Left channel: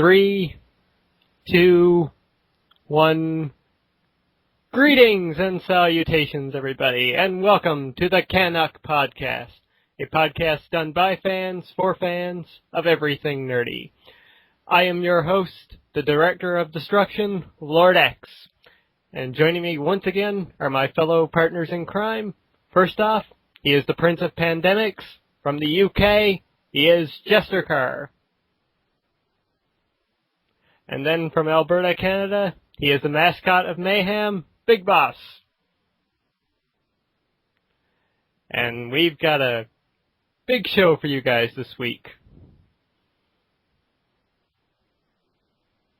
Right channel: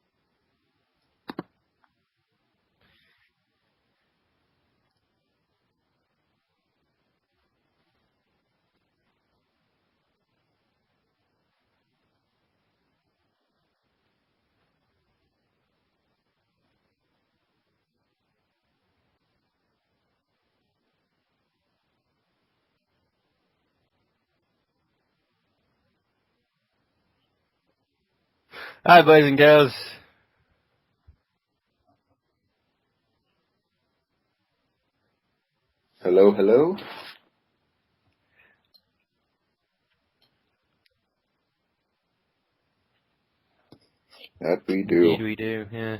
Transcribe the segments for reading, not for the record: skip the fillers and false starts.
3, 2, 1. Greetings and salutations, everybody, and welcome to the CanUK podcast, a podcast done by fans for fans of everything nerdy. I am your host, the Director of Destruction, Lord X, and joining me once again are my fellow partners in crime. First off, he is the Prince of Pandemics. From the UK, he is Jester. Hi, boys and girls. And then from Alberta, Canada, he is the mascot of Mayhem, Big Boss. Hello, hello. And we've got a big show for you guys this week. That we do. Indeed we do, yeah.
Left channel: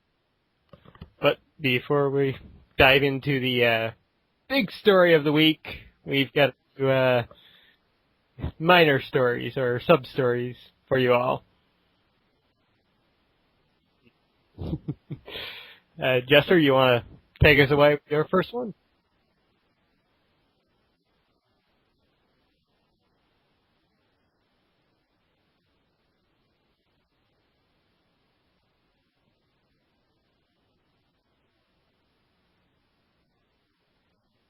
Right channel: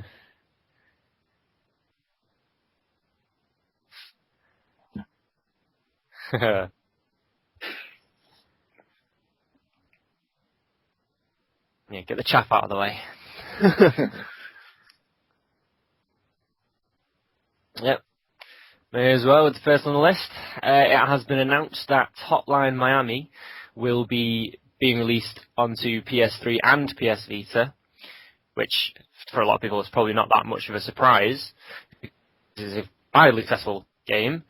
But before we dive into the big story of the week, we've got minor stories or sub-stories for you all. Yeah, get the chaff out of the way. Jester, you want to take us away with your first one? May as well, with the first on the list. It has been announced that Hotline Miami will be being released onto PS3 and PS Vita, which for a lot of people is probably not that much of a surprise. It's a highly successful game,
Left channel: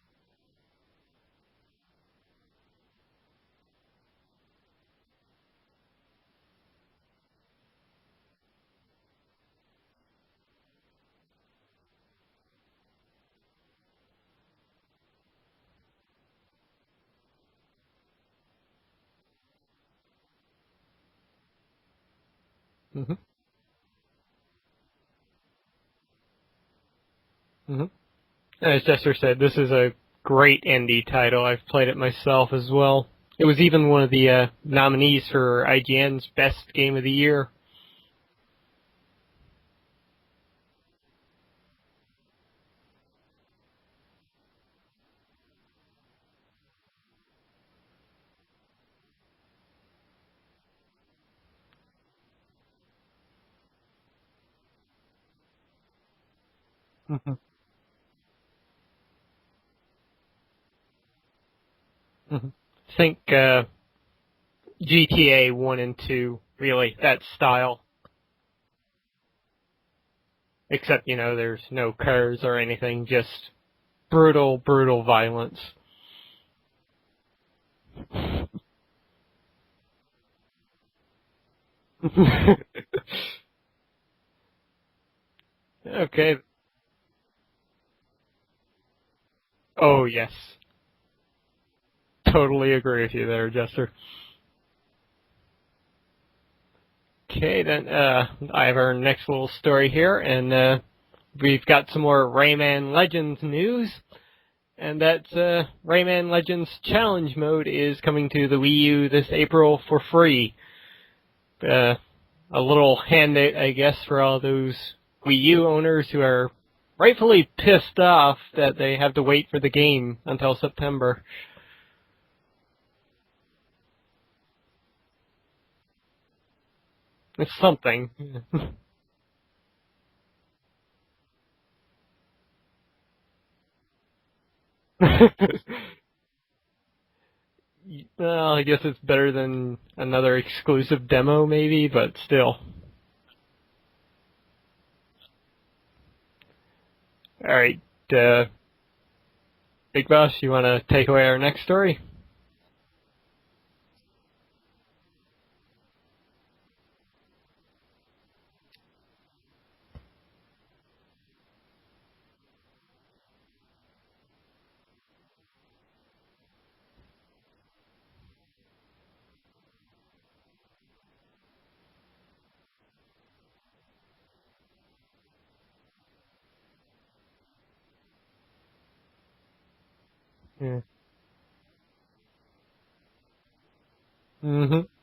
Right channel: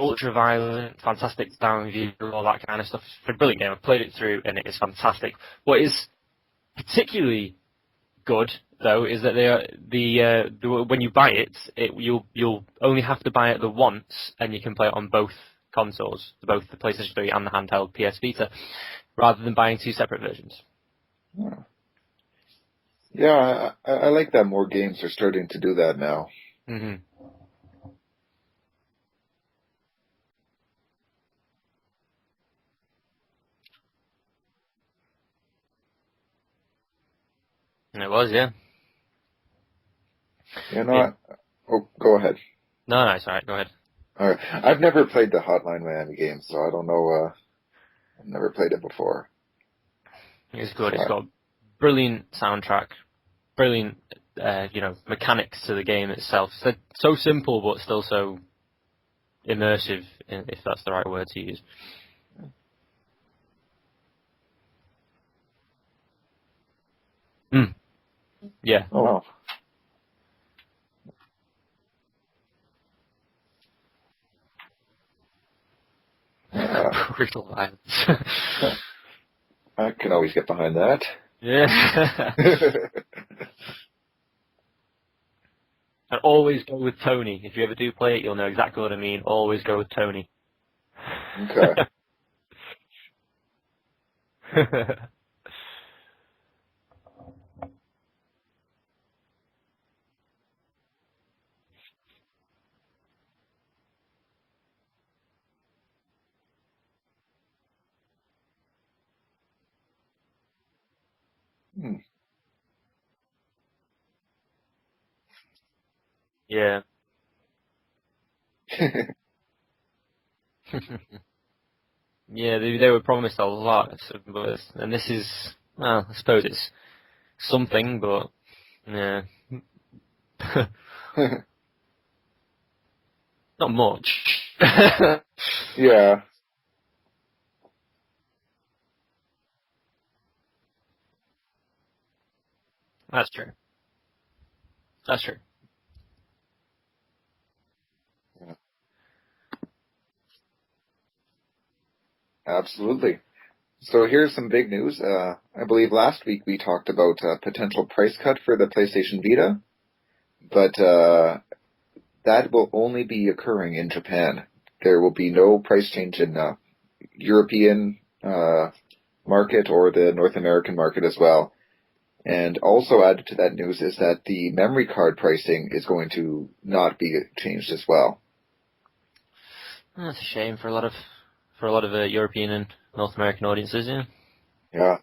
ultra-violent, fantastic sound view, all that kind of stuff. It's a brilliant game. I've played it through and it is fantastic. What is particularly good, though, is that when you buy it, you'll only have to buy it the once, and you can play it on both consoles, both the PlayStation 3 and the handheld PS Vita, rather than buying two separate versions. Yeah, yeah, I like that more games are starting to do that now. As Jester said, this is a great indie title. I've played it myself as well. It was even one of the nominees for IGN's Best Game of the Year. It was, yeah. Go ahead. No, it's all right. Go ahead. All right. I've never played the Hotline Miami game, so I don't know. I've never played it before. It's good. It's got a brilliant soundtrack, brilliant, mechanics to the game itself. It's so simple, but still so immersive, if that's the right word to use. Think GTA 1 and 2, really, that style. Yeah. Oh, wow. Except, there's no cars or anything, just brutal violence. Brutal violence. I can always get behind that. Yeah. Okay. And always go with Tony. If you ever do play it, you'll know exactly what I mean. Always go with Tony. Oh, yes. Okay. Totally agree with you there, Jester. Okay, then I have our next little story here, and we've got some more Rayman Legends news, and that's Rayman Legends Challenge Mode is coming to the Wii U this April for free. A little handout, I guess, for all those Wii U owners who are rightfully pissed off that they have to wait for the game until September. Yeah, they were promised a lot, and this is, well, I suppose it's something, but yeah, not much. Yeah. Well, I guess it's better than another exclusive demo, maybe, but still. That's true. All right, Big Boss, you want to take away our next story? Absolutely. So here's some big news. I believe last week we talked about a potential price cut for the PlayStation Vita, but that will only be occurring in Japan. There will be no price change in European market or the North American market as well. And also added to that news is that the memory card pricing is going to not be changed as well. That's a shame for a lot of European and North American audiences, yeah. Yeah.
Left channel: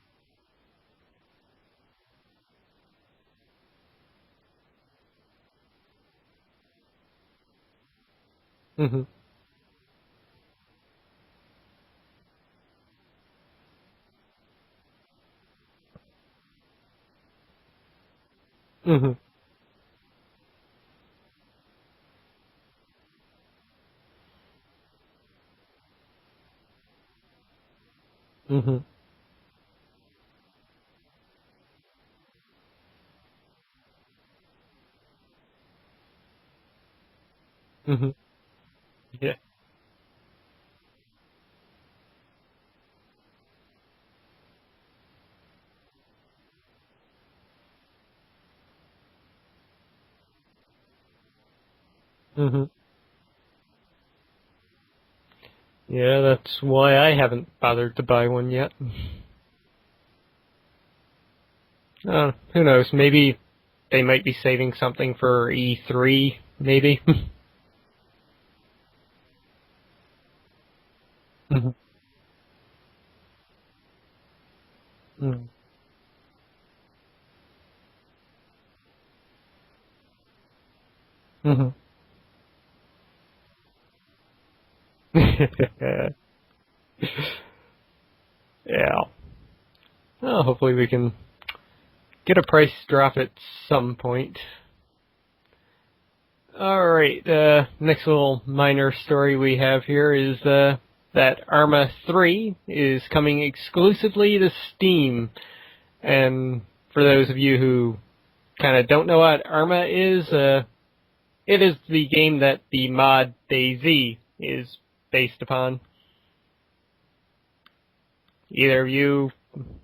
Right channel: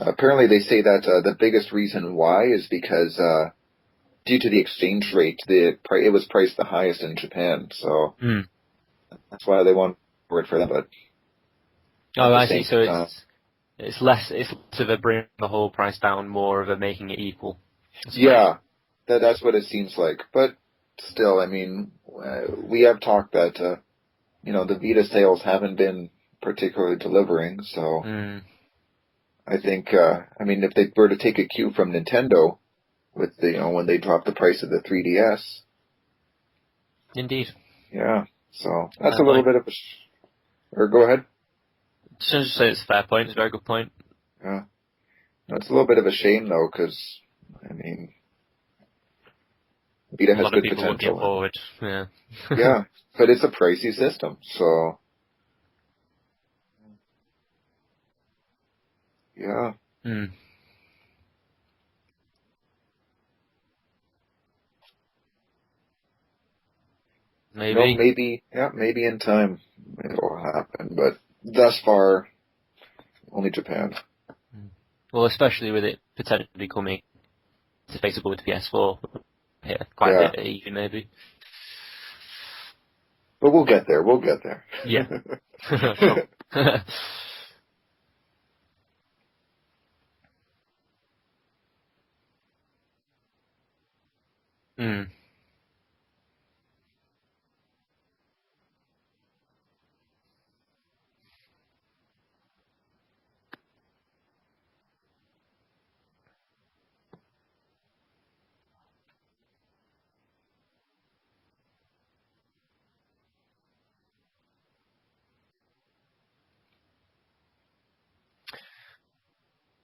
Apparently they say that the biggest reason why is because due to the exchange rate, it was priced the highest in Japan, so that's why they want it for them. But I see. So it's less of a bringing the whole price down, more of a making it equal. That's what it seems like. But still, I mean, we have talked that the Vita sales haven't been particularly delivering, so I think, I mean, if they were to take a cue from Nintendo with the, when they dropped the price of the 3DS. Indeed. Yeah. So that's a little bit of or go ahead. Just say it's a fair point. It's a very good point. Yeah. No, it's a little bit of a shame though, because I mean, Vita has good potential. Looking forward. Yeah. Yeah, but it's a pricey system, so. Yeah, that's why I haven't bothered to buy one yet. Yeah. Who knows? Maybe they might be saving something for E3. Maybe. Maybe. Maybe in time it'll happen, but thus far, only Japan. Well, especially with it potentially coming debatable with the PS4. Yeah, quite a bit even, maybe. But we'll get there. Yeah. Yeah. Well, hopefully we can get a price drop at some point. Alright, next little minor story we have here is that Arma 3 is coming exclusively to Steam. And for those of you who kind of don't know what Arma is, it is the game that the mod DayZ is based upon. Either of you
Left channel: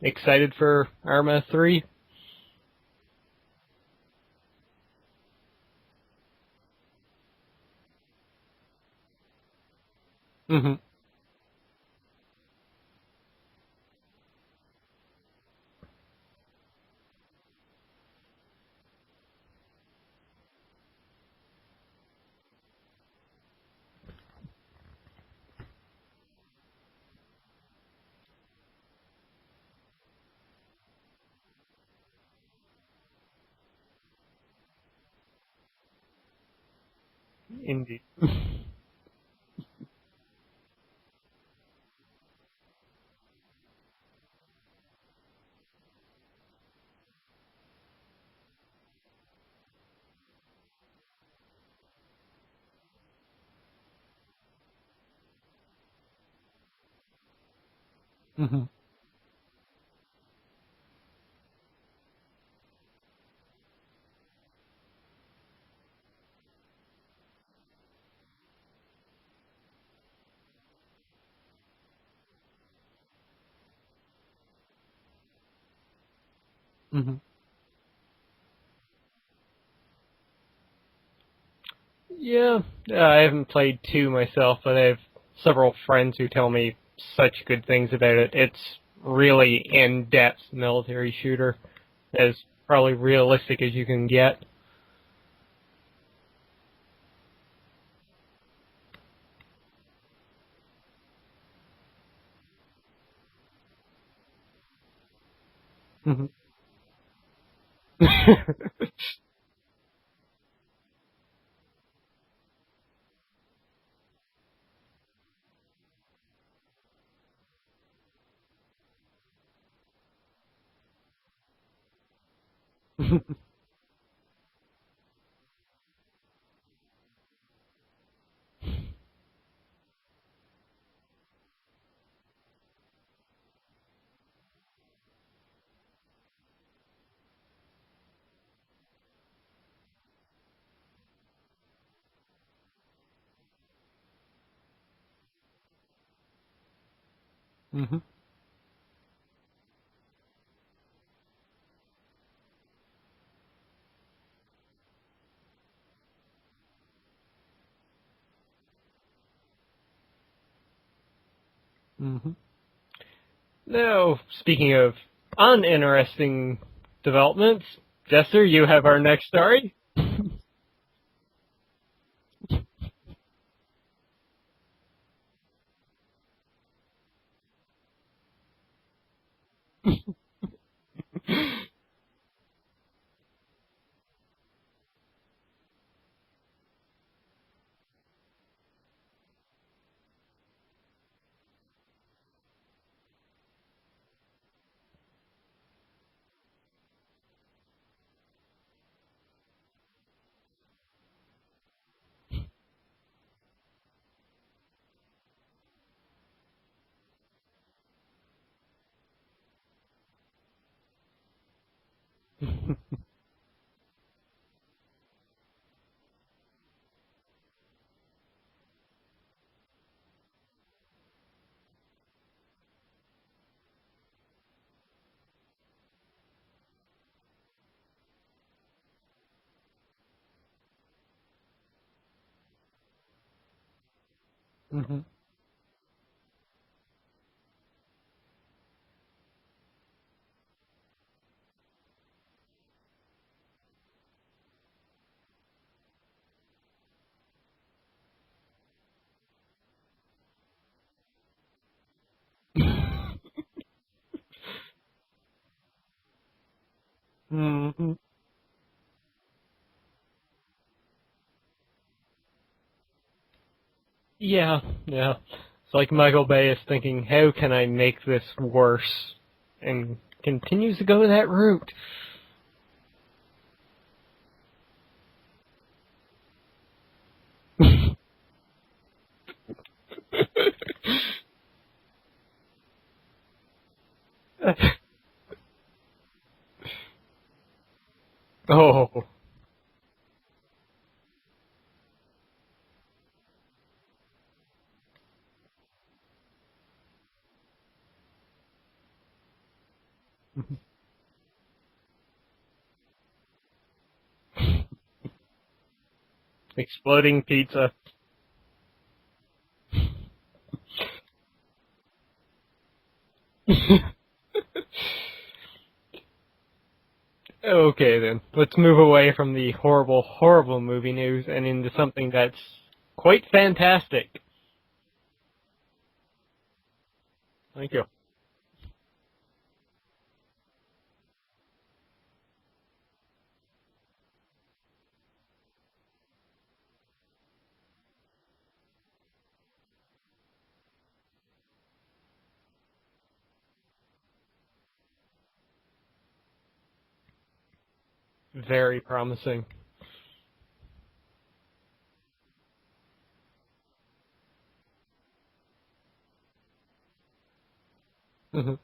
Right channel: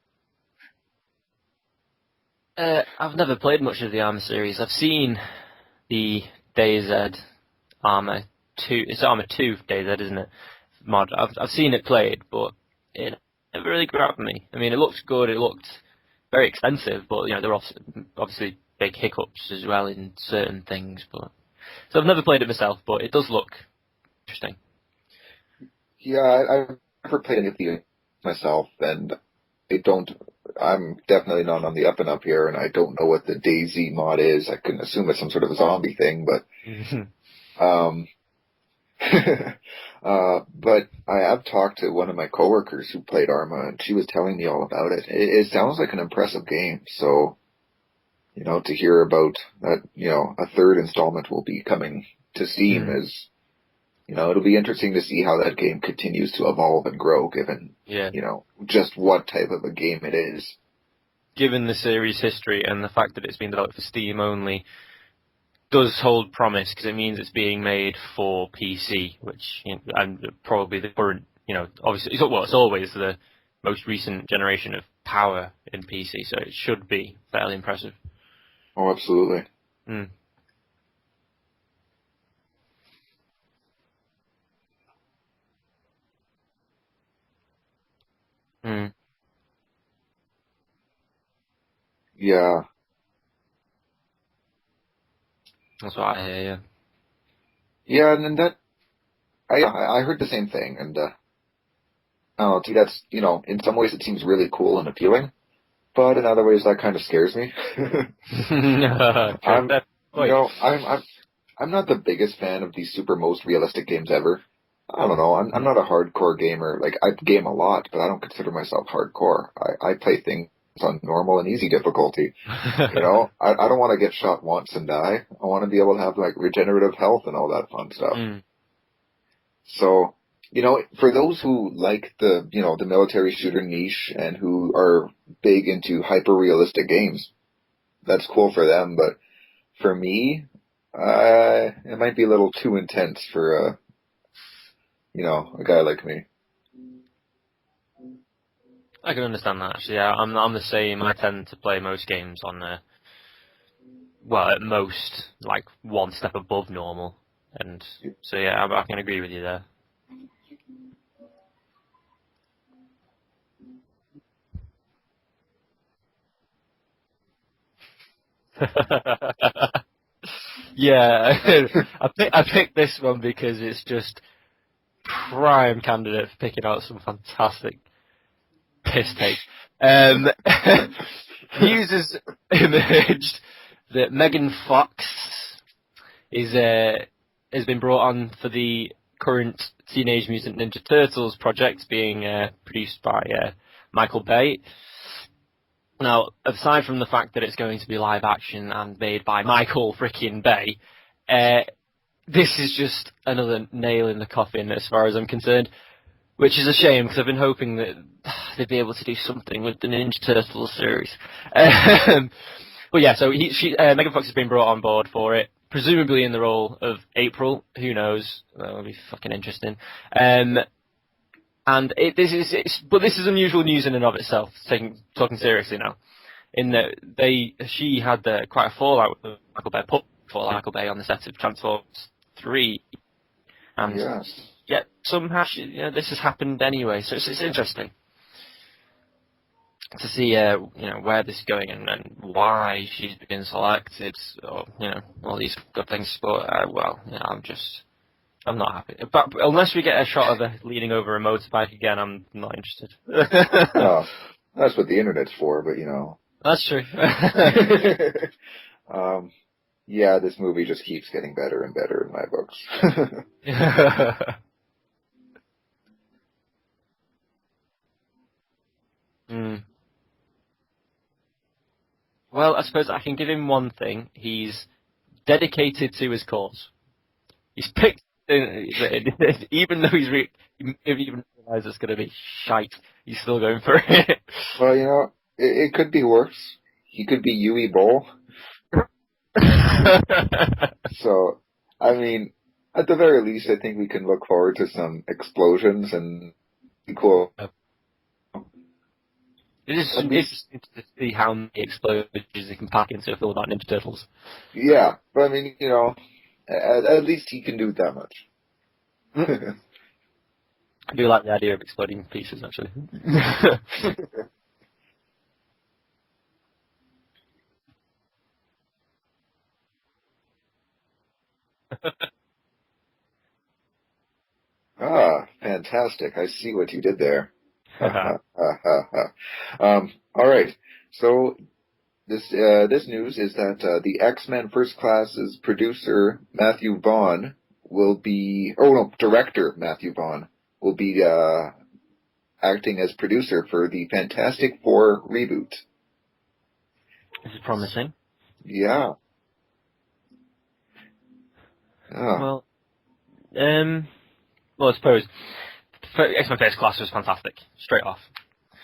excited for Arma 3? I've never played much of the Arma series. I've seen the DayZ Arma 2. It's Arma 2 DayZ, isn't it? Mod. I've seen it played, but it never really grabbed me. I mean, it looked good. It looked very expensive, but there were obviously big hiccups as well in certain things. But so I've never played it myself, but it does look interesting. Yeah, I've never played any of the myself, and I'm definitely not on the up and up here, and I don't know what the DayZ mod is. I can assume it's some sort of a zombie thing, but but I have talked to one of my coworkers who played Arma, and she was telling me all about it. It sounds like an impressive game, so to hear about that, a third installment will be coming to Steam is, it'll be interesting to see how that game continues to evolve and grow, given, just what type of a game it is. Given the series history and the fact that it's been developed for Steam only, does hold promise, because it means it's being made for PC, which, and probably the current, obviously, it's always the most recent generation of power in PC, so it should be fairly impressive. Oh, absolutely. Yeah, I haven't played 2 myself, but I have several friends who tell me such good things about it. It's really in-depth military shooter. As probably realistic as you can get. That's what I hear, yeah. Yeah, and then I heard the same thing, and I don't know, to me that's, in some ways it seems really cool and appealing, but in other ways that kind of scares me. I'm not the biggest fan of these super most realistic games ever. I don't know, I'm not a hardcore gamer. Like, I game a lot, but I don't consider myself hardcore. I play things on normal and easy difficulty. I don't want to get shot once and die. I want to be able to have, like, regenerative health and all that fun stuff. So, for those who like the, the military shooter niche and who are big into hyper-realistic games, that's cool for them, but for me, it might be a little too intense for, a guy like me. I can understand that, actually. Yeah, I'm the same. I tend to play most games on, at most, like, one step above normal. And so, yeah, I can agree with you there. Now, speaking of uninteresting developments, Jester, you have our next story. Yeah, I picked this one because it's just prime candidate for picking out some fantastic piss take. News has emerged that Megan Fox has been brought on for the current Teenage Mutant Ninja Turtles project being produced by Michael Bay. Now, aside from the fact that it's going to be live action and made by Michael frickin' Bay, this is just another nail in the coffin as far as I'm concerned. Which is a shame, because I've been hoping that they'd be able to do something with the Ninja Turtles series. But yeah, so Megan Fox has been brought on board for it, presumably in the role of April. Who knows? That'll be fucking interesting. And this is unusual news in and of itself, talking seriously now. In that she had quite a fallout with Michael Bay on the set of Transformers 3. And Yes. yeah, somehow this has happened anyway, so it's interesting to see where this is going and why she's been selected, or all these good things. But I'm not happy. But unless we get a shot of her leaning over a motorbike again, I'm not interested. Well, that's what the internet's for, but That's true. Yeah, this movie just keeps getting better and better in my books. Yeah. It's like Michael Bay is thinking, how can I make this worse? And continues to go that route. Well, I suppose I can give him one thing. He's dedicated to his cause. He's picked, even though he's realized it's going to be shite, he's still going for it. Well, it could be worse. He could be Yui Bowl. Oh. So, I mean, at the very least, I think we can look forward to some explosions and cool. It's to see how many explosions you can pack into a film about Ninja Turtles. Yeah, but I mean, Exploding at least you pizza. can do that much. I do like the idea of exploding pieces, actually. Okay, then. Let's move away from the horrible, horrible movie news and into something that's quite fantastic. Ah, fantastic. I see what you did there. Thank you. All right. So this news is that the X-Men First Class's producer Matthew Vaughn director Matthew Vaughn will be acting as producer for the Fantastic Four reboot. This is promising. Very promising. Oh. Well, I suppose X-Men First Class was fantastic, straight off. Mm-hmm.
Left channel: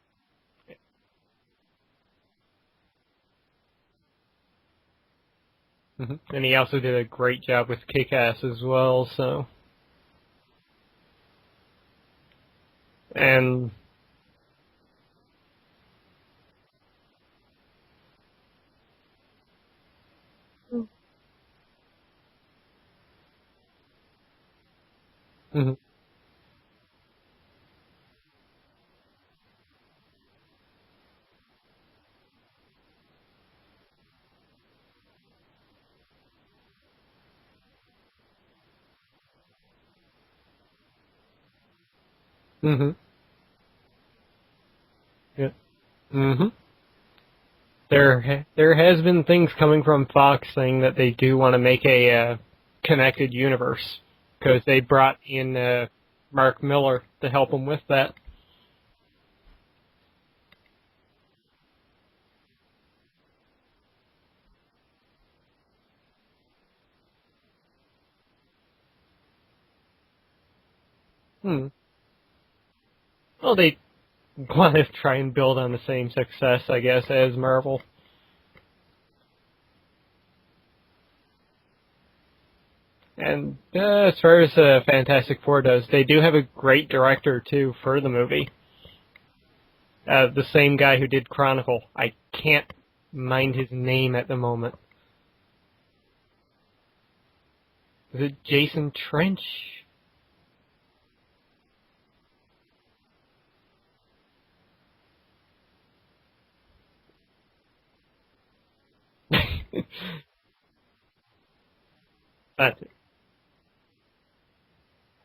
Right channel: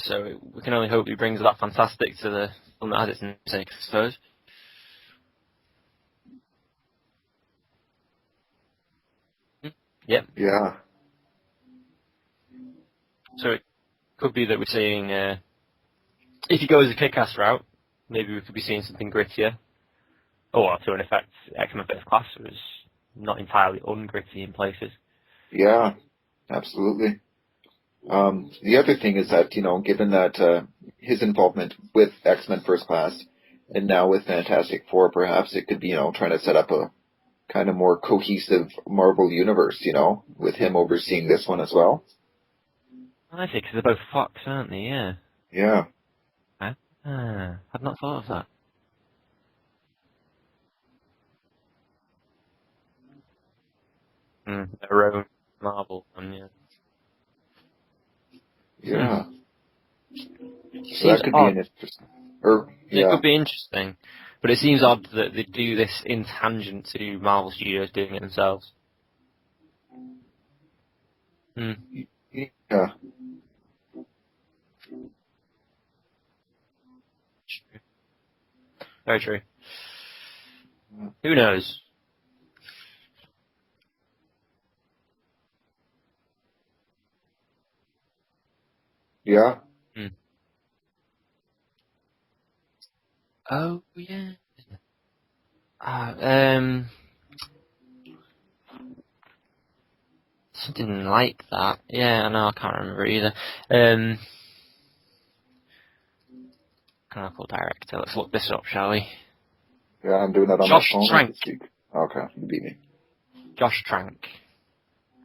So we can only hope he brings that fantastic to the film that has its namesake, I suppose. Mm-hmm. And he also did a great job with Kick-Ass as well, so... Yep. Yeah. And... So it could be that we're seeing... if he goes the Kick-Ass route, maybe we could be seeing something grittier. Or, to an effect, X-Men First Class was not entirely ungritty in places. Yeah, absolutely. The other thing is that, given that his involvement with X-Men First Class and now with Fantastic Four, perhaps it could be, trying to set up a kind of more cohesive Marvel universe, with him overseeing this one as well. Mm-hmm. I think they're both Fox, aren't they? Yeah. Yeah. Mm-hmm. I've not There has been things coming from Fox saying that they do want to make a connected universe, because they brought in Mark Miller to help them with that. Yeah. So Seems that could odd. be an interesting... It could be interesting, but it seems odd that they do this in tangent to Marvel Studios doing it themselves. Yeah. Well, they want to try and build on the same success, I guess, as Marvel. Very true. Who knows? And as far as Fantastic Four does, they do have a great director, too, for the movie. Yeah. The same guy who did Chronicle. I can't mind his name at the moment. Is it Jason Trench? Something like that. Yeah, no, I can't remember either. Chronicle director. Let's look this up, shall we? Yeah, I'm doing that on Josh my phone. Trank. Okay. You beat me. Josh Trank.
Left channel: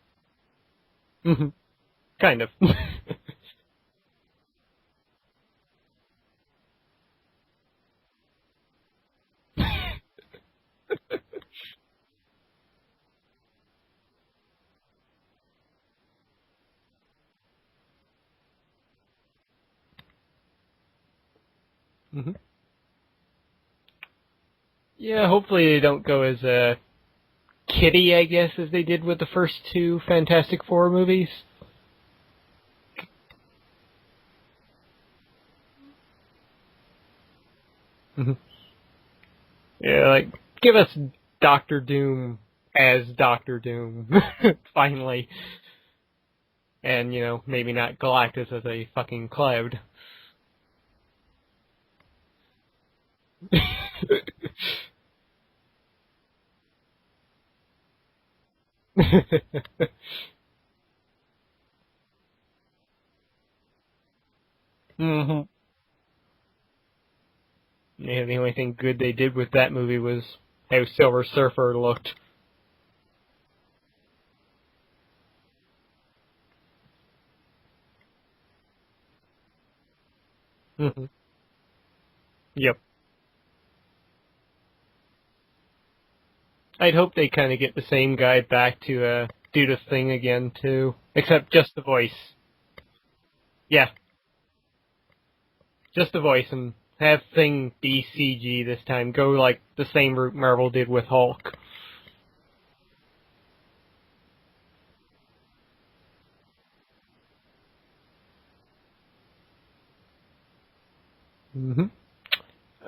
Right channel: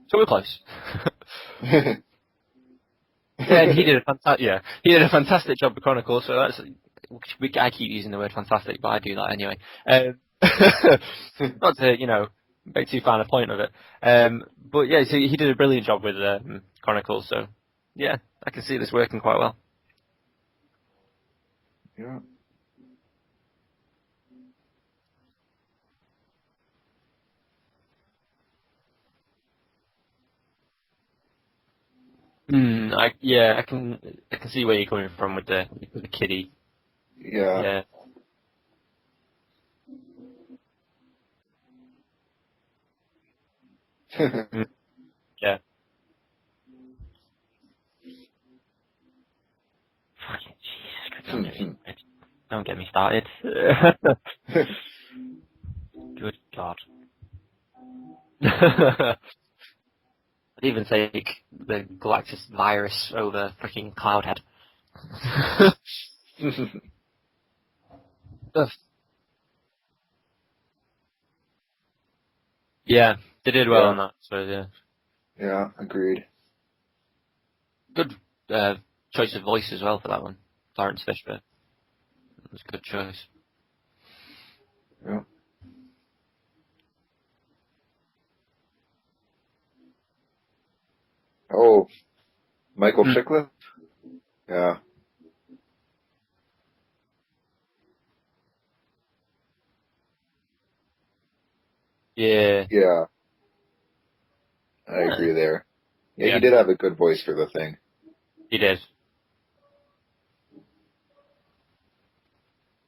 So we're close. Kind of. Yeah, he did a fantastic job with Chronicle. So that's I keep using the word fantastic, but I do that anyway. Not to make too fine a point of it. But yeah, so he did a brilliant job with Chronicle. So yeah, I can see this working quite well. Yeah. Yeah, hopefully they don't go as Kitty, I guess, as they did with the first two Fantastic Four movies. I can see where you're coming from with the kitty. Yeah. Yeah. Mm-hmm. Yeah, like, give us Doctor Doom as Doctor Doom, finally. Yeah. And, you know, maybe not Galactus as a fucking cloud. Don't get me started. Good God. I'd even take the Galactus virus over freaking Cloudhead. Yeah, the only thing good they did with that movie was how Silver Surfer looked. Yeah, they did well on that, so yeah. Yeah, agreed. Good choice of voice as well for that one. Lawrence Fishburne. Yep. Good choice. Yeah. I'd hope they kind of get the same guy back to do the thing again, too. Except just the voice. Michael Chiklis? Yeah. Yeah. Just the voice, and have Thing be CG this time. Go like the same route Marvel did with Hulk. Yeah. Yeah. I agree there. Yeah, he did have a good voice for the Thing. He did. Mm-hmm.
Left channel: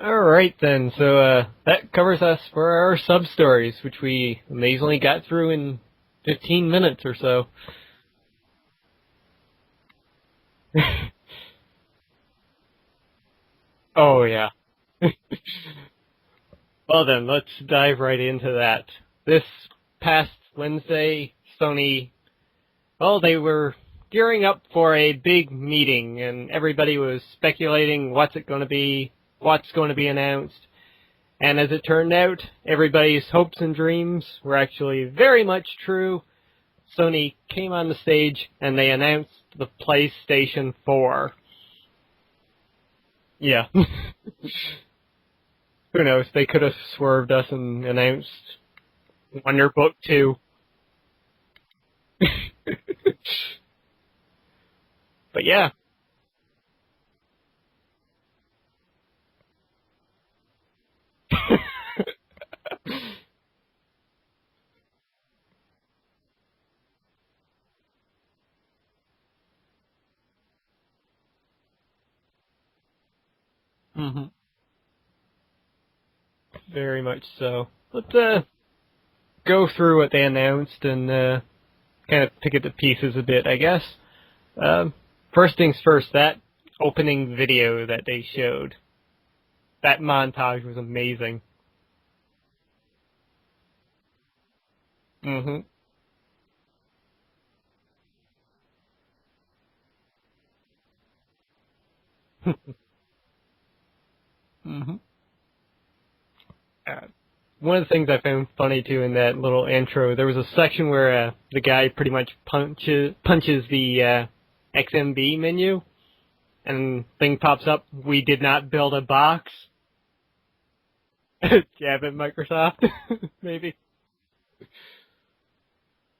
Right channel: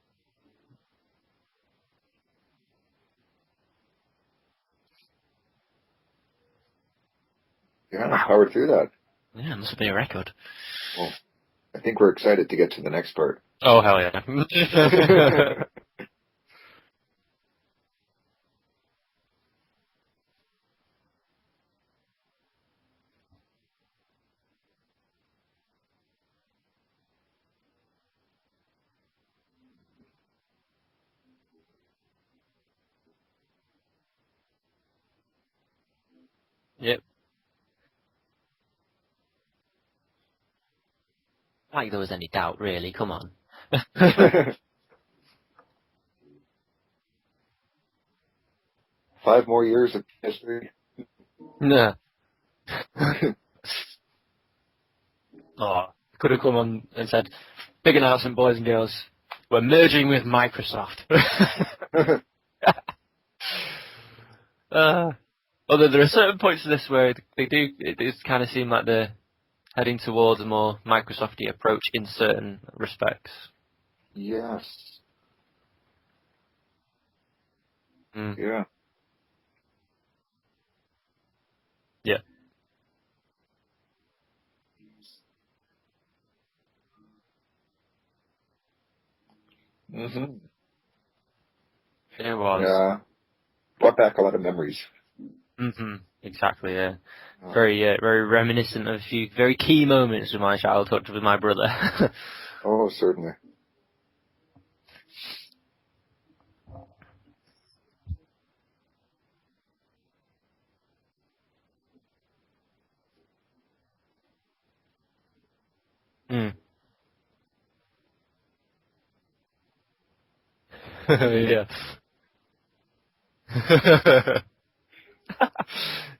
Alright then, so that covers us for our sub-stories, which we amazingly got through in 15 minutes or so. Yeah, powered through that. Yeah, it must be a record. Well, I think we're excited to get to the next part. Oh, hell yeah. Oh, yeah. Well then, let's dive right into that. This past Wednesday, Sony, well, they were gearing up for a big meeting, and everybody was speculating what's going to be announced. And as it turned out, everybody's hopes and dreams were actually very much true. Yep. Sony came on the stage, and they announced the PlayStation 4. Like there was any doubt, really. Come on. Yeah. Who knows? They could have swerved us and announced 5 more years Wonderbook of 2. history. No. But yeah. Could have come on and said, big announcement, boys and girls. We're merging with Microsoft. Although there are certain points of this where it does kind of seem like they're heading towards a more Microsoft-y approach in certain respects. Mm-hmm. Yes. Very much so. Let's go through what they announced and kind of pick it to pieces a bit, I guess. First things first, that opening video that they showed. That montage was amazing. It was. Yeah. Brought back a lot of memories. Mm-hmm. Exactly, yeah. Very reminiscent of a few very key moments of my childhood with my brother. Oh, certainly. Mm-hmm. One of the things I found funny, too, in that little intro, there was a section where the guy pretty much punches the XMB menu, and thing pops up, "We did not build a box." Yeah. Jab at Microsoft, maybe.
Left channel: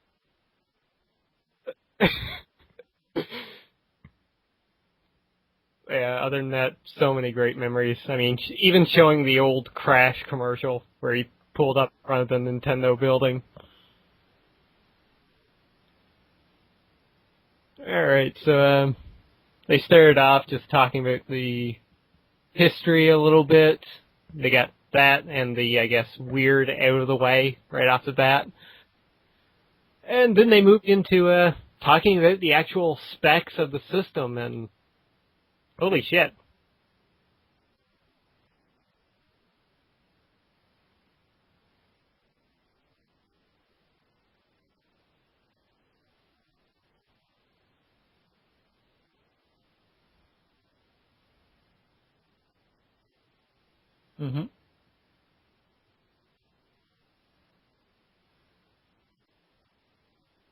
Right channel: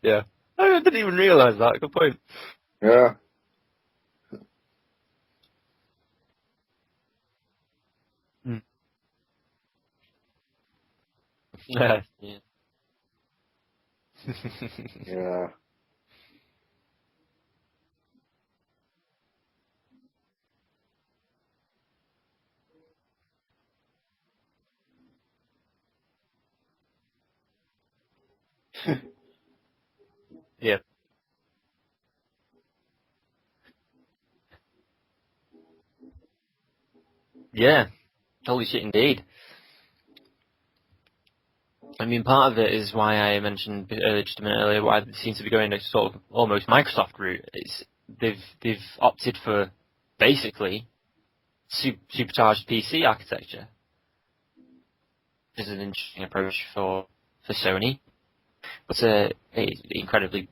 Yeah. I didn't even realise that. Good point. Yeah. Yeah, other than that, so many great memories. I mean, even showing the old Crash commercial where he pulled up in front of the Nintendo building. Yeah. Alright, so they started off just talking about the history a little bit. They got that and the, I guess, weird out of the way right off the bat. And then they moved into talking about the actual specs of the system, and holy shit. Yeah, holy shit indeed. I mean, part of it is why I mentioned just a minute earlier why they seem to be going a sort of almost Microsoft route. It's they've opted for basically supercharged PC architecture. Mm-hmm. This is an interesting approach for Sony, but it's incredibly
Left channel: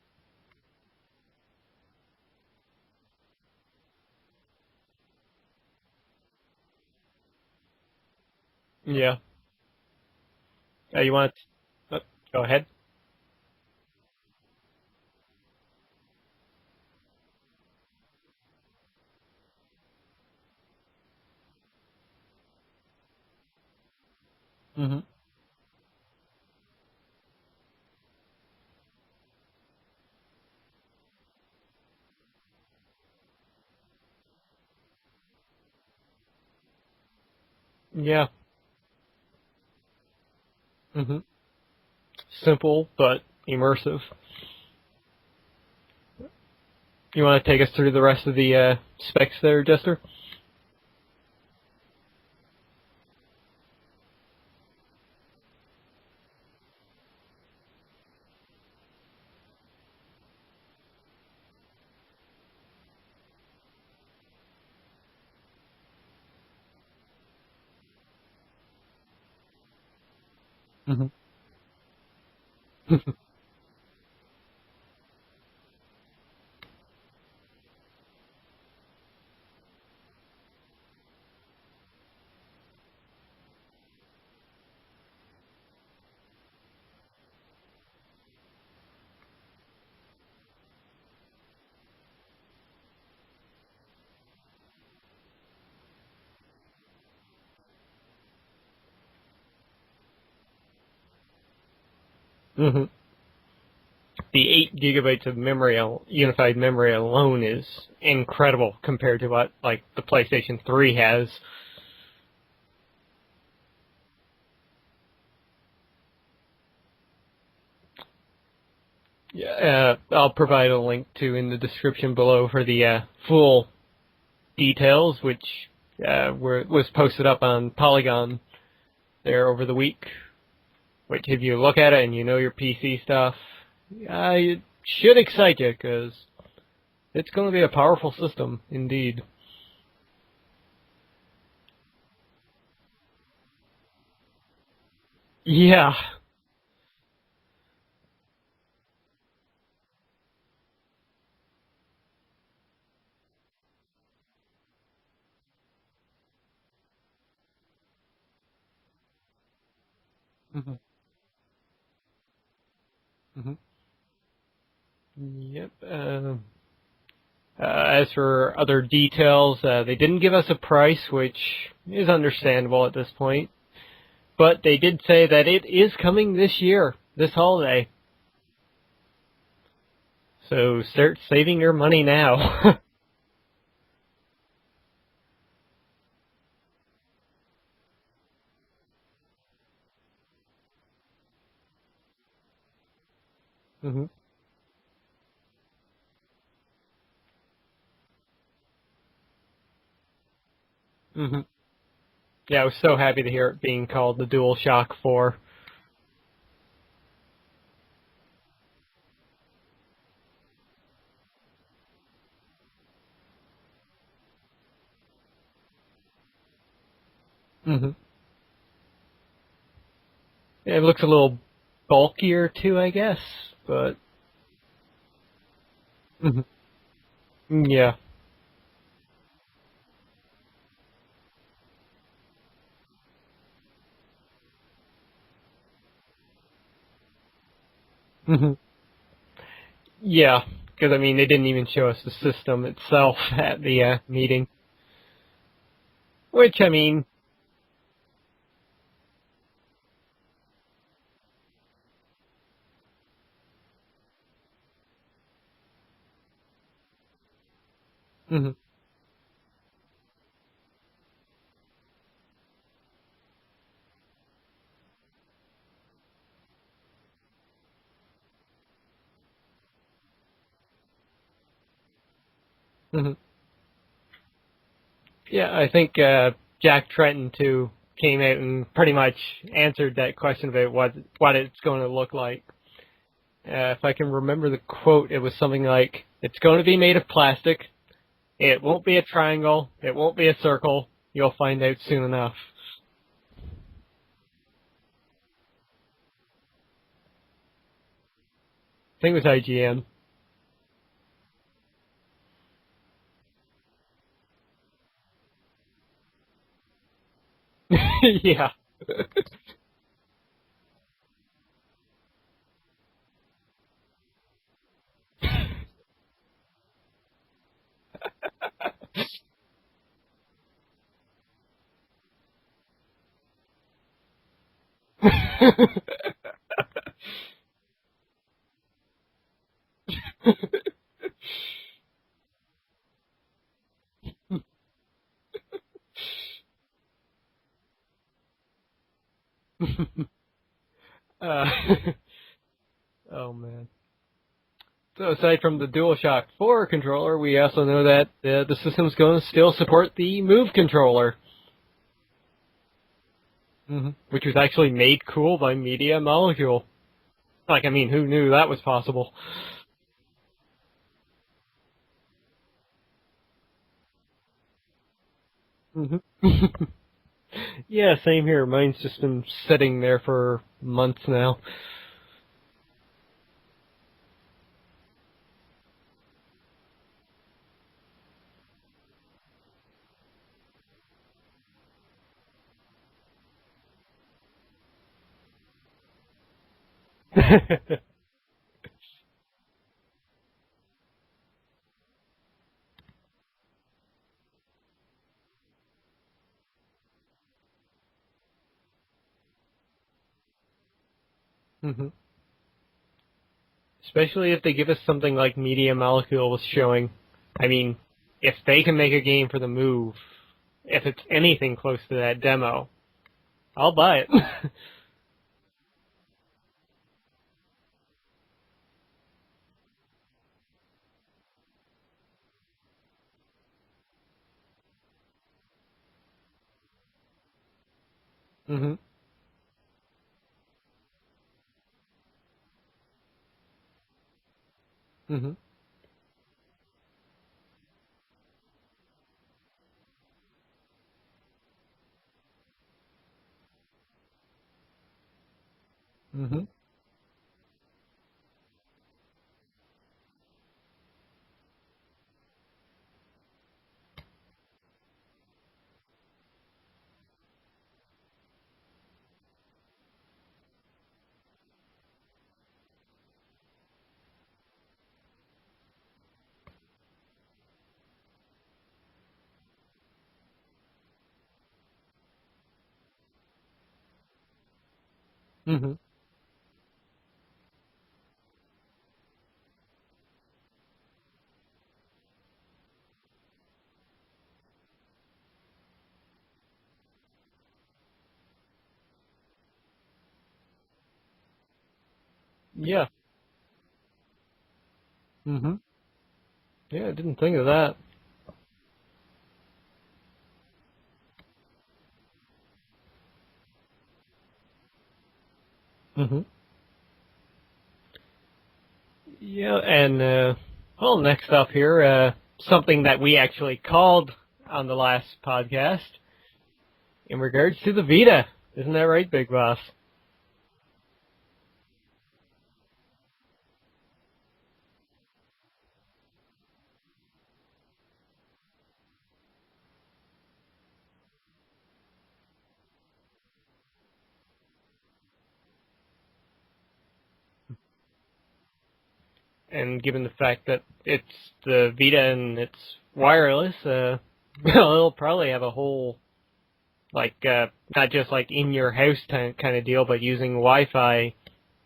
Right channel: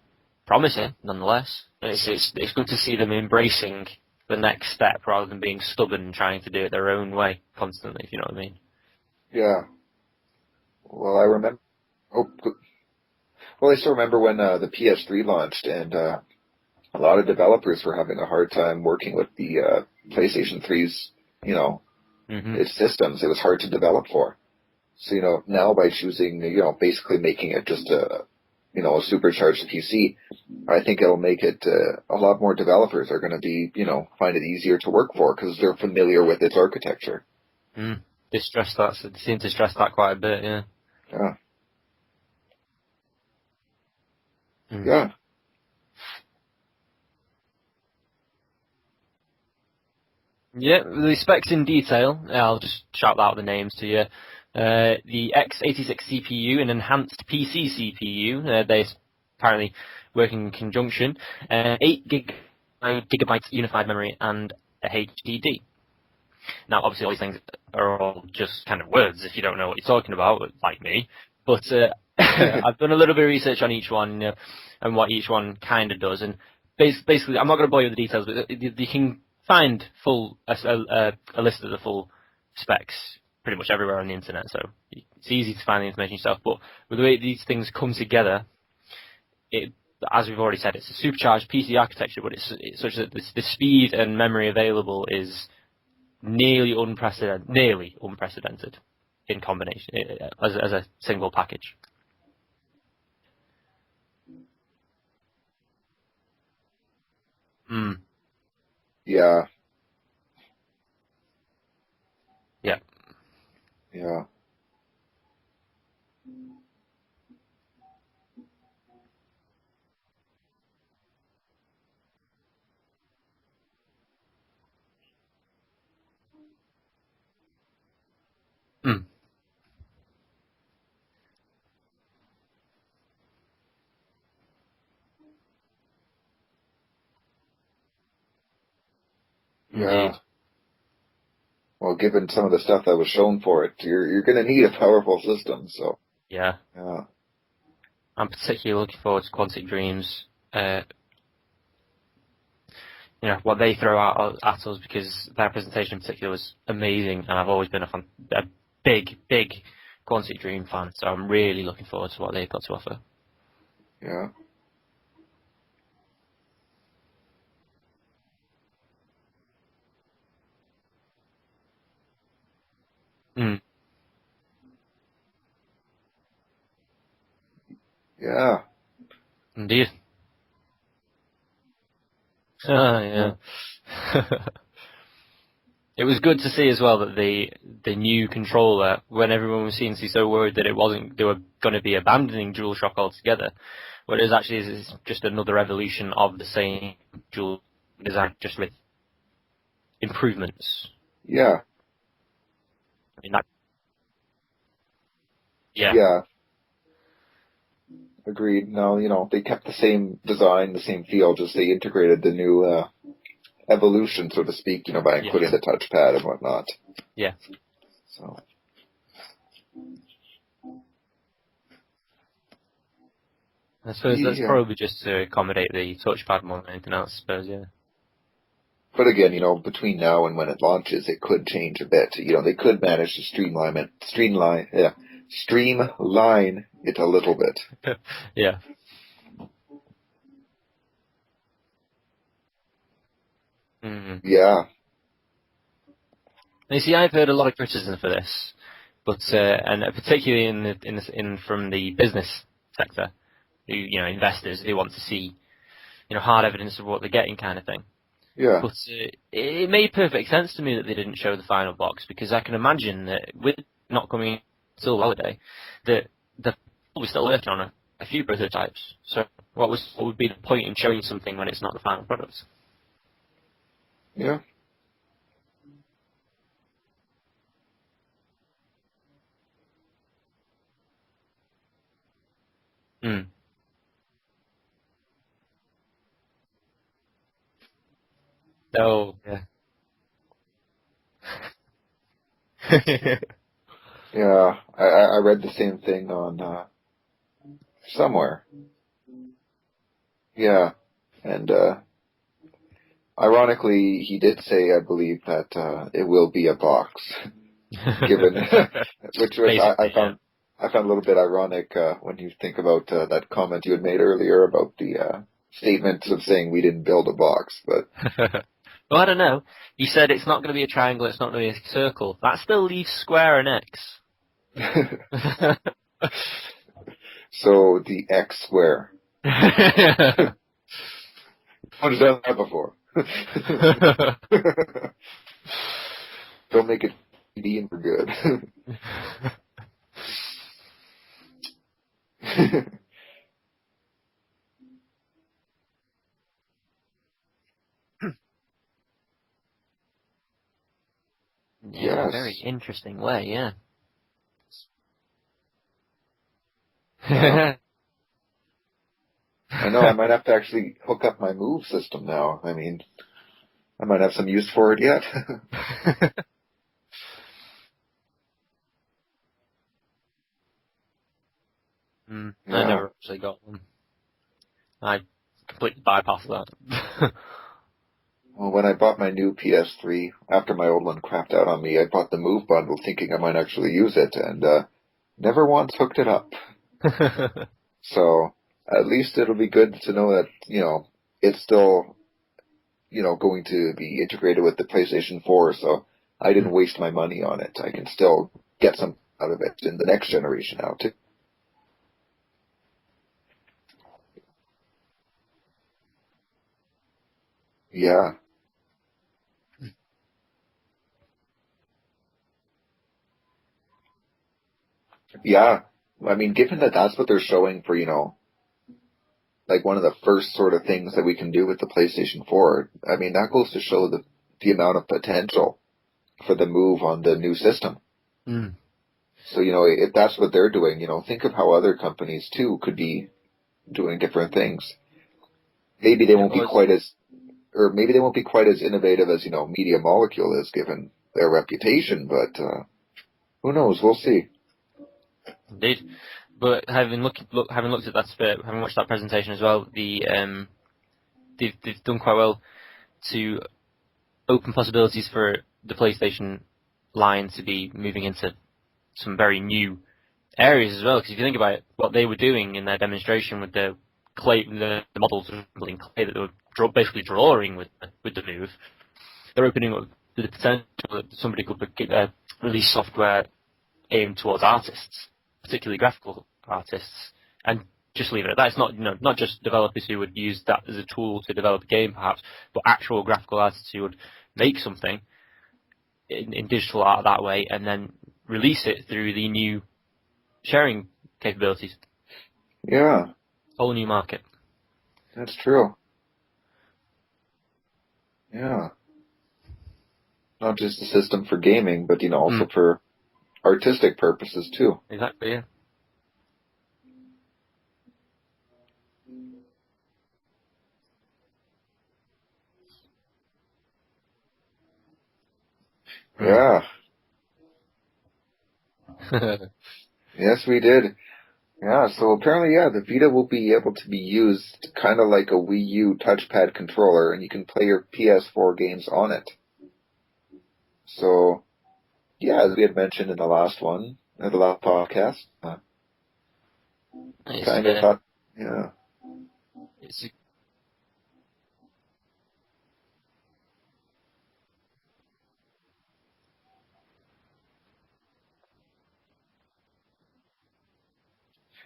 promising nonetheless. It's good to see them embracing the next step rather than being stubborn and trying to do it their own way constantly, if you know what I mean. Yeah. Yeah. Well, I remember. Go ahead. Well, I still remember when the PS3 launched, and a lot of developers were having a hard time working with the PlayStation 3's, its systems. It was hard to develop for. Mm-hmm. So, now by choosing, basically making it just a supercharged PC, I think it'll make it a lot more developers are going to be, find it easier to work for because they're familiar with its architecture. Yeah. They seem to stress that quite a bit, yeah. Mm-hmm. Yeah. Simple, but immersive. Yeah. You want to take us through the rest of the specs there, Jester? Yeah, the specs in detail, I'll just shout out the names to you. The x86 CPU, an enhanced PC CPU, they apparently work in conjunction, 8 gigabytes unified memory, and a HDD. Now, obviously, all these things are all just kind of words if you don't know what you're talking about, like me. But I've done a little bit of research on each one and what each one kind of does. And basically, I'm not going to bore you with the details, but you can find a list of the full specs pretty much everywhere on the internet. So it's easy to find the information yourself. But with the way these things come together, as we've already said, it's a supercharged PC architecture, but it's such that the speed and memory available is nearly unprecedented in combination as a single package. Mm-hmm. The 8 gigabytes of memory, unified memory alone is incredible compared to what like the PlayStation 3 has. Yeah. Yeah. Yeah. I'll provide a link in the description below for the full details, which was posted up on Polygon there over the week. Which, if you look at it and you know your PC stuff, it should excite you because it's going to be a powerful system, indeed. Yeah. Well, given some of the stuff that was shown for it, you're going to need a powerful system. Yeah. So. Yeah. Yeah. I'm particularly looking forward to Quantic Dreams. What they throw out at us, because their presentation in particular was amazing, and I've always been a big Quantic Dream fan, so I'm really looking forward to what they've got to offer. Mm-hmm. Yeah. Yep. As for other details, they didn't give us a price, which is understandable at this point. But they did say that it is coming this year, this holiday. Yeah. Indeed. So start saving your money now. Yeah. It was good to see as well that the new controller, when everyone was seeming to be so worried that they were going to be abandoning DualShock altogether, but it was actually just another evolution of the same dual design, just with improvements. Yeah. Yeah, I was so happy to hear it being called the DualShock 4. Yeah. Agreed. No, they kept the same design, the same feel, just they integrated the new evolution, so to speak, by including the touchpad and whatnot. Yeah. So. It looks a little bulkier too, I guess. But I suppose that's probably just to accommodate the touchpad more than anything else, I suppose. Yeah. But again, between now and when it launches, it could change a bit. They could manage to streamline it a little bit. Yeah. Yeah, because, they didn't even show us the system itself at the meeting. Yeah. Which, You see, I've heard a lot of criticism for this, but and particularly from the business sector, who, investors who want to see, hard evidence of what they're getting, kind of thing. Yeah. But it made perfect sense to me that they didn't show the final box, because I can imagine that with not coming till holiday, that they're probably still working on a few prototypes. So what would be the point in showing something when it's not the final product? Yeah. Yeah, I think Jack Tretton, too, came out and pretty much answered that question about what it's going to look like. If I can remember the quote, it was something like, "It's going to be made of plastic. It won't be a triangle. It won't be a circle. You'll find out soon enough." Yeah, I read the same thing on somewhere. I think it was IGN. Yeah, and ironically, he did say, I believe, that it will be a box. Which I found a little bit ironic when you think about that comment you had made earlier about the statement of saying we didn't build a box. But well, I don't know. You said it's not going to be a triangle, it's not going to be a circle. That still leaves square and X. So the X square. I've done that before. Don't make it D and for good. Oh man. So aside from the DualShock 4 controller, we also know that the system's going to still support the Move controller. Yeah, Yes. in a very interesting way, yeah. Which was actually made cool by Media Molecule. Like, I mean, who knew that was possible? I know, I might have to actually hook up my Move system now. I mean, I might have some use for it yet. Yeah, same here. Mine's just been sitting there for months now. I Yeah. never actually got them. I completely bypassed that. Well, when I bought my new PS3, after my old one crapped out on me, I bought the Move bundle thinking I might actually use it, and never once hooked it up. So at least it'll be good to know that, it's still, going to be integrated with the PlayStation 4, so I didn't waste my money on it. I can still get some out of it in the next generation now, too. Especially if they give us something like Media Molecule was showing. I mean, Yeah. if they can make a game for the Move, if it's anything close to that demo, I'll buy it. Yeah. I mean, given that that's what they're showing for, like one of the first sort of things that we can do with the PlayStation 4, I mean, that goes to show the amount of potential for the Move on the new system. So, if that's what they're doing, think of how other companies, too, could be doing different things. Maybe they won't be quite as innovative as, Media Molecule is, given their reputation, but who knows? We'll see. Indeed. But having looked at that having watched that presentation as well, they've done quite well to open possibilities for the PlayStation line to be moving into some very new areas as well. Because if you think about it, what they were doing in their demonstration with the clay, the models in clay that they were basically drawing with the Move, they're opening up the potential that somebody could release software aimed towards artists, particularly graphical artists, and just leave it at that. It's not just developers who would use that as a tool to develop a game, perhaps, but actual graphical artists who would make something in digital art that way and then release it through the new sharing capabilities. Yeah. Whole new market. That's true. Yeah, I didn't think of that. Yeah. Not just a system for gaming, but, also for artistic purposes, too. Exactly, yeah. Yeah, and, well, next up here, something that we actually called on the last podcast. Yeah. In regards to the Vita. Isn't that right, Big Boss? Yes, we did. Yeah, so apparently, the Vita will be able to be used kind of like a Wii U touchpad controller, and you can play your PS4 games on it. So, yeah, as we had mentioned in the last podcast, kind of thought, yeah. And given the fact that it's the Vita and it's wireless, it'll probably have a whole, not just like in your house kind of deal, but using Wi-Fi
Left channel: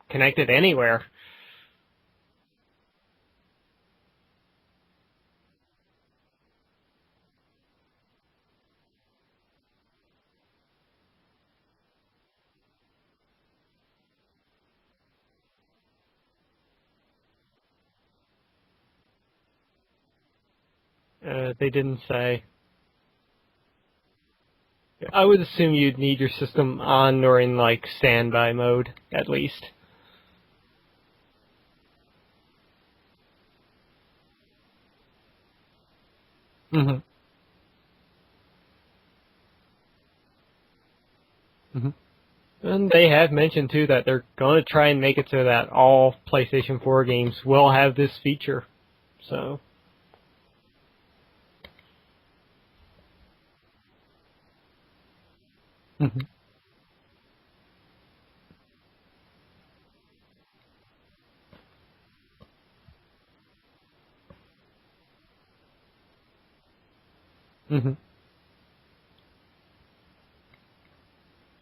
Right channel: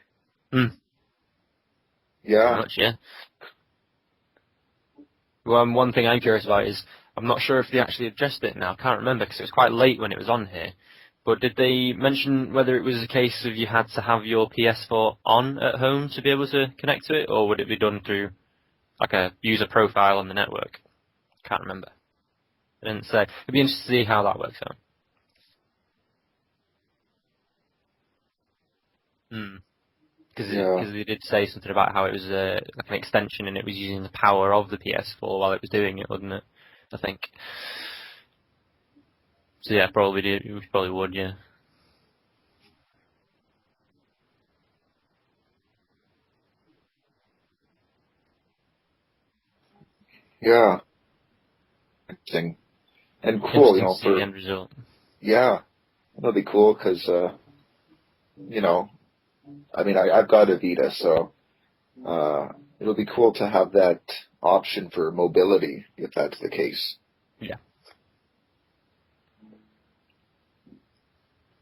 connected anywhere. Yeah. Pretty much, yeah. Well, one thing I'm curious about is, I'm not sure if they actually addressed it now. I can't remember because it was quite late when it was on here. But did they mention whether it was a case of you had to have your PS4 on at home to be able to connect to it, or would it be done through like a user profile on the network? They didn't say. They didn't say. It'd be interesting to see how that works out. I would assume you'd need your system on or in standby mode at least. Because they did say something about how it was like an extension and it was using the power of the PS4 while it was doing it, wasn't it? I think. So yeah, probably would, yeah. And they have mentioned too that they're going to try and make it so that all PlayStation 4 games will have this feature. So. Yeah. Interesting. And cool, for the end result. Yeah. That'll be cool because, I mean, I've got a Vita, so it'll be cool to have that option for mobility if that's the case. Yeah.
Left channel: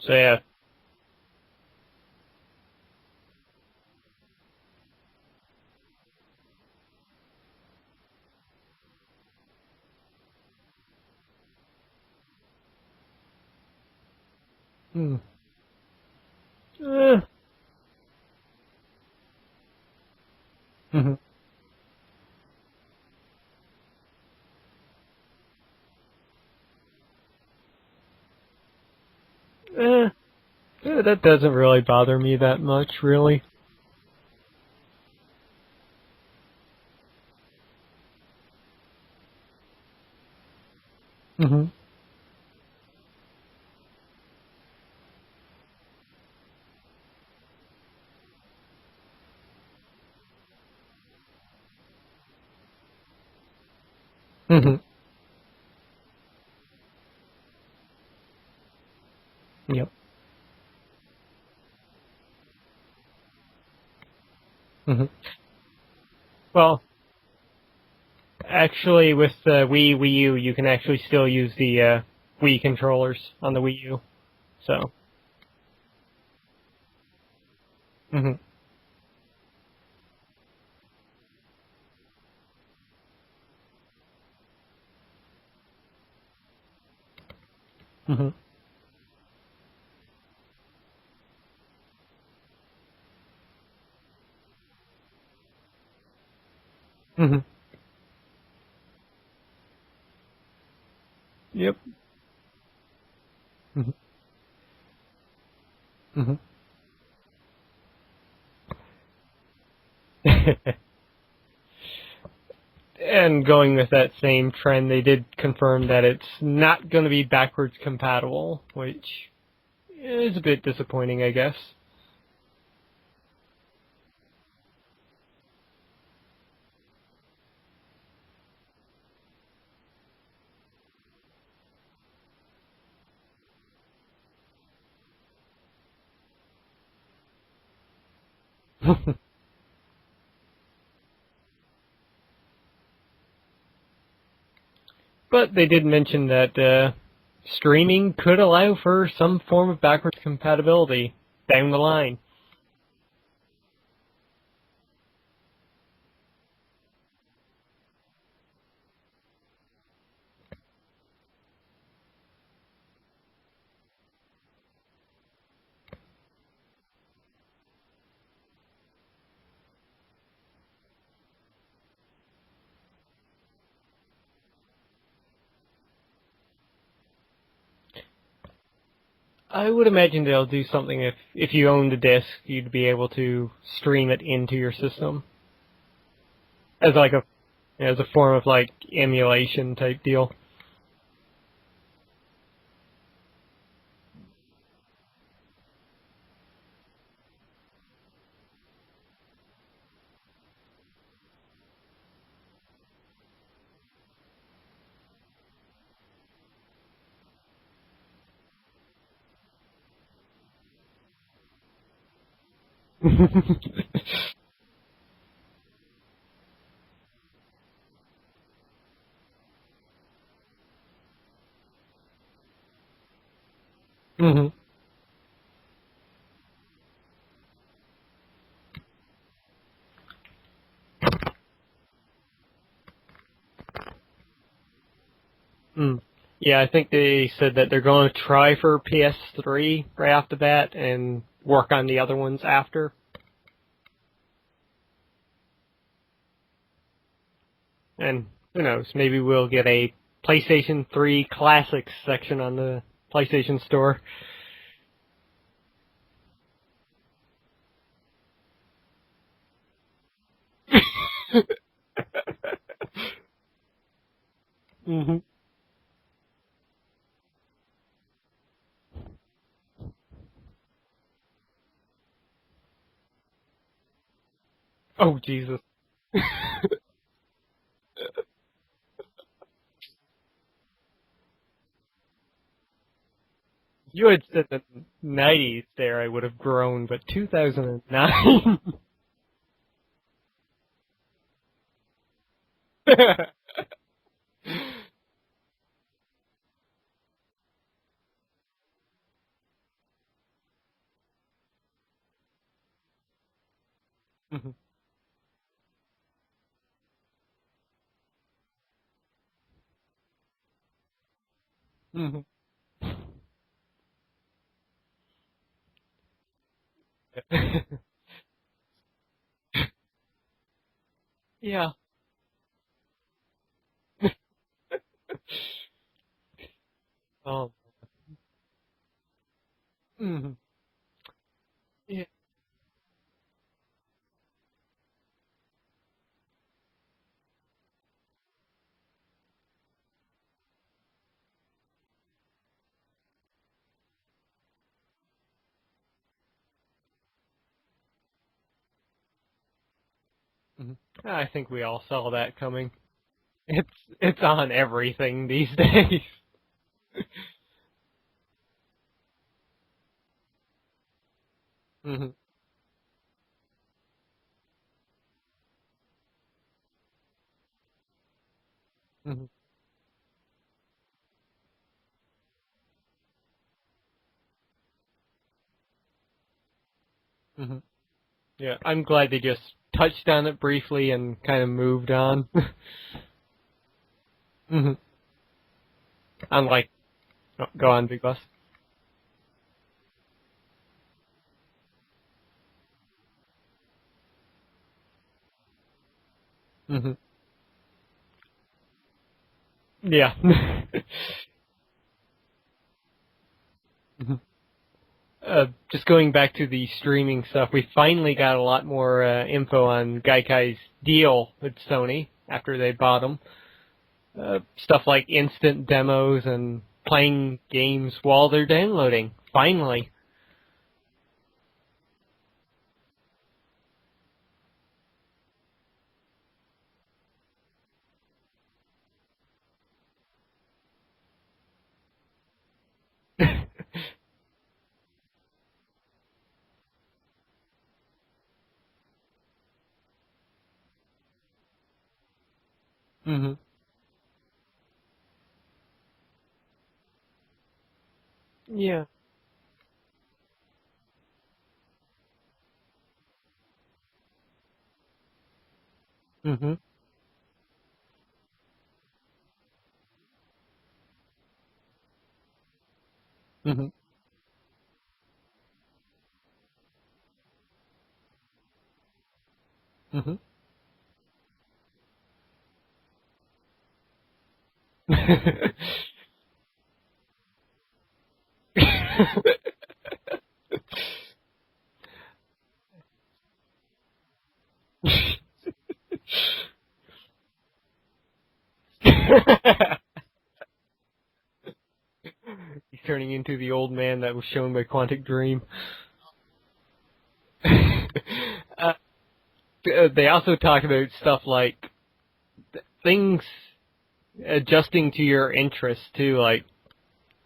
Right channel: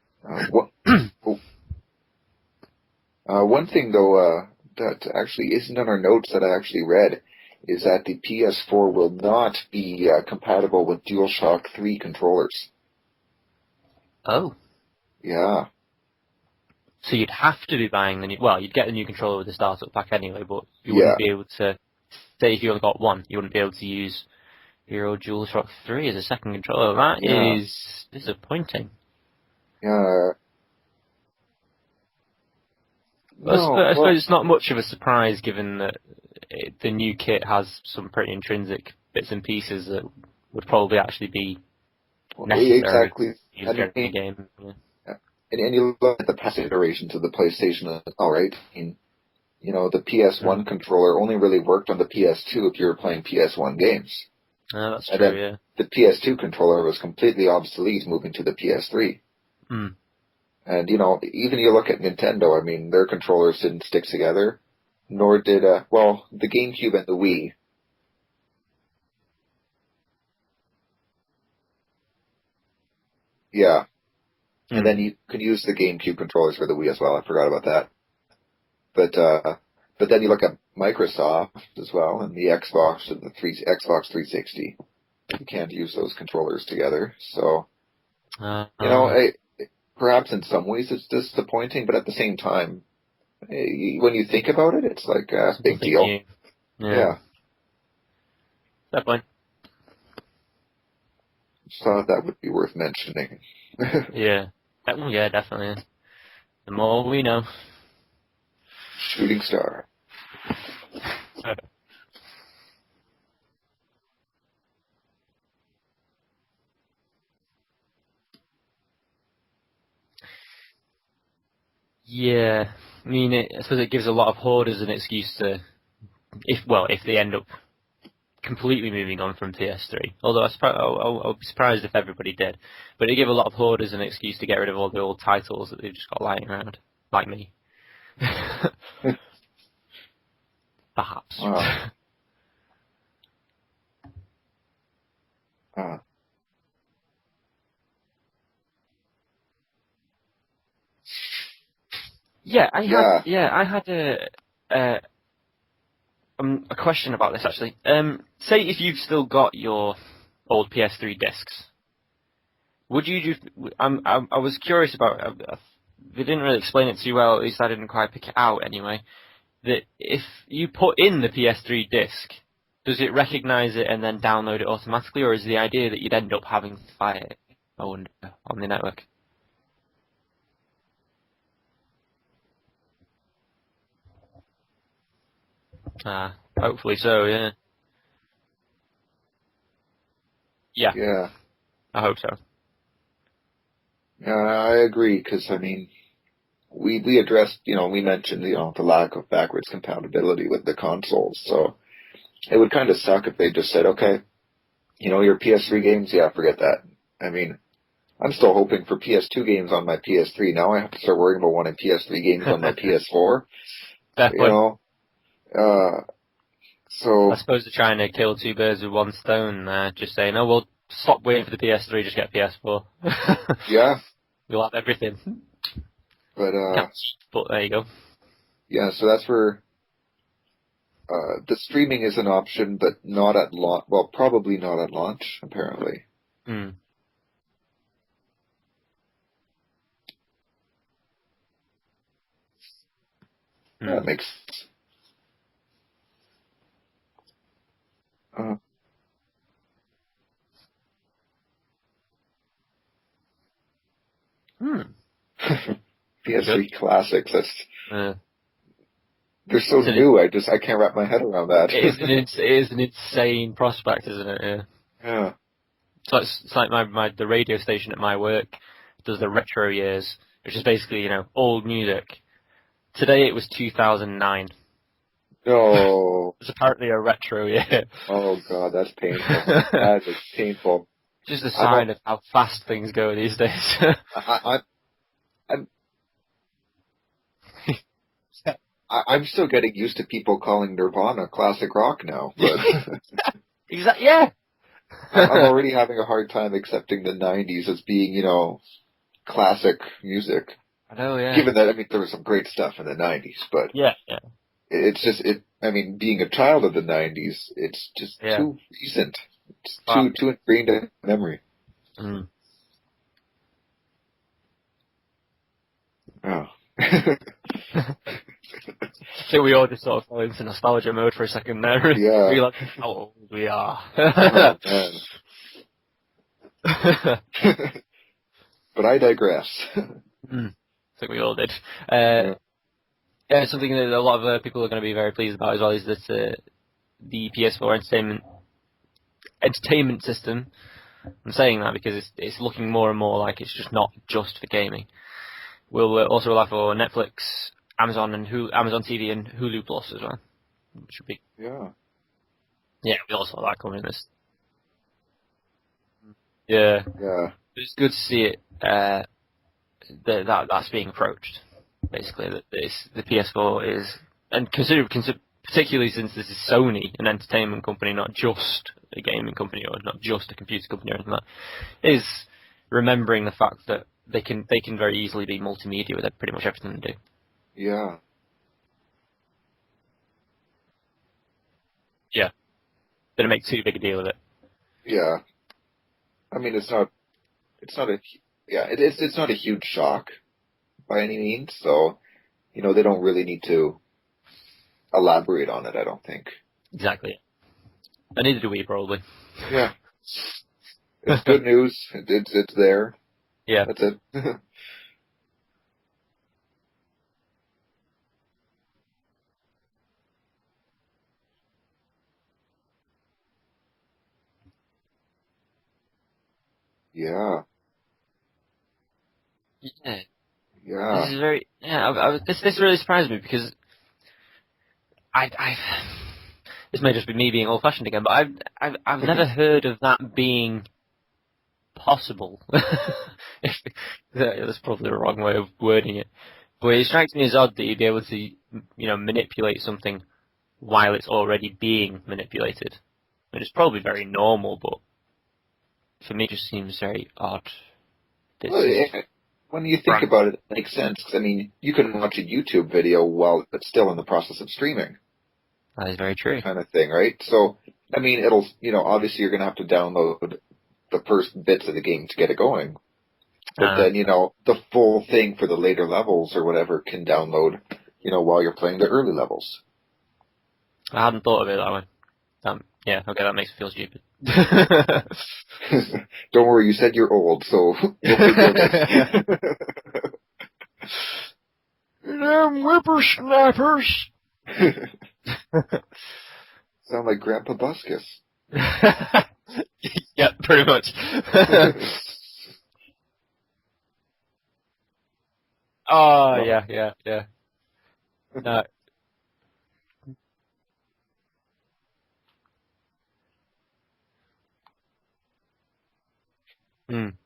So yeah. One thing though, that actually isn't on our notes that I actually read is that the PS4 will not be compatible with DualShock 3 controllers. Oh. Yeah. So you'd have to be buying the new... Well, you'd get the new controller with the startup pack anyway, but you wouldn't be able to... Say if you only got one, you wouldn't be able to use your old DualShock 3 as a second controller. That is disappointing. That doesn't really bother me that much, really. No, I suppose it's not much of a surprise given that the new kit has some pretty intrinsic bits and pieces that would probably actually be necessary exactly. to use during the game. And you look at the past iterations of the PlayStation, all right. I mean, the PS1 controller only really worked on the PS2 if you were playing PS1 games. No, that's and true. then Yeah. the PS2 controller was completely obsolete moving to the PS3. And even you look at Nintendo. I mean, their controllers didn't stick together, nor did the GameCube and the Wii. Actually, with the Wii U, you can actually still use the Wii controllers on the Wii U. So. And then you could use the GameCube controllers for the Wii as well. I forgot about that. But then you look at Microsoft as well, and the Xbox and the Xbox 360. You can't use those controllers together. So, perhaps in some ways it's disappointing, but at the same time, when you think about it, it's like a big deal. Yeah. That point. Yep. So that would be worth mentioning. Yeah, definitely. The more we know. Shooting star. And going with that same trend, they did confirm that it's not going to be backwards compatible, which is a bit disappointing, I guess. Yeah, I mean, I suppose it gives a lot of hoarders an excuse to, if they end up completely moving on from PS3. Although I'll be surprised if everybody did. But it gave a lot of hoarders an excuse to get rid of all the old titles that they've just got lying around, like me. Perhaps. Wow. But they did mention that streaming could allow for some form of backwards compatibility down the line. Yeah, I had a question about this actually. Say if you've still got your old PS3 discs, would you? I was curious about. They didn't really explain it too well. At least I didn't quite pick it out anyway. That if you put in the PS3 disc, does it recognise it and then download it automatically, or is the idea that you'd end up having to buy it on the network? I would imagine they'll do something if you own the disc, you'd be able to stream it into your system. Hopefully yeah. As a form of emulation type deal. Yeah. Yeah. I hope so. I agree, because I mean, we addressed, we mentioned the lack of backwards compatibility with the consoles, so it would kind of suck if they just said, okay, your PS3 games, forget that. I mean, I'm still hoping for PS2 games on my PS3. Now I have to start worrying about wanting PS3 games on my PS4. So I suppose they're trying to kill two birds with one stone. Just saying, we'll stop waiting for the PS3, just get PS4. Yeah. We'll have everything. But there you go. Yeah, so that's where the streaming is an option, but not at launch. Well, probably not at launch, apparently. Yeah, I think they said that they're going to try for PS3 right off the bat and work on the other ones after. That makes sense. And who knows, maybe we'll get a PlayStation 3 Classics section on the PlayStation Store. PS3 Classics, that's... They're so new, I can't wrap my head around that. It is an insane prospect, isn't it? Yeah. Yeah. So it's like the radio station at my work does the retro years, which is basically, old music. Today it was 2009. Oh, Jesus. No. It's apparently a retro year. Oh, God, that's painful. That is painful. Just a sign of how fast things go these days. You had said 90s there, I would have grown, but 2009. I'm still getting used to people calling Nirvana classic rock now. But Exactly. Yeah. I'm already having a hard time accepting the 90s as being, classic music. I know, yeah. Given that, I mean, there was some great stuff in the 90s, but Yeah. it's just, I mean, being a child of the 90s, it's just too recent. It's too ingrained in memory. Mm. Oh. So we all just sort of fell into nostalgia mode for a second there. Yeah. Realize how old we are. Oh, man. But I digress. I think we all did. Yeah, something that a lot of people are going to be very pleased about as well is that the PS4 entertainment system. I'm saying that because it's looking more and more like it's just not just for gaming. We'll also allow for Netflix, Amazon TV, and Hulu Plus as well. I think we all saw that coming. Yeah, we all saw that coming. It's on everything these days. Yeah. Yeah. It's good to see it. That's being approached. Basically, that the PS4 is, and particularly since this is Sony, an entertainment company, not just a gaming company or not just a computer company or anything like that, is remembering the fact that they can very easily be multimedia with pretty much everything they do. Yeah. Yeah, I'm glad they just touched on it briefly and kind of moved on. Yeah. Didn't make too big a deal of it. Yeah. I mean, Unlike, it's not. go on, Bus. Yeah, it's not a huge shock by any means, so, they don't really need to elaborate on it, I don't think. Exactly. And neither do we, probably. Yeah. Yeah. It's good news. It's there. Yeah. That's it. Just going back to the streaming stuff, we finally got a lot more info on Gaikai's deal with Sony after they bought them. Stuff like instant demos and playing games while they're downloading. Finally. Yeah. This is very. Yeah, this really surprised me because this may just be me being old-fashioned again, but I've never heard of that being possible. That's probably the wrong way of wording it, but it strikes me as odd that you'd be able to, manipulate something while it's already being manipulated. And it's probably very normal, but for me, it just seems very odd. When you think about it, it makes sense. 'Cause, I mean, you can watch a YouTube video while it's still in the process of streaming. That is very true. Kind of thing, right? So, I mean, it'll, obviously you're going to have to download the first bits of the game to get it going. But then, the full thing for the later levels or whatever can download, while you're playing the early levels. I hadn't thought of it that way. Yeah, okay, that makes me feel stupid. Don't worry, you said you're old, so... Damn whippersnappers! Sound like Grandpa Buskus. Yeah, pretty much. He's turning into the old man that was shown by Quantic Dream. Oh, yeah. They also talk about stuff like things adjusting to your interests too, like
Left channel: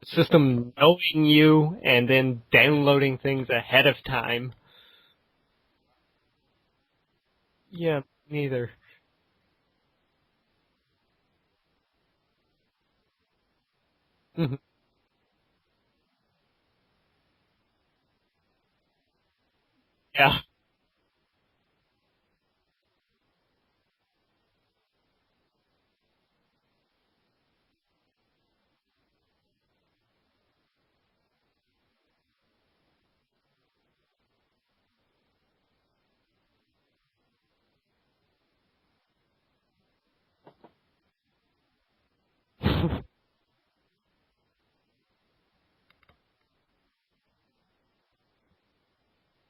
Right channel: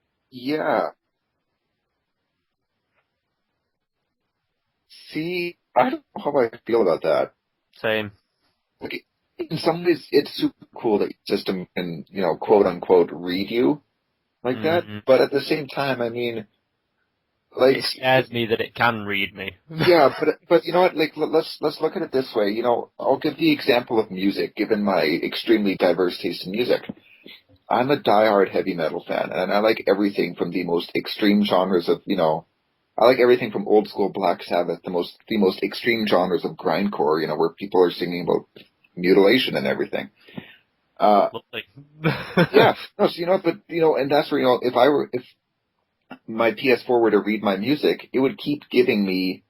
system knowing you and then downloading things ahead of time. See, I don't know how I feel about that. Same. Yeah, neither. Like, in some ways, it's super cool that your system can, quote unquote, read you like that. But at the same time, I mean, like, it scares me that it can read me. Yeah, but you know what? Like, let's look at it this way. I'll give the example of music, given my extremely diverse taste in music. I'm a diehard heavy metal fan, and I like everything from the most extreme genres of, I like everything from old school Black Sabbath, the most extreme genres of grindcore, where people are singing about mutilation and everything. Yeah, no, so, but and that's where if my PS4 were to read my music, it would keep giving me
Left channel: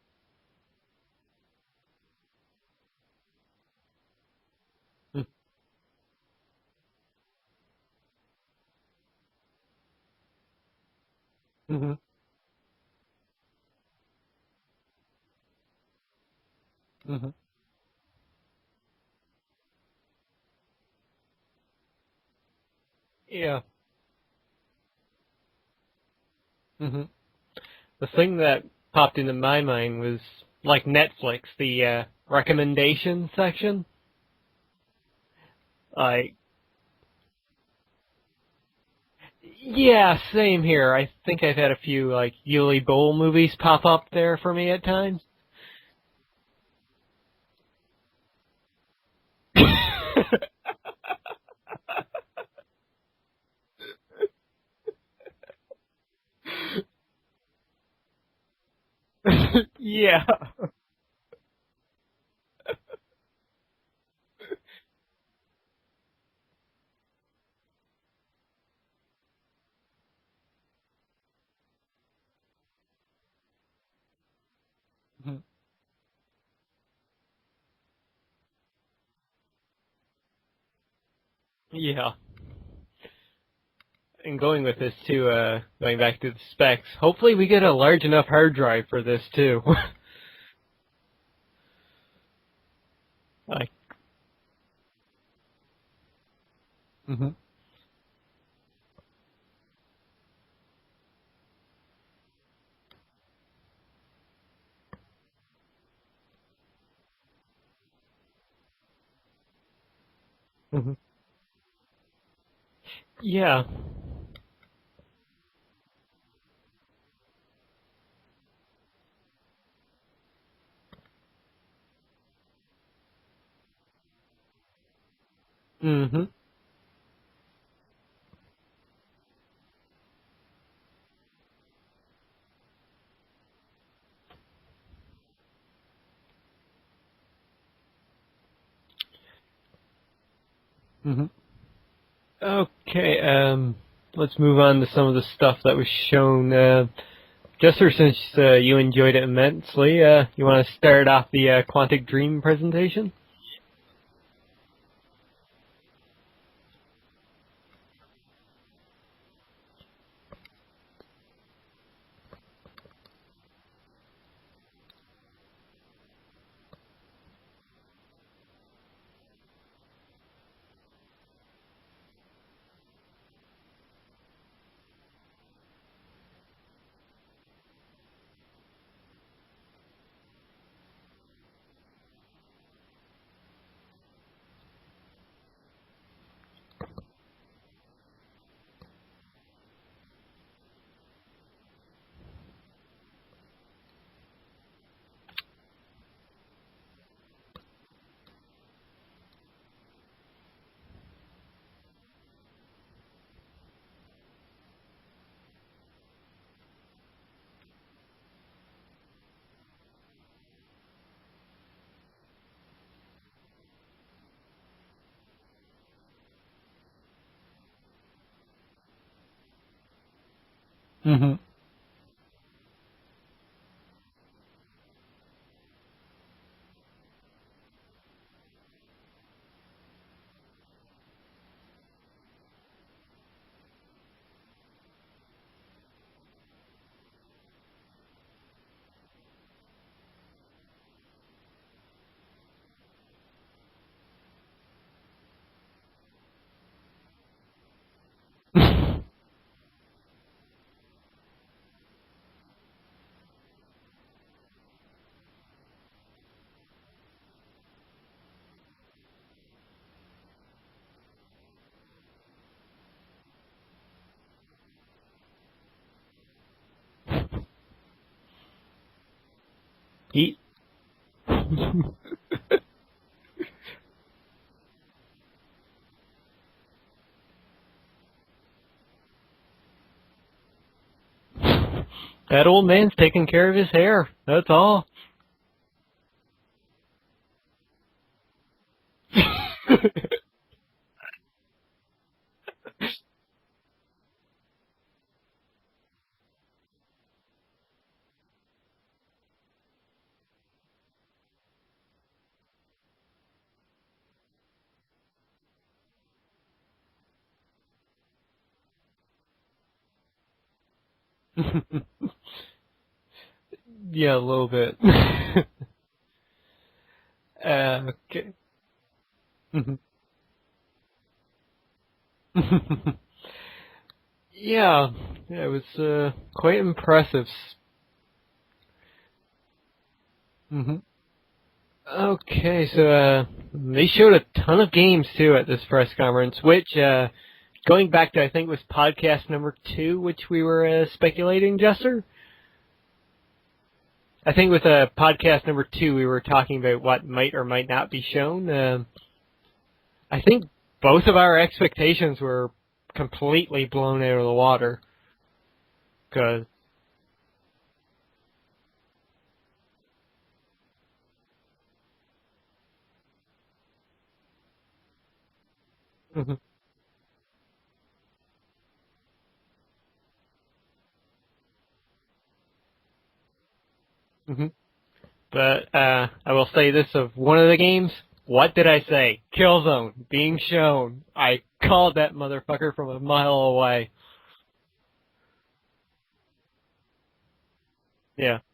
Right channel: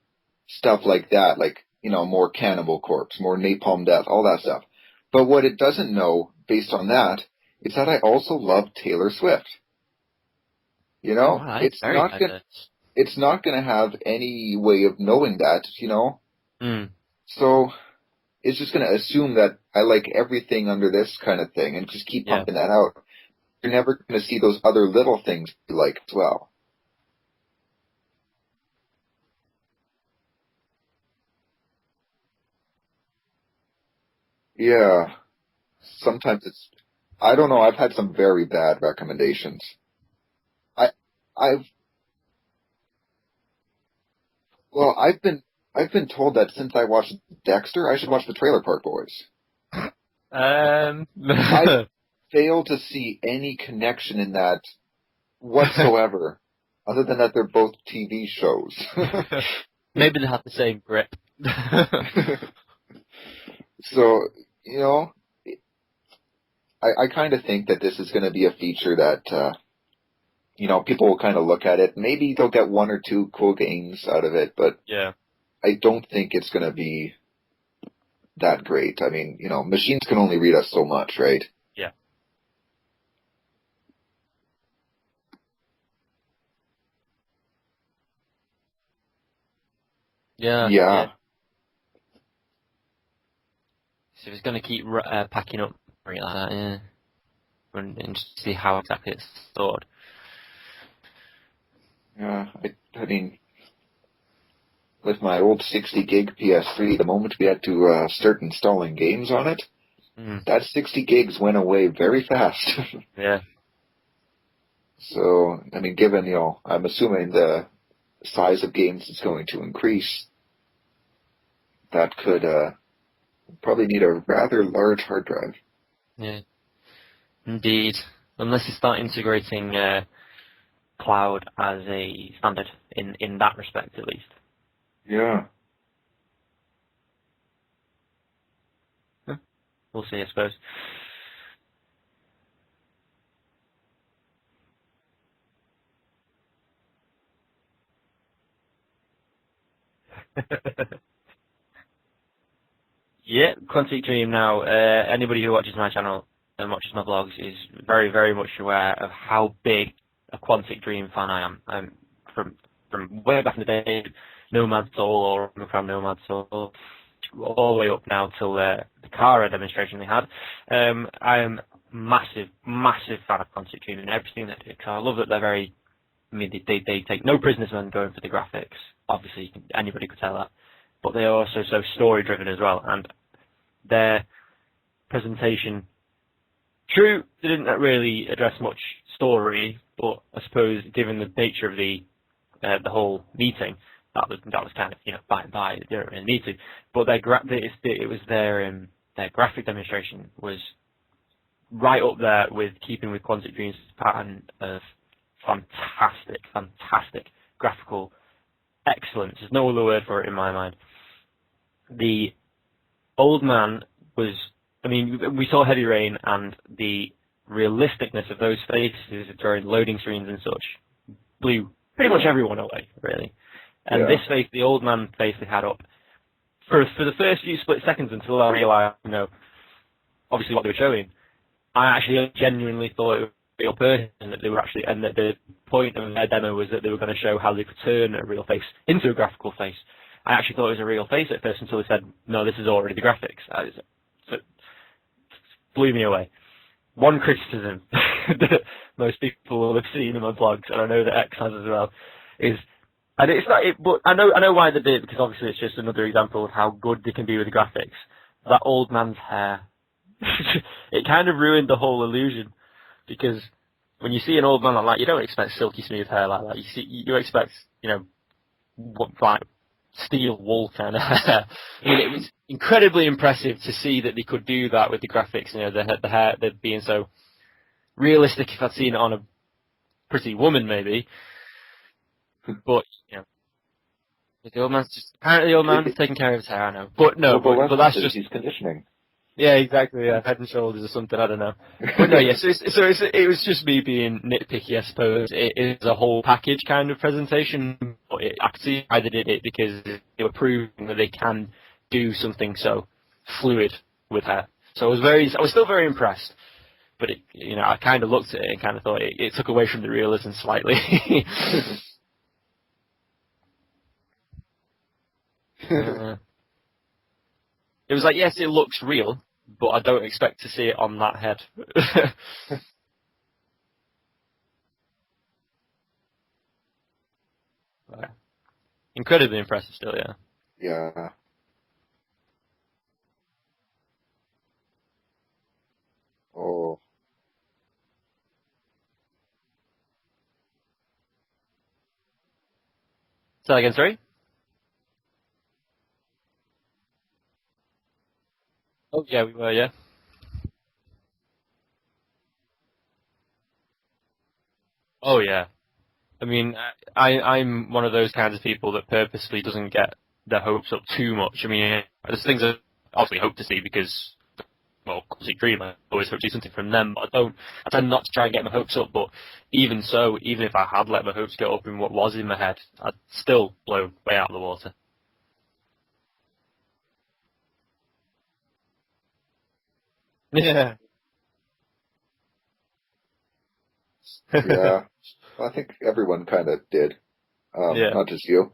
stuff like that, like, more Cannibal Corpse, more Napalm Death, all that stuff. But what it doesn't know, based on that, is that I also love Taylor Swift. It's not going to have any way of knowing that, So it's just going to assume that I like everything under this kind of thing and just keep pumping that out. Yeah. You're never going to see those other little things you like as well. The thing that popped into my mind was, like Netflix, the recommendation section. Yeah. Sometimes I don't know. I've had some very bad recommendations. Yeah, same here. I think I've had a few like Yuli Bowl movies pop up there for me at times. I've been told that since I watched Dexter, I should watch the Trailer Park Boys. I fail to see any connection in that whatsoever, other than that they're both TV shows. Maybe they have the same grip. So, you know, I kind of think that this is going to be a feature that, you know, people will kind of look at it. Maybe they'll get one or two cool games out of it, but yeah. I don't think it's going to be that great. I mean, you know, machines can only read us so much, right? Yeah. And going with this too, going back to the specs, hopefully we get a large enough hard drive for this too. Yeah. Like, so it's going to keep packing up like that, yeah. Mm-hmm. And just see how exactly it's stored. Yeah, I mean, with my old 60 gig PS3, the moment we had to start installing games on it, that 60 gigs went away very fast. Yeah. So, I mean, given, you know, I'm assuming the size of games is going to increase, that could probably need a rather large hard drive. Mm-hmm. Yeah. Indeed. Unless you start integrating cloud as a standard in that respect, at least. Yeah. We'll see, I suppose. Mm-hmm. Okay, let's move on to some of the stuff that was shown. Jester, since you enjoyed it immensely, you want to start off the Quantic Dream presentation? Yeah, Quantic Dream now. Anybody who watches my channel and watches my vlogs is very, very much aware of how big a Quantic Dream fan I am. I'm from way back in the day, Nomad Soul or from Nomad Soul, all the way up now till the Kara demonstration they had. I am massive fan of Quantic Dream and everything they do. I love that they're very. I mean, they take no prisoners when going for the graphics. Obviously, anybody could tell that. But they are also so story-driven as well. And their presentation, true, they didn't really address much story, but I suppose given the nature of the whole meeting, that was kind of, you know, by and by. They didn't really need to. But their graphic demonstration was right up there with keeping with Quantic Dream's pattern of fantastic graphical excellence. There's no other word for it in my mind. The old man was, I mean, we saw Heavy Rain and the realisticness of those faces during loading screens and such blew pretty much everyone away, really. And this face, the old man face they had up, for the first few split seconds until I realised, you know, obviously what they were showing, I actually genuinely thought it was a real person, that they were actually, and that the point of their demo was that they were going to show how they could turn a real face into a graphical face. I actually thought it was a real face at first until they said, no, this is already the graphics. So it blew me away. One criticism that most people will have seen in my blogs, and I know that X has as well, is, and it's not, but I know why they did it, because obviously it's just another example of how good they can be with the graphics. That old man's hair, it kind of ruined the whole illusion, because when you see an old man like that, you don't expect silky smooth hair like that. You expect, you know, like steel wool kind of hair. I mean, it was incredibly impressive to see that they could do that with the graphics. You know, the hair being so realistic. If I'd seen it on a pretty woman, maybe. That old man's taking care of his hair. That's all. Apparently, the old man's taking care of his hair. I know, but no, but that's just his conditioning. Yeah, exactly. Yeah, Head and Shoulders or something. I don't know. But no, yes. It was just me being nitpicky, I suppose. It is a whole package kind of presentation. But I could see why they did it, because they were proving that they can do something so fluid with hair. So I was still very impressed. But it, you know, I kind of looked at it and kind of thought it took away from the realism slightly. Yeah, a little bit. It was like, yes, it looks real, but I don't expect to see it on that head. Yeah, it was quite impressive. Incredibly impressive still, yeah. Yeah. Okay, so they showed a ton of games too at this press conference, which going back to I think it was podcast number 2, which we were speculating, Jester. Say that again, sorry? I think with podcast number 2 we were talking about what might or might not be shown. Oh yeah, we were, yeah. I think both of our expectations were completely blown out of the water. Oh yeah. I mean, I'm one of those kinds of people that purposely doesn't get their hopes up too much. I mean, there's things I obviously hope to see because, well, Quantic Dream, I always hope to see something from them, but I tend not to try and get my hopes up, but even so, even if I had let my hopes get up in what was in my head, I'd still blow way out of the water. But I will say this of one of the games, what did I say? Killzone being shown. I called that motherfucker from a mile away. Yeah, I think everyone kind of did, not just you.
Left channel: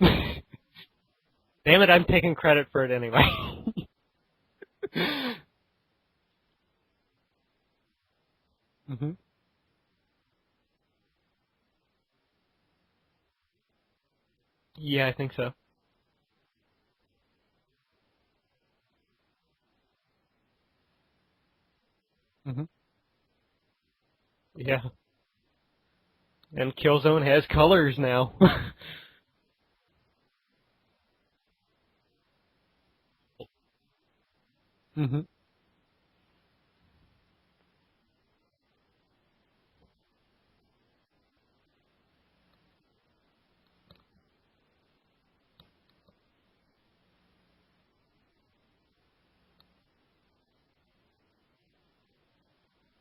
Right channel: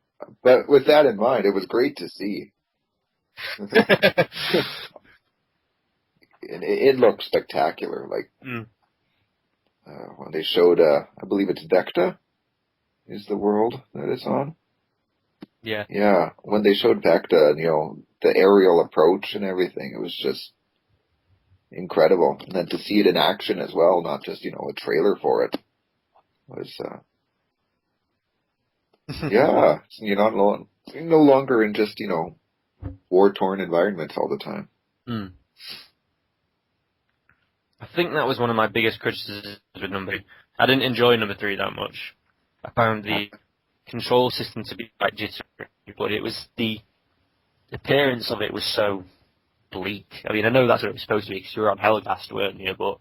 Yeah. But with that in mind, it was Damn great it, I'm to taking see. credit for it anyway. It looked spectacular. Like when they showed, I believe it's Vecta, is the world that it's on. Yeah, I think so. Yeah. Yeah, when they showed Vecta, and, the aerial approach and everything, it was just incredible. And then to see it in action as well, not just a trailer for it. And Killzone has colors now. Yeah, you're no longer in just war-torn environments all the time. Mm-hmm. I think that was one of my biggest criticisms with number 3. I didn't enjoy number 3 that much. I found the control system to be quite jittery, but it was the appearance of it was so bleak. I mean, I know that's what it was supposed to be because you were on Helgast, weren't you? But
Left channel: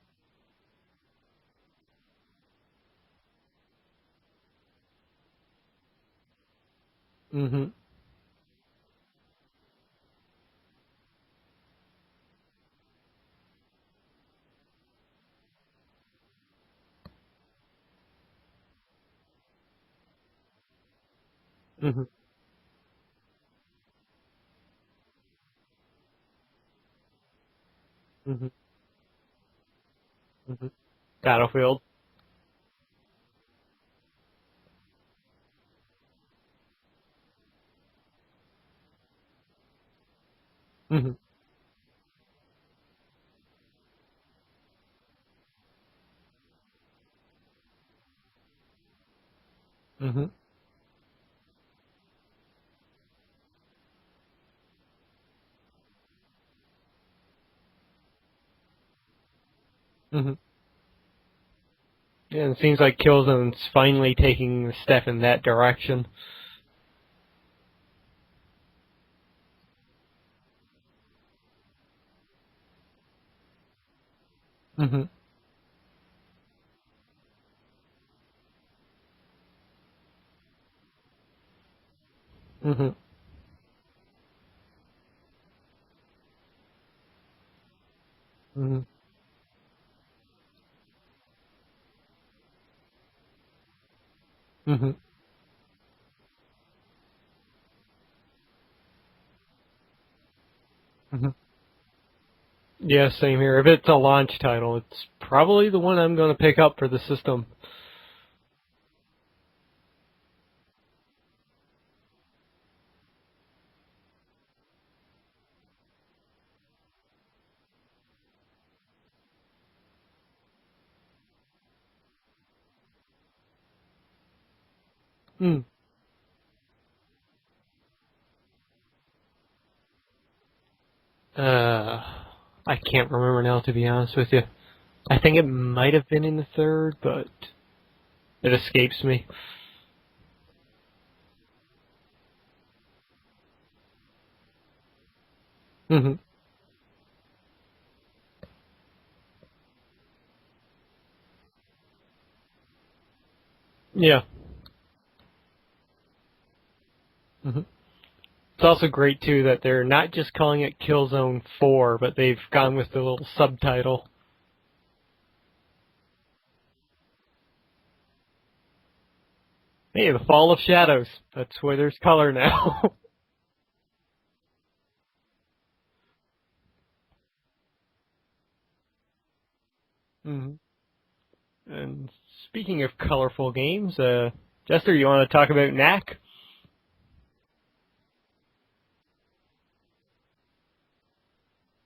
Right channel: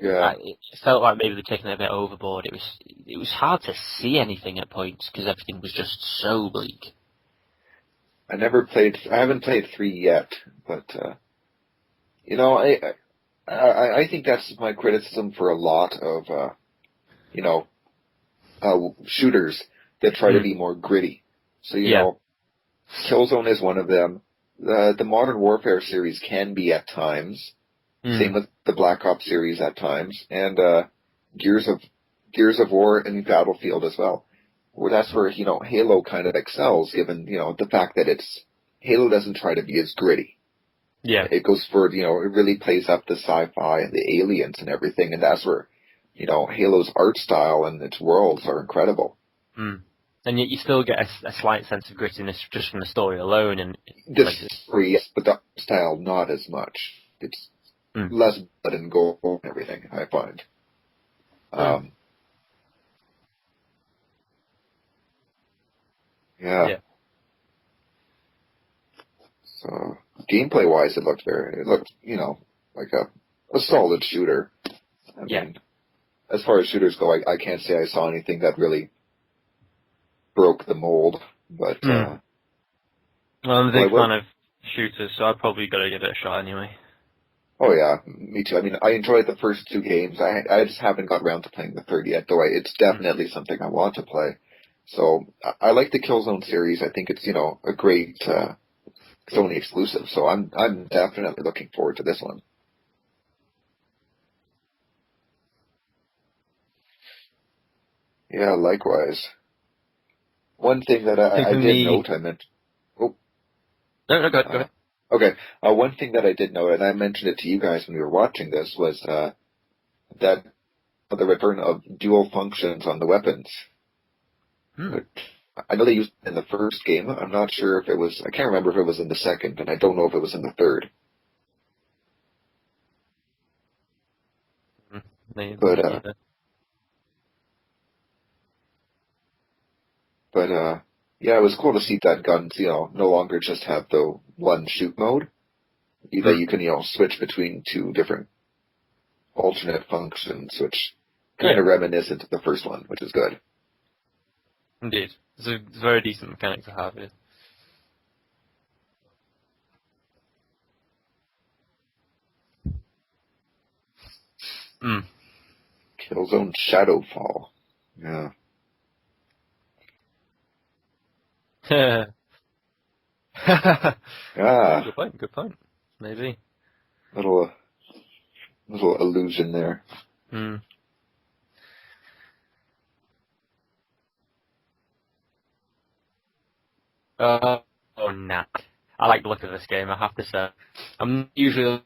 yeah, it felt like maybe they'd taken it a bit overboard. It was hard to see anything at points because everything was just so bleak. Mm-hmm. I haven't played 3 yet, but I think that's my criticism for a lot of shooters that try to be more gritty. So Killzone is one of them. The Modern Warfare series can be at times. Same with the Black Ops series at times, and Gears of War and Battlefield as well. Well, that's where Halo kind of excels, given the fact that Halo doesn't try to be as gritty. Yeah, it goes for it really plays up the sci-fi and the aliens and everything, and that's where Halo's art style and its worlds are incredible. And yet you still get a slight sense of grittiness just from the story alone. And the story, yes, but the art style not as much. It's less blood and gold and everything, I find. Yeah, and it seems like Killzone's finally taking a step in that direction. Yeah. So gameplay-wise, it looked like a solid shooter. I mean, as far as shooters go, I can't say I saw anything that really broke the mold, but well, I'm a big fan of shooters, so I've probably got to give it a shot anyway. Oh yeah, me too. I mean, I enjoyed the first 2 games. I just haven't got around to playing the third yet, though it's definitely something I want to play. So I like the Killzone series. I think it's a great Sony exclusive. So I'm definitely looking forward to this one. Yeah, same here. If it's a launch title, it's probably the one I'm going to pick up for the system. Yeah, likewise. One thing that I did note, I meant... Oh. No, go ahead. Okay. One thing that I did note, and I mentioned it to you guys when we were watching this, was that the return of dual functions on the weapons. I know they used it in the first game. I'm not sure if it was... I can't remember if it was in the second, and I don't know if it was in the third. I can't remember now, to be honest with you. I think it might have been in the third, but it escapes me. But, yeah, it was cool to see that guns, no longer just have the one shoot mode. That you can, switch between 2 different alternate functions, which kind of reminiscent of the first one, which is good. Yeah. Indeed. It's a very decent mechanic to have it. It's also great, too, that they're not just calling it Killzone 4, but they've gone with the little subtitle. Killzone Shadowfall. Yeah. Hey, the Fall of Shadows. That's what there's color now. Good point. Maybe. Little illusion there. And speaking of colorful games, Jester, you want to talk about NAC? NAC. I like the look of this game, I have to say. I'm not usually a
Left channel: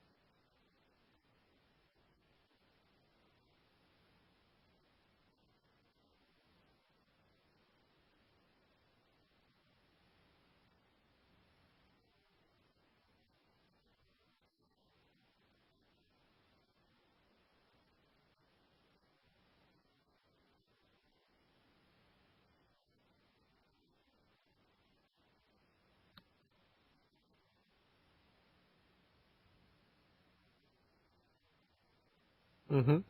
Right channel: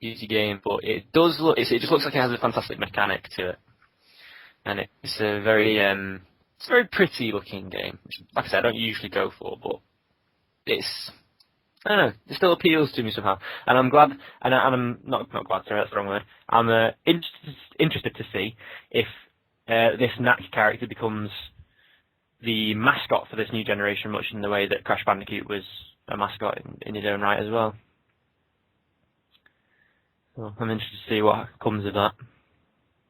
easy game, but it does look. It just looks like it has a fantastic mechanic to it, and it's a very pretty looking game. Which, like I said, I don't usually go for, but I don't know. It still appeals to me somehow, and I'm glad. And I'm not glad. Sorry, that's the wrong word. I'm interested to see if this Knack character becomes the mascot for this new generation, much in the way that Crash Bandicoot was a mascot in his own right as well. So I'm interested to see what comes of that. Mhm.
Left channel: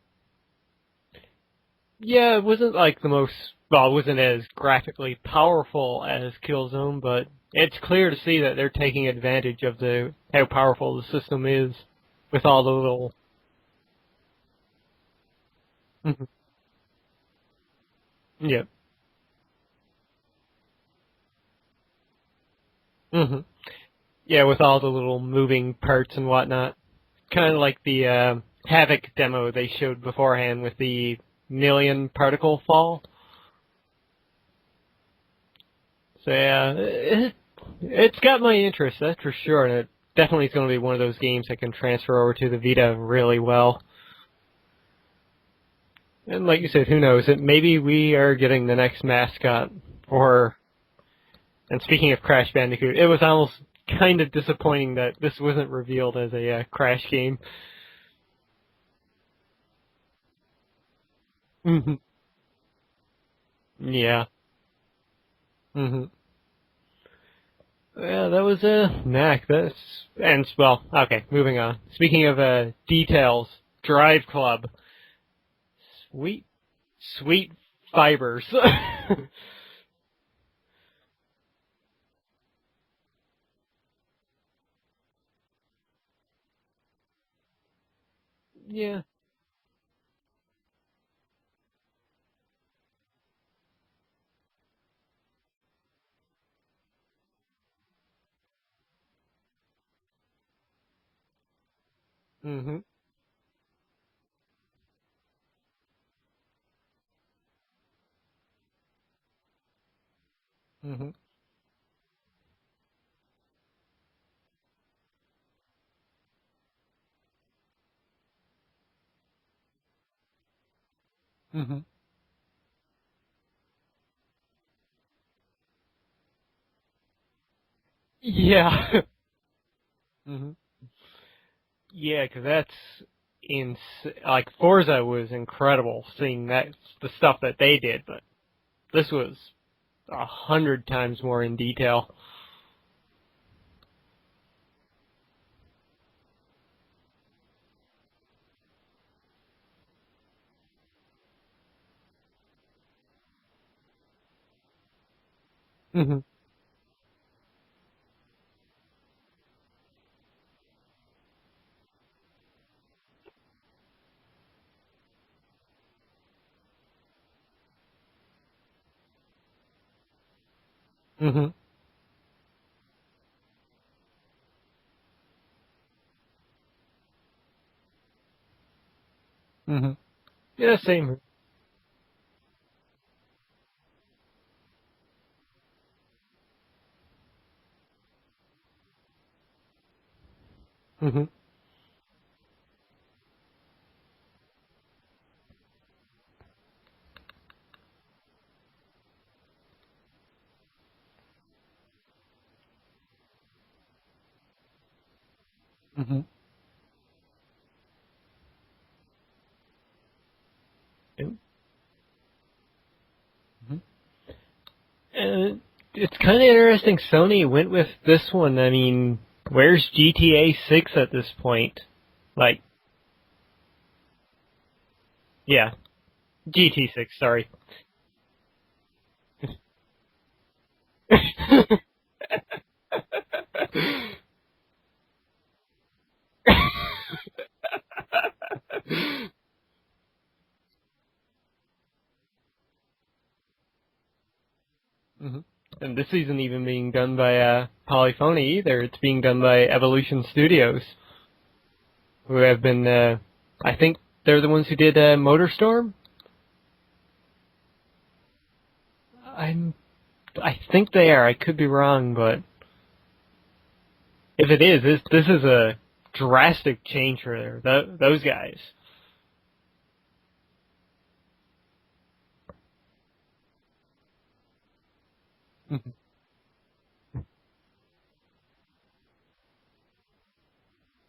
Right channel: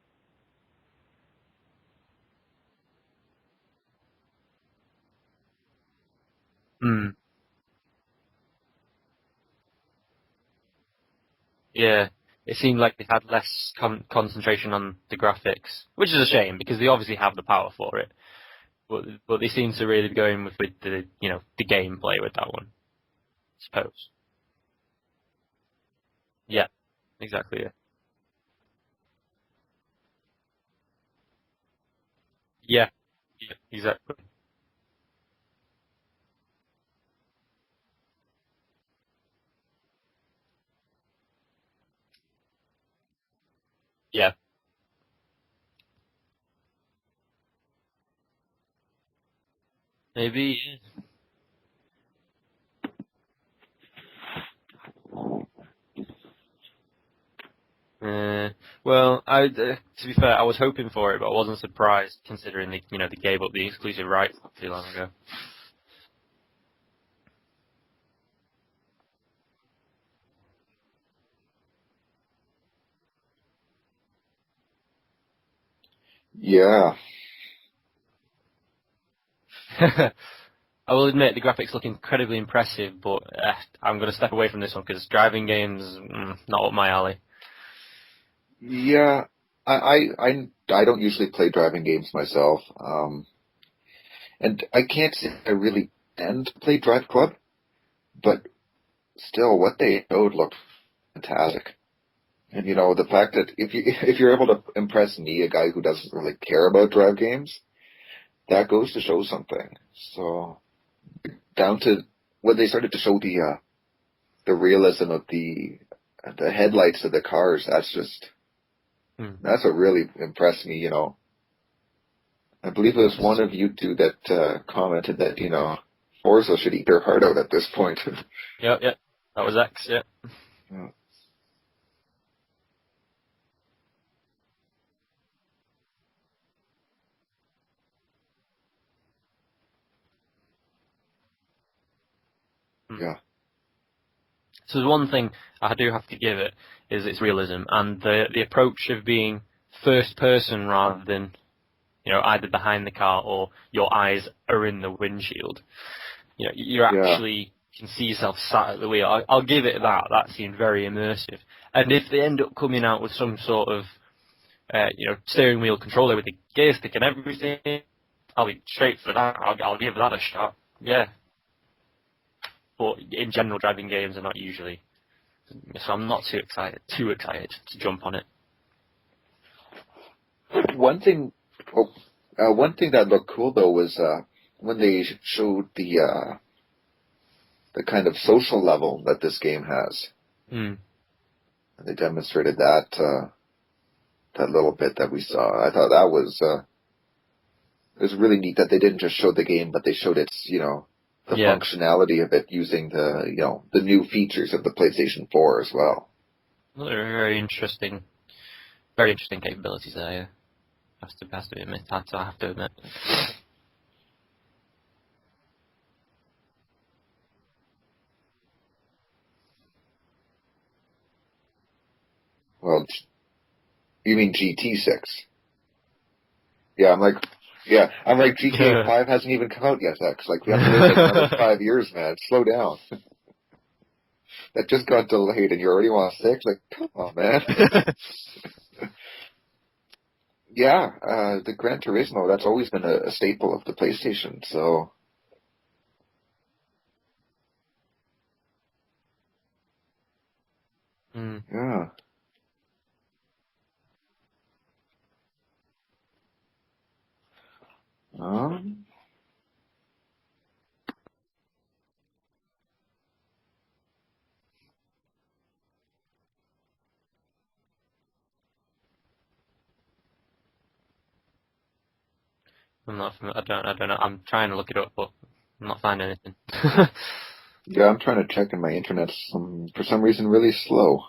Yeah, it wasn't like the most. Well, it wasn't as graphically powerful as Killzone, but it's clear to see that they're taking advantage of how powerful the system is. Yeah. With all it seemed the like little... they had less concentration on the graphics, which is a shame because they obviously have the power for it. Yeah. But they seem to really be going with the the gameplay with that one. Mhm. Suppose. Yeah, with all the little moving parts and whatnot. Yeah. Exactly. Kind of like the Havoc demo they showed beforehand with the million particle fall. Yeah, exactly. So yeah, it's got my interest, that's for sure, and it definitely is going to be one of those games that can transfer over to the Vita really well. Yeah. And like you said, who knows? Maybe we are getting the next mascot. And speaking of Crash Bandicoot, it was almost kind of disappointing that this wasn't revealed as a Crash game. Well, to be fair, I was hoping for it, but I wasn't surprised considering they gave up the exclusive rights not too long ago. Mhm. Yeah, that was Knack. Okay, moving on. Speaking of details, Drive Club. Sweet fibers. I will admit the graphics look incredibly impressive, but I'm going to step away from this one because driving games not up my alley. Yeah, I don't usually play driving games myself, and I can't say I really tend to play Drive Club, but still, what they showed looked fantastic. And the fact that if you're able to impress me, a guy who doesn't really care about drive games, that goes to show something. So down to when they started to show the realism of the headlights of the cars, that's what really impressed me. I believe it was one of you two that commented that Forza should eat their heart out at this point. Yeah. That was X. Yeah. Yeah, because like Forza was incredible seeing the stuff that they did, but this was 100 times more in detail. Yeah. So there's one thing I do have to give it is its realism and the approach of being first person rather than either behind the car or your eyes are in the windshield. You actually can see yourself sat at the wheel. I'll give it that. That seemed very immersive. And if they end up coming out with some sort of steering wheel controller with a gear stick and everything, I'll be straight for that. I'll give that a shot. Yeah. But in general, driving games are not usually, so I'm not too excited to jump on it. Yeah, one thing that looked cool though was when they showed the kind of social level that this game has. They demonstrated that little bit that we saw. I thought that was it was really neat that they didn't just show the game, but they showed its the functionality of it using the new features of the PlayStation 4 as well. They're very interesting capabilities there. Yeah. I have to admit. It's kind of interesting Sony went with this one. I mean, where's GTA 6 at this point? Well, you mean GT6? Yeah. GT6, sorry. Yeah, I'm like, GTA 5 hasn't even come out yet, X. Like, we have to wait like 5 years, man. Slow down. That just got delayed and you already want 6? Oh, man. Yeah, the Gran Turismo, that's always been a staple of the PlayStation, so... And this isn't even being done by Polyphony either. It's being done by Evolution Studios. Yeah. Who have been, I think they're the ones who did MotorStorm? I think they are. I could be wrong, but if it is, this is a drastic change for those guys. I don't know. I'm trying to look it up, but I'm not finding anything. Yeah, I'm trying to check, and my internet's for some reason really slow.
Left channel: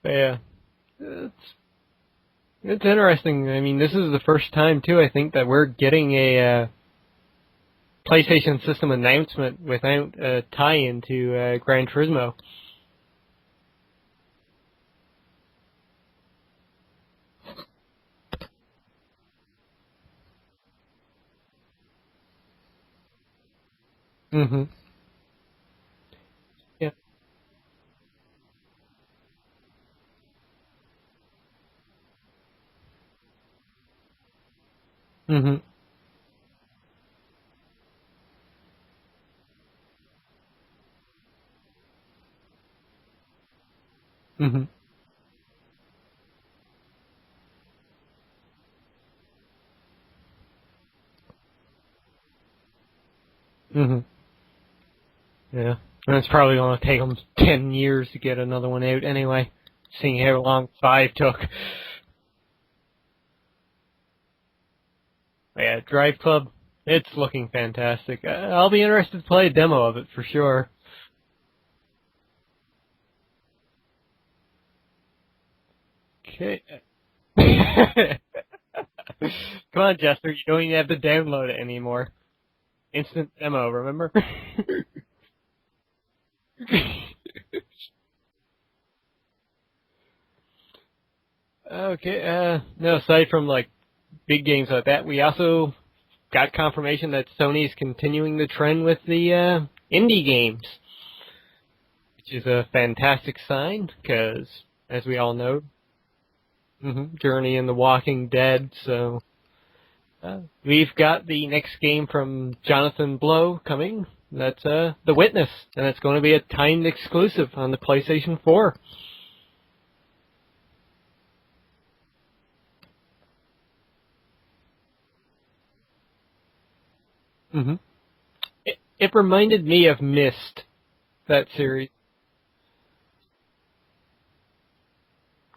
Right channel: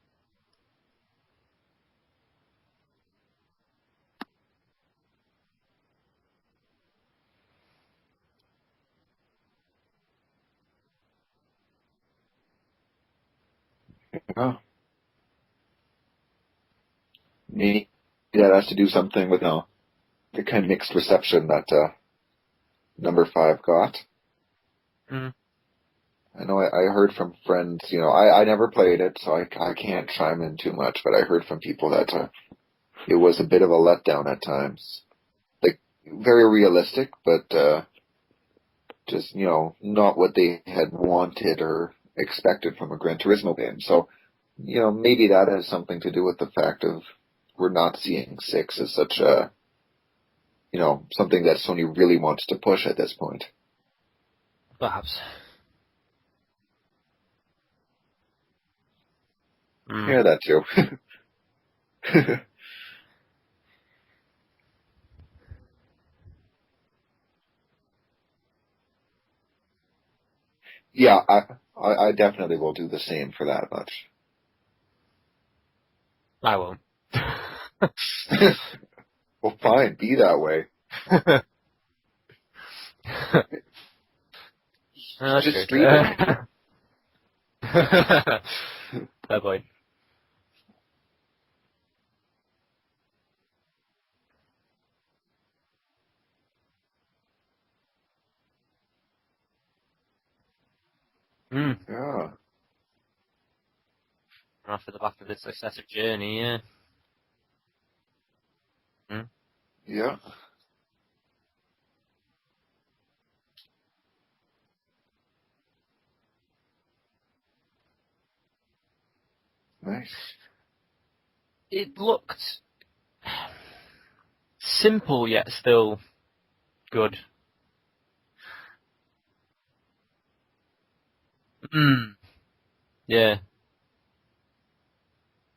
But yeah, it's interesting. I mean, this is the first time too, I think, that we're getting a PlayStation System announcement without a tie-in to Gran Turismo. Yeah. Maybe that has to do something with the kind of mixed reception that number 5 got. Mm-hmm. I know I heard from friends, I never played it, so I can't chime in too much, but I heard from people that it was a bit of a letdown at times. Mm-hmm. Like, very realistic, but just, not what they had wanted or expected from a Gran Turismo game. So, maybe that has something to do with the fact of we're not seeing 6 as such a, something that Sony really wants to push at this point. Mm-hmm. Perhaps. Yeah. And it's probably going to take them 10 years to get another one out anyway. Seeing Yeah, how long 5 took. Yeah, Drive Club, it's looking fantastic. I'll be interested to play a demo of it for sure. Yeah, I definitely will do the same for that much. Okay. I won't. Well, Come on, be Jester, that you way. don't even have to download it anymore. Instant demo, remember? Just stream it. Oh boy. Okay, no, aside from big games like that, we also got confirmation that Sony is continuing the trend with the indie games. Yeah. Which is a fantastic sign, because, as we all know, Success of Journey, yeah. Journey and The Walking Dead, so... Yeah. We've got the next game from Jonathan Blow coming. That's The Witness, and it's going to be a timed exclusive on the PlayStation 4. Nice. It looked simple, yet still good. Mm-hmm. It reminded me of Myst, that series. Yeah.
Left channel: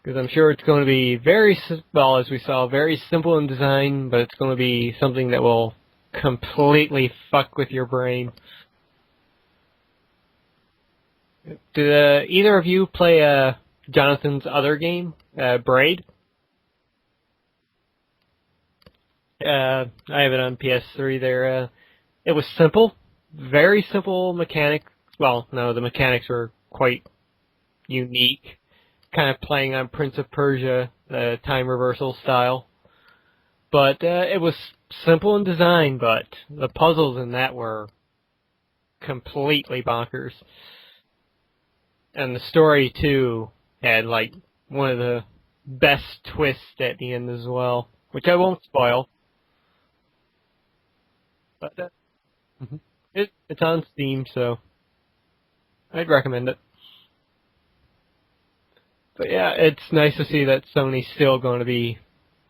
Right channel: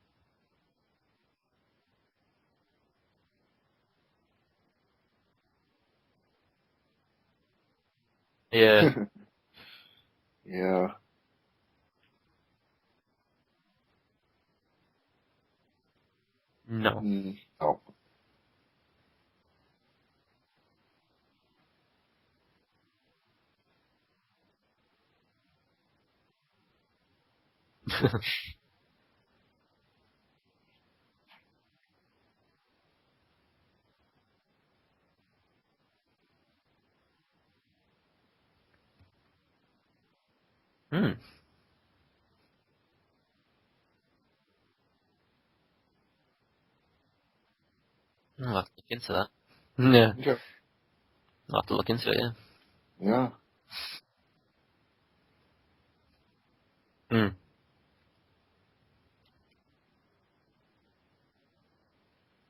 Because I'm sure it's going to be as we saw, very simple in design, but it's going to be something that will completely fuck with your brain. Yeah. Yeah. Did either of you play Jonathan's other game, Braid? No. Oh. I have it on PS3 there. It was simple, very simple mechanic. Well, no, the mechanics were quite unique. Kind of playing on Prince of Persia, time reversal style. But it was simple in design, but the puzzles in that were completely bonkers. And the story, too, had, one of the best twists at the end as well, which I won't spoil. Yeah. Okay. I'll have to look into it, yeah. Yeah. It's on Steam, so I'd recommend it. But yeah, it's nice to see that Sony's still going to be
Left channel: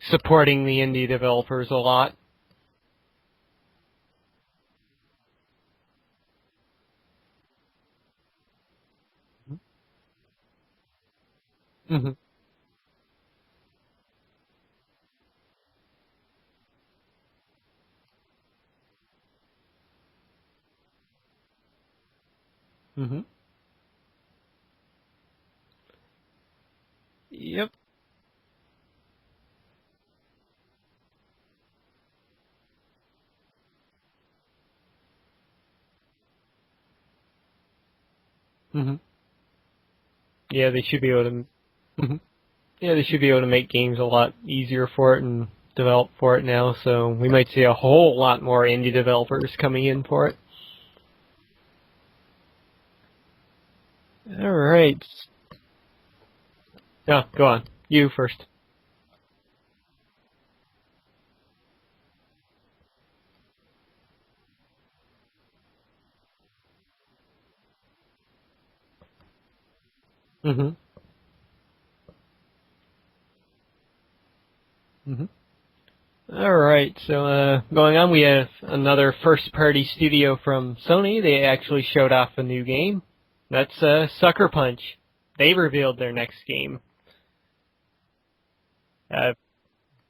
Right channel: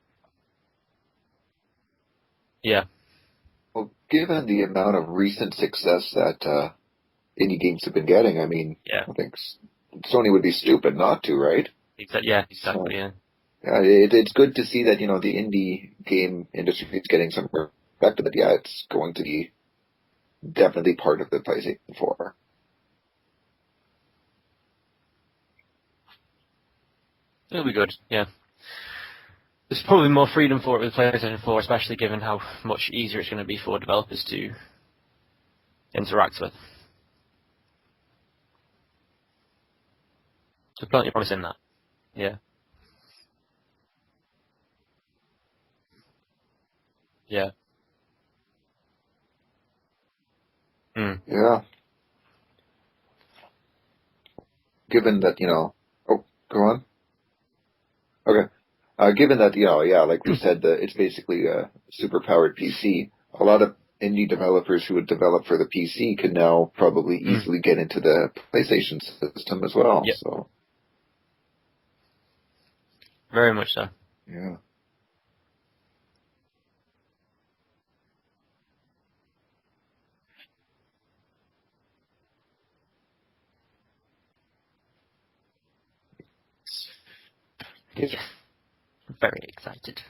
supporting the indie developers a lot. Yeah. Well, given the amount of recent success that indie games have been getting, I mean, Yeah. I think Sony would be stupid not to, right? Yeah, exactly, yeah. Yeah, it's good to see that, the indie game industry is getting some respect, but yeah, it's going to be definitely part of the PlayStation 4. It'll be good, yeah. There's probably more freedom for it with PlayStation 4, especially given how much easier it's going to be for developers to interact with. Yeah, they should be able to. That. Yeah. Yeah, they should be able to make games a lot easier for it and develop for it now. So we might see a whole lot more indie developers coming in for it. Yeah. All right. Given that, oh, go on. No, go on. You first. Okay. Given that, like we said, it's basically a super-powered PC, a lot of indie developers who would develop for the PC could now probably easily get into the PlayStation system as well. Yep. So. Very much so. Yeah. Alright, so going on, we have another first-party studio from Sony. They actually showed off a new game. That's Sucker Punch. They revealed their next game. Yes. Very excited.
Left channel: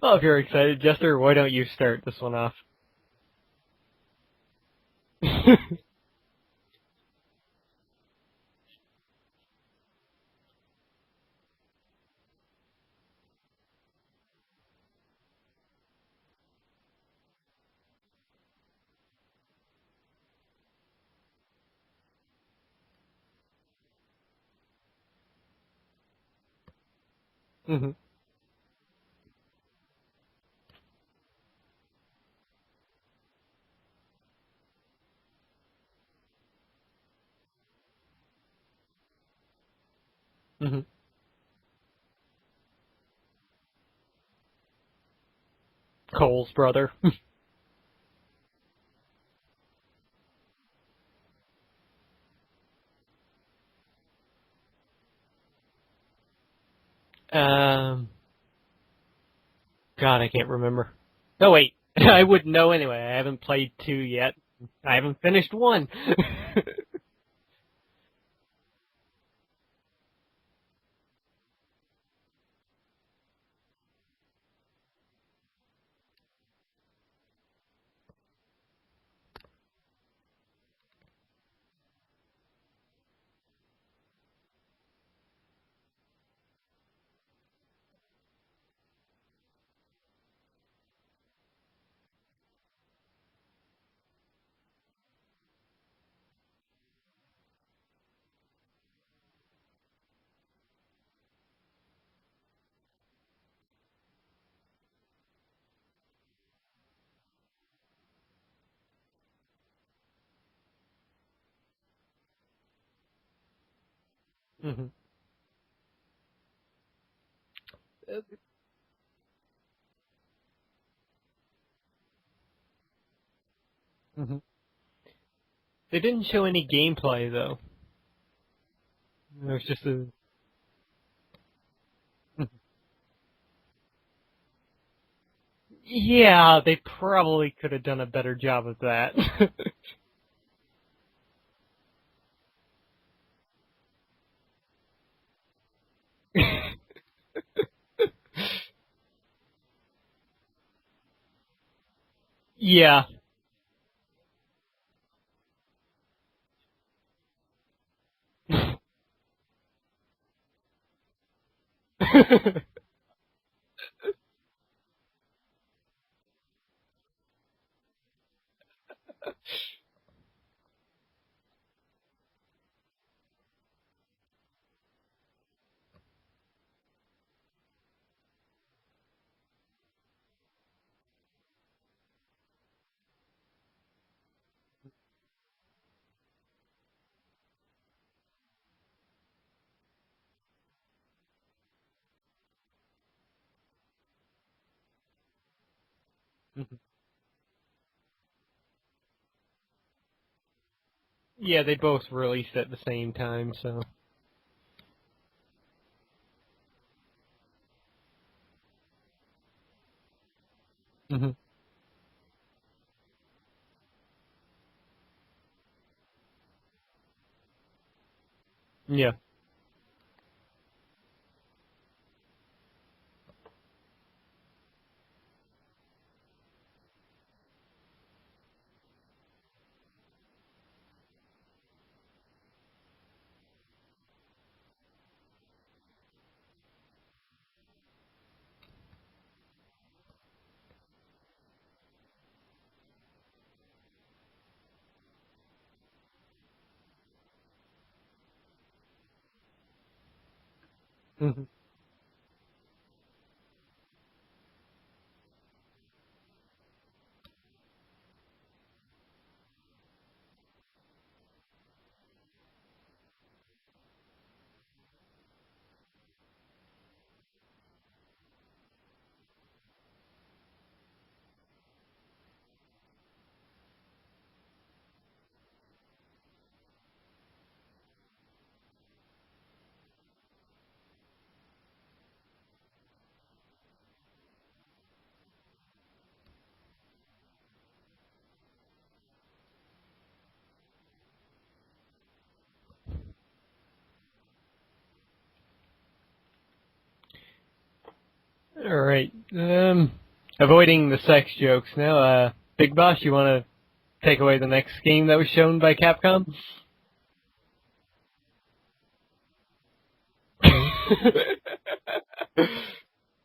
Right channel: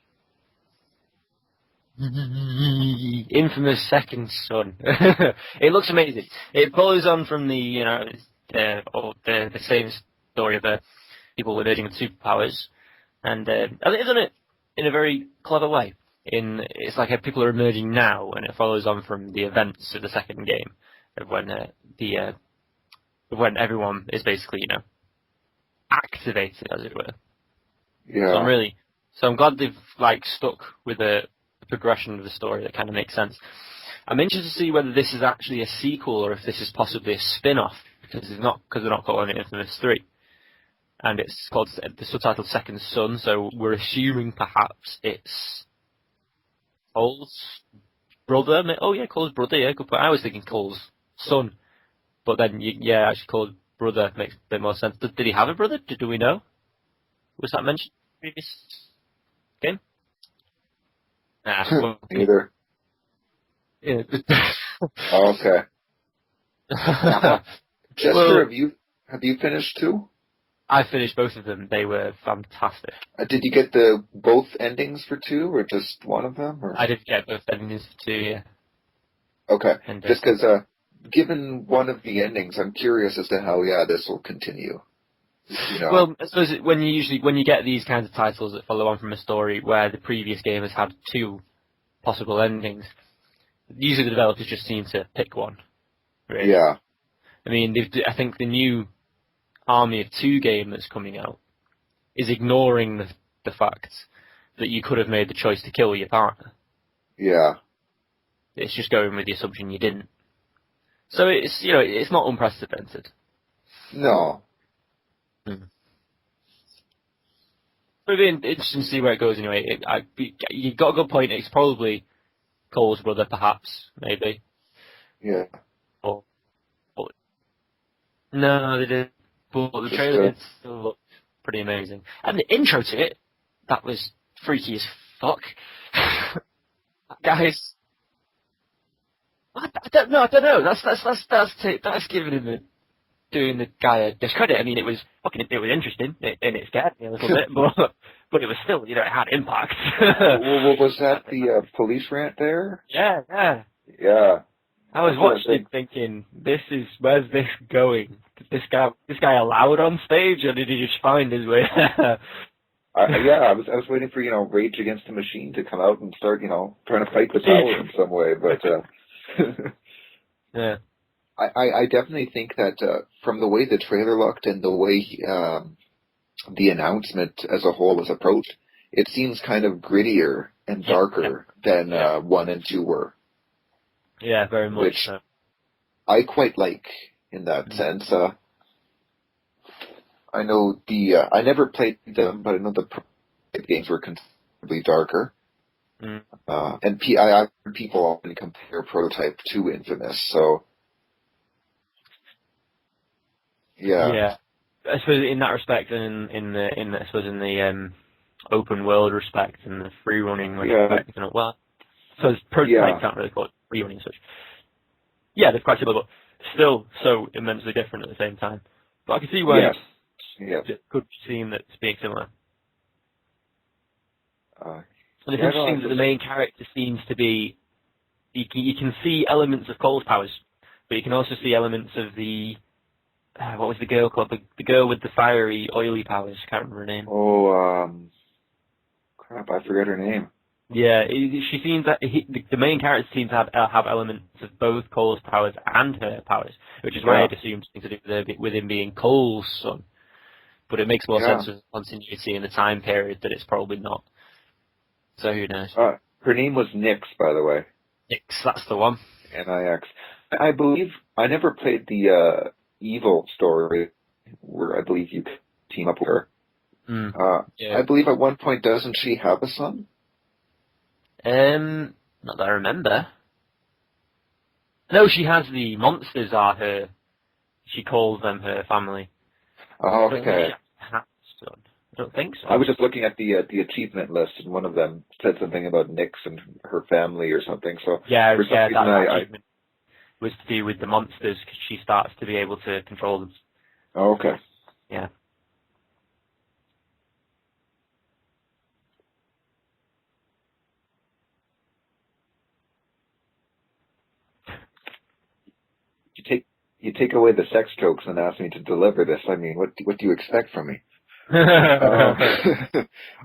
Well, if you're excited, Jester, why don't you start this one off? Infamous Second Son. It looks amazing. It follows on from the same story of people emerging with superpowers, and I think they've done it in a very clever way. It's like people are emerging now, and it follows on from the events of the second game, of when everyone is basically activated, as it were. Mm-hmm. Yeah. So I'm glad they've stuck with the progression of the story that kind of makes sense. I'm interested to see whether this is actually a sequel or if this is possibly a spin-off, because they're not calling it Infamous 3. Mm-hmm. And it's called the subtitle Second Son, so we're assuming perhaps it's Cole's brother. Cole's brother. Oh yeah, Cole's brother. Yeah, good point. I was thinking Cole's son, but then actually Cole's brother makes a bit more sense. Did he have a brother? Do we know? Was that mentioned in the previous game? God, I can't remember. No, wait. I would know anyway. I haven't played 2 yet. I haven't finished 1. Jester, have you finished 2? I finished both of them. They were fantastic. Did you get both endings for 2, or just one of them? Or? I did get both endings for 2, yeah. Okay. And, just because, given one of the endings, I'm curious as to how, this will continue. Well, I suppose when you get these kinds of titles that follow on from a story where the previous game has had 2 possible endings, usually the developers just seem to pick one. Really. Yeah. I mean, I think the new Army of 2 game that's coming out is ignoring the fact that you could have made the choice to kill your partner. Yeah. It's just going with the assumption you didn't. So it's not unprecedented. No. Mm-hmm. It'll be interesting to see where it goes anyway. You've got a good point. It's probably Cole's brother, perhaps, maybe. Mm-hmm. Yeah. They didn't show any gameplay, though. No, they didn't. But the trailer still looked pretty amazing. And the intro to it, that was freaky as fuck. Yeah, they probably could have done a better job of that. I don't know. That's doing the guy a discredit. I mean, it was interesting, and it scared me a little bit, but it was still, it had impact. Was that the police rant there? Yeah. Yeah. I was watching it thinking, where's this going? This guy allowed on stage, or did he just find his way there? I was waiting for Rage Against the Machine to come out and start trying to fight the power in some way, but yeah. I definitely think that from the way the trailer looked and the way the announcement as a whole was approached, it seems kind of grittier and darker than 1 and 2 were. Yeah, very much. Which so. I quite like in that sense. I know I never played them, but I know the games were considerably darker. Mm. And I heard people often compare Prototype to Infamous, so. Yeah, they both released at the same time, so. Yeah. I suppose in that respect, and in the open world respect and the free running respect, so Prototype can't really call it free running such. Yeah, they're quite similar, but still so immensely different at the same time. Yeah. But I can see where it could seem that it's being similar. Uh, And it's interesting that the main character seems to be. You can see elements of Cole's powers, but you can also see elements of the. What was the girl called? The girl with the fiery, oily powers. Can't remember her name. Oh, crap! I forget her name. Yeah, she seems that the main character seems to have elements of both Cole's powers and her powers, which is why I'd assumed something to do with him being Cole's son. But it makes more sense with continuity in the time period that it's probably not. So who knows? Her name was Nyx, by the way. Nyx, that's the one. N-I-X. I believe I never played the Evil story, where I believe you team up with her. I believe at one point, doesn't she have a son? Not that I remember. No, she has the monsters are her. She calls them her family. Oh, okay. I don't think so. I was just looking at the achievement list, and one of them said something about Nyx and her family or something. So Yeah, for some yeah, reason that achievement was to do with the monsters because she starts to be able to control them. Oh, okay. Yeah. All right. Avoiding the sex jokes now. Big Boss, you want to take away the next game that was shown by Capcom? You take away the sex jokes and ask me to deliver this. I mean, what do you expect from me?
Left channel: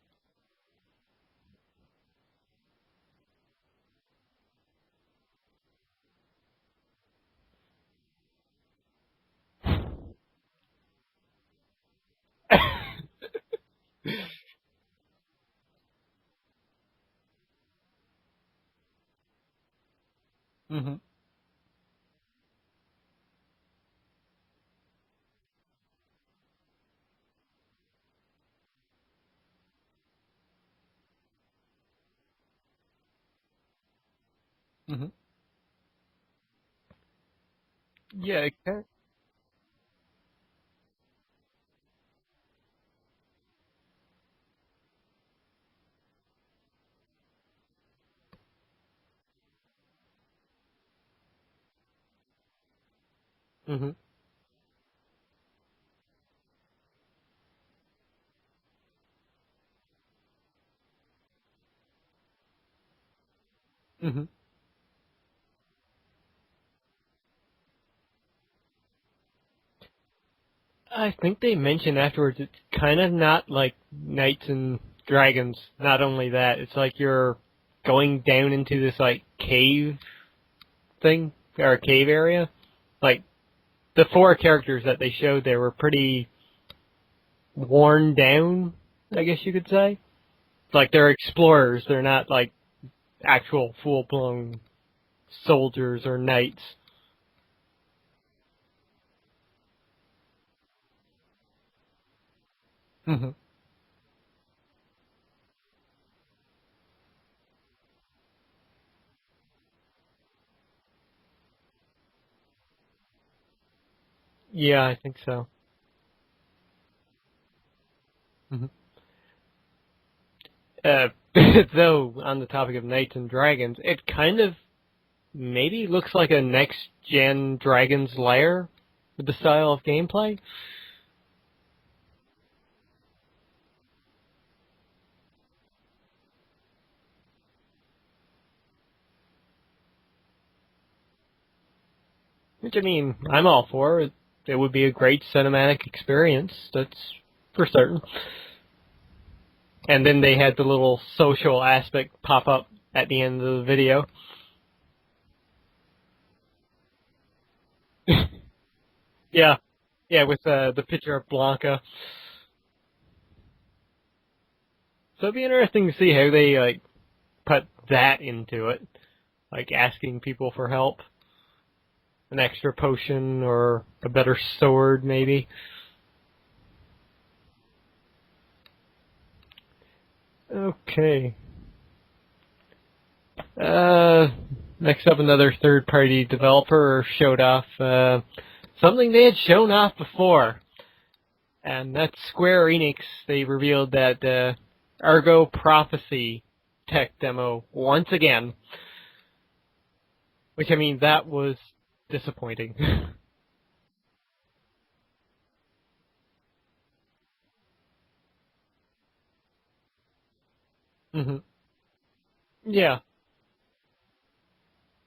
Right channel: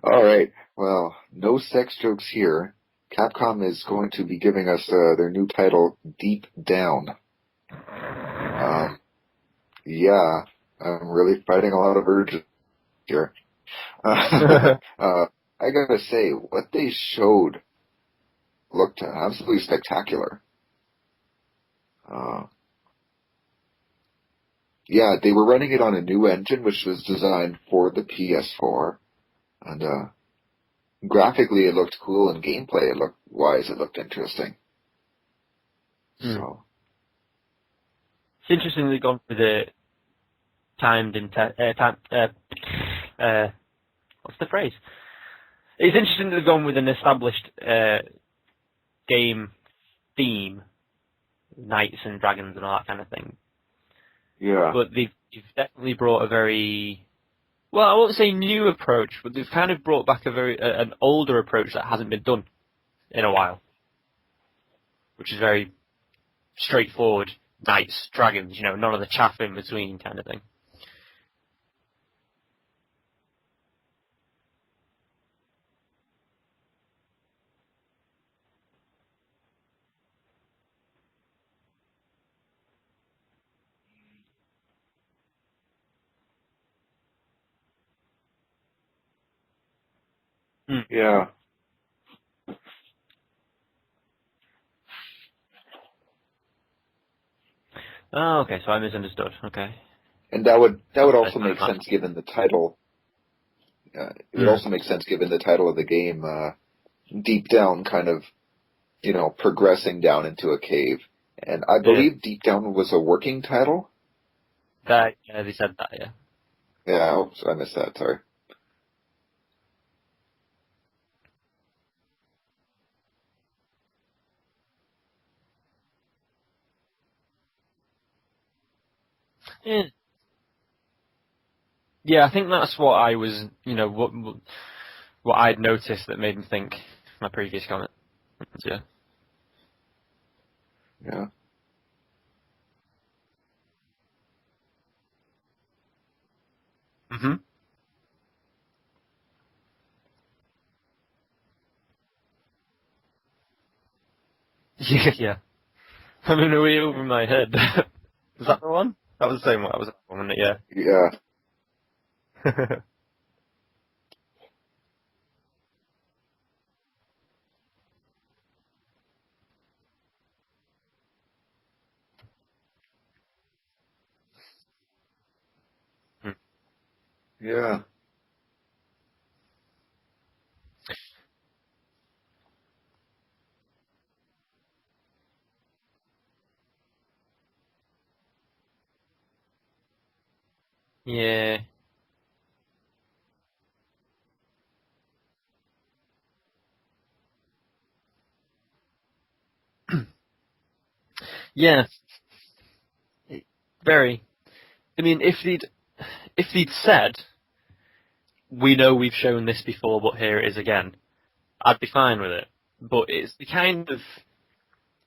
All right. Well, no sex jokes here. Capcom is going to be giving us their new title, Deep Down. Yeah, I'm really fighting a lot of urges here. I gotta say, what they showed looked absolutely spectacular. Mm-hmm. Yeah, they were running it on a new engine, which was designed for the PS4, and graphically it looked cool, and gameplay it looked interesting. Mm-hmm. So yeah, It's interesting they've gone for the what's the phrase? It's interesting that they've gone with an established game theme, knights and dragons and all that kind of thing. Mm-hmm. yeah, But you've definitely brought a very, well, I won't say new approach, but they've kind of brought back an older approach that hasn't been done in a while, Mm-hmm. which is very straightforward. Knights, dragons, none of the chaff in between kind of thing. I think they mentioned afterwards it's kind of not like Knights and Dragons. Not only that, it's like you're going down into this like cave thing, or a cave area. Like, the 4 characters that they showed there were pretty worn down, I guess you could say. Like, they're explorers, they're not like actual full-blown soldiers or knights. Oh, okay, so I misunderstood. Okay. and that would also make sense given the title. Mm-hmm. It would also make sense given the title of the game, Deep Down, kind of, progressing down into a cave. And I believe Deep Down was a working title. Yeah, I think so. They said that, yeah. Yeah, oops, I missed that. Sorry. Mm-hmm. Though, on the topic of Knights and Dragons, it kind of maybe looks like a next-gen Dragon's Lair with the style of gameplay. Yeah, I think that's what I was, what I'd noticed that made me think my previous comment. Yeah. Yeah. Which, I mean, I'm all for. It would be a great cinematic experience, that's for certain. And then they had the little social aspect pop up at the end of the video. Yeah. I mean, way over my head. Was that the one? That was the same one. Yeah, with the picture of Blanca. So it'd be interesting to see how they put that into it, like asking people for help, an extra potion or a better sword, maybe. Yeah. Okay. Next up, another third-party developer showed off something they had shown off before. Yeah. And that's Square Enix. They revealed that Argo Prophecy tech demo once again. Which, I mean, that was disappointing. Very. I mean, if they'd said, we know we've shown this before, but here it is again, I'd be fine with it. Yeah. But it's the kind of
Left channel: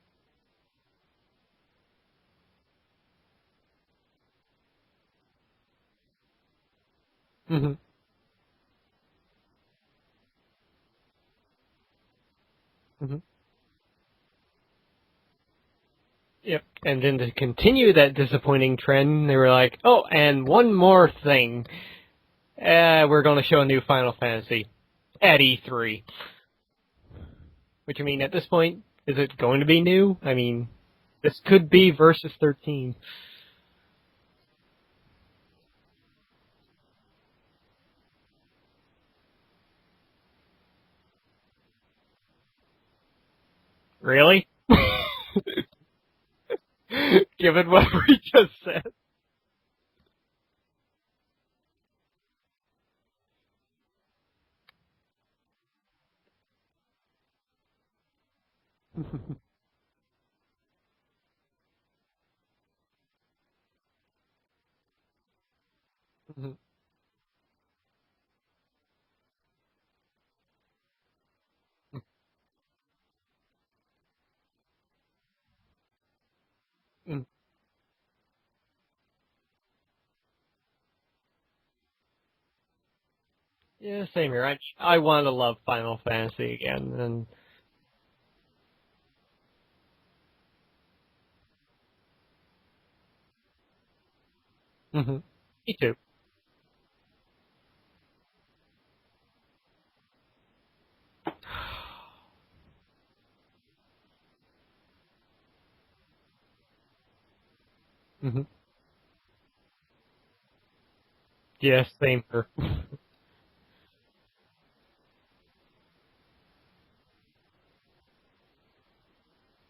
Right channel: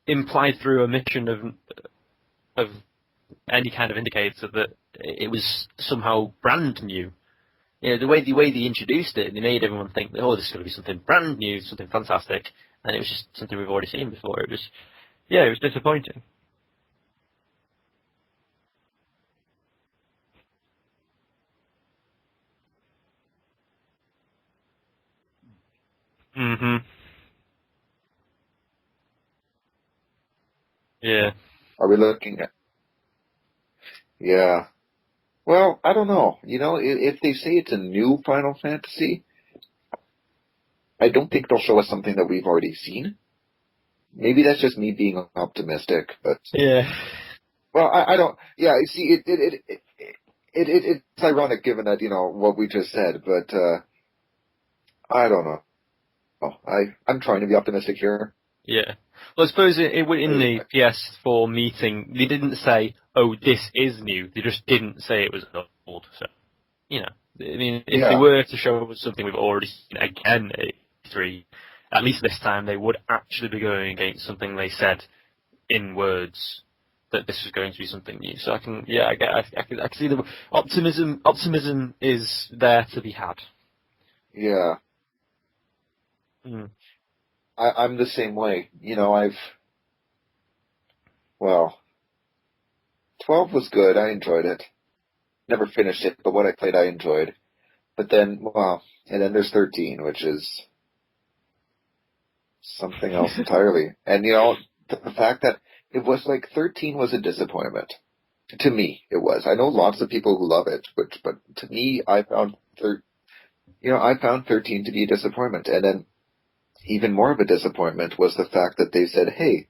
implied through omission of any kind of indicator that it was somehow brand new. The way they introduced it, they made everyone think, oh, this is going to be something brand new, something fantastic, and it was just something we've already seen before. It was disappointing. Yep. And then to continue that disappointing trend, they were like, oh, and one more thing. We're going to show a new Final Fantasy at E3. Which, I mean, at this point, is it going to be new? I mean, this could be Versus 13. Yeah. Well, I don't know. If they say it's a new Final Fantasy, I don't think they'll show us something that we've already seen. Really? Maybe that's just me being optimistic, but given what I don't. Yeah, you see, it's ironic given that, what we just said, but I don't know. I'm trying to be optimistic here. Yeah. Well, I suppose in the PS4 meeting, they didn't say, "Oh, this is new." They just didn't say it was old. So, I mean, if they were to show us something we've already seen again at E3, at least this time they would actually be going against something they said in words that this was going to be something new. So I can see the optimism. Optimism is there to be had. Yeah, same here. Yeah. I want to love Final Fantasy again, and I'm the same way. 12 was good. I enjoyed it. Never finished it, but what I played, I enjoyed. But then, and then there's 13, which is something else entirely. And, the fact that it was like 13 was a disappointment. To me, it was. I know lots of people who love it, but to me, I found I found 13 to be a disappointment. And then even more of a disappointment was the fact that they said, hey,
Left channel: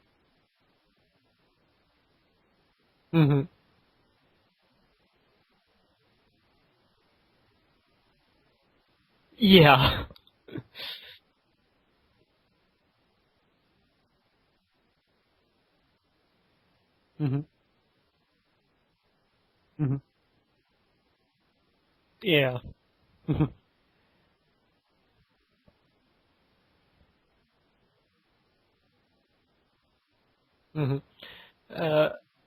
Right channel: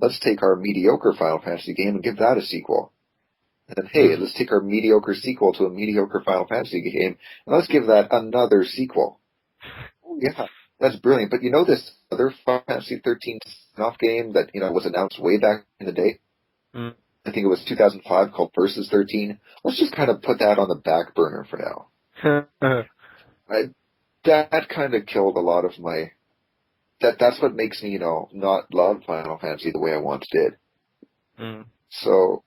let's take our mediocre Final Fantasy game and give that a sequel. And then, hey, let's take our mediocre sequel to a mediocre Final Fantasy game and let's give that another sequel. Yeah. Yeah, that's brilliant. But this other Final Fantasy 13 spin-off game that, was announced way back in the day, I think it was 2005, called Versus 13. Let's just kind of put that on the back burner for now. Yeah. That kind of killed a lot of my... That's what makes me, not love Final Fantasy the way I once did. So...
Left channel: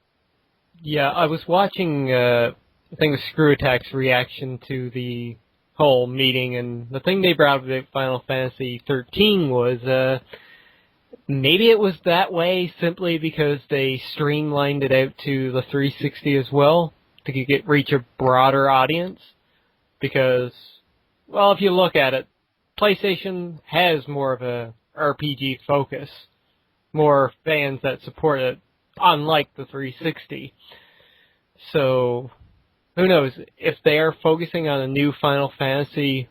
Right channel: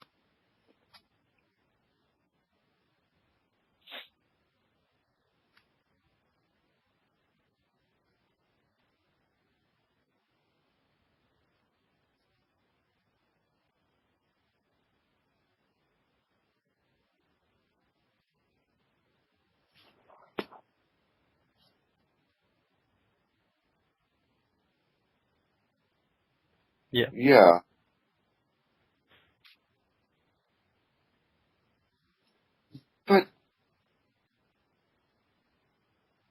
Yeah, I was watching, I think, Screw Attack's reaction to the whole meeting, and the thing they brought up about Final Fantasy 13 was, maybe it was that way simply because they streamlined it out to the 360 as well, to reach a broader audience. Because, well, if you look at it, PlayStation has more of a RPG focus, more fans that support it, unlike the 360. So, who knows, if they are focusing on a new Final Fantasy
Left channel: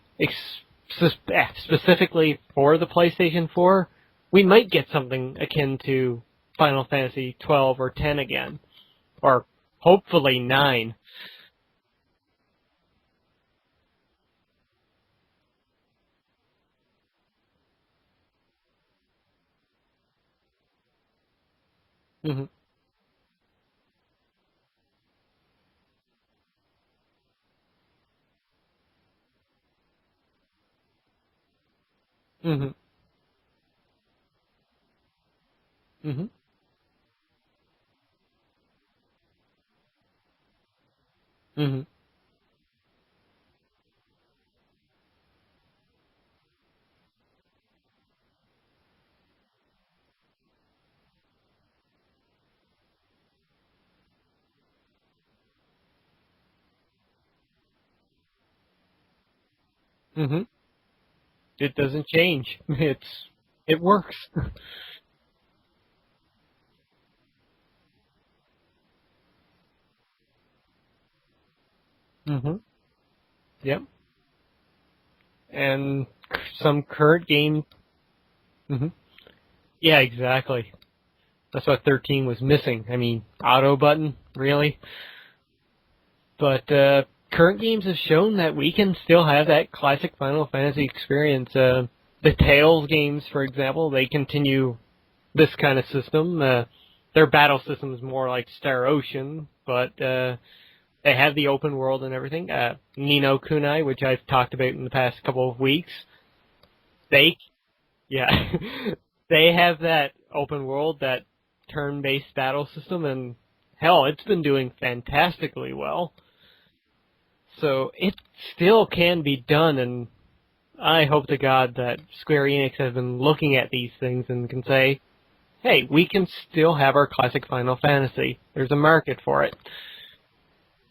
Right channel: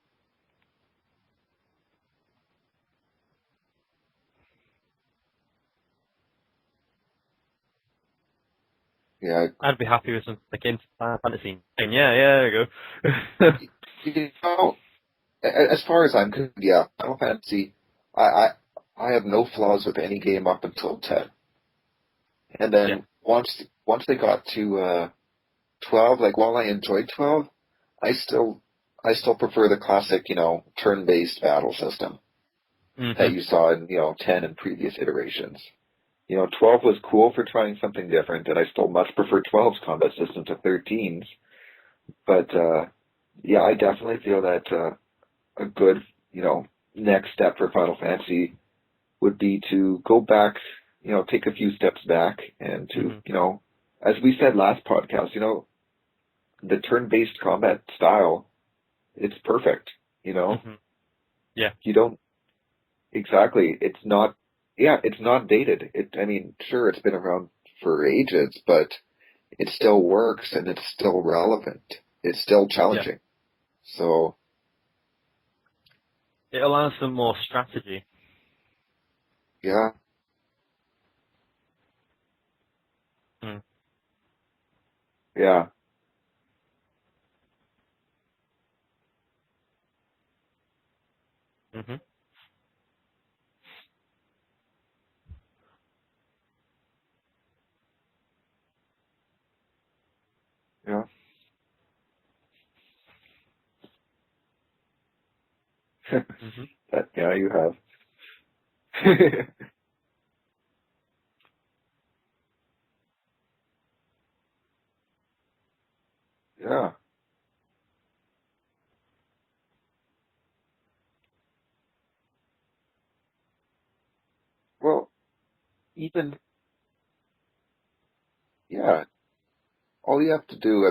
specifically for the PlayStation 4, we might get something akin to Final Fantasy 12 or 10 again. Or I'd be hopefully happy with 9. Final Fantasy. Yeah, there you go. As far as I'm concerned, Final Fantasy, I have no flaws with any game up until 10. And then once they got to 12, like, while I enjoyed 12, I still prefer the classic, turn-based battle system that you saw in, 10 and previous iterations. 12 was cool for trying something different, and I still much prefer 12's combat system to 13's. But, I definitely feel that a good, next step for Final Fantasy would be to go back, take a few steps back and to, as we said last podcast, the turn-based combat style, it's perfect, Yeah, it doesn't change. Exactly. It works. It's not dated. Sure, it's been around for ages, but it still works and it's still relevant. It's still challenging. Yep. So. And some current game strategy. Yeah, exactly. That's what 13 was missing. Auto button, really? Yeah. But current games have shown that we can still have that classic Final Fantasy experience. The Tales games, for example, they continue this kind of system. Their battle system is more like Star Ocean, but they have the open world and everything. Ni no Kunai, which I've talked about in the past couple of weeks. You have. Yeah. They have that open world, that turn-based battle system, and hell, it's been doing fantastically well. Yeah. So it still can be done, and I hope to God that Square Enix has been looking at these things and can say, hey, we can still have our classic Final Fantasy. There's a market for it. All you have to do,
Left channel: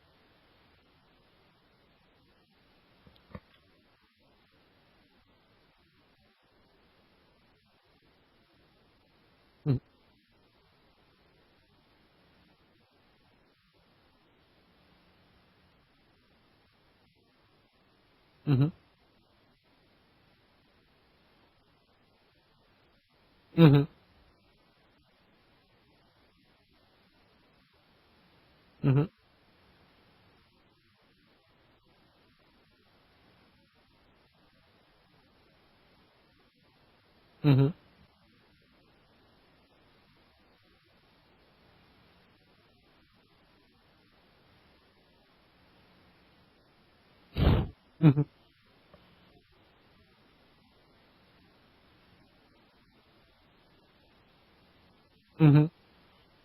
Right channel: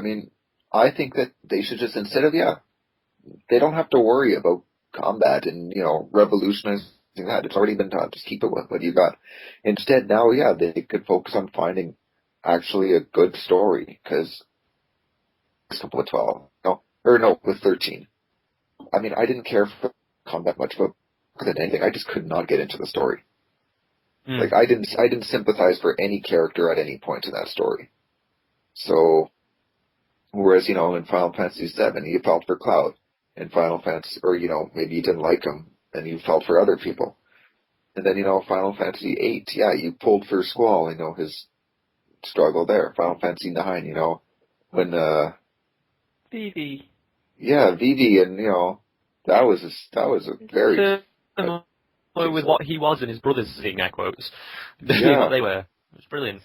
I think that they should just, instead of, they don't have to worry about combat and, revolutionizing that. It's already been done. Just keep it with what you got. Instead, now, they could focus on finding actually a good story, because with 12, with 13. I didn't care for combat much, but more than anything, I just could not get into the story. Like, I didn't sympathize for any character at any point in that story. So, Whereas, in Final Fantasy VII, you felt for Cloud. In Final Fantasy, or, maybe you didn't like him, and you felt for other people. Mm-hmm. And then, Final Fantasy VIII, yeah, you pulled for Squall, his struggle there. Final Fantasy IX, when, Vivi. yeah, Vivi, and, that was a very... With what he was and his brothers, seeing air quotes. Yeah. What they were. Mm-hmm. It was brilliant.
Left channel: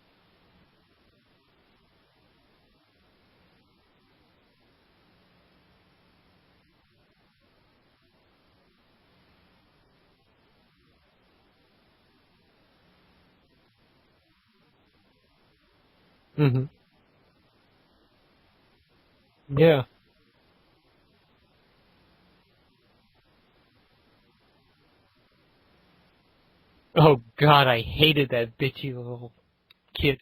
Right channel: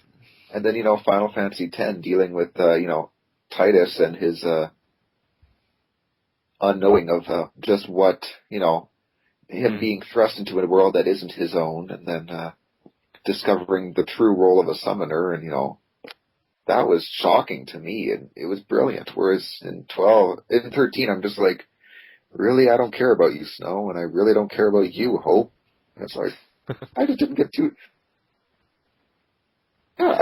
And then, Final Fantasy X dealing with, Titus and his, unknowing of, just what, him being thrust into a world that isn't his own, and then, discovering the true role of a summoner, and, Mm-hmm. that was shocking to me, and it was brilliant. Whereas in 13, I'm just like, really, I don't care about you, Snow, and I really don't care about you, Hope. And it's like, oh God, I hated that bitchy little kid.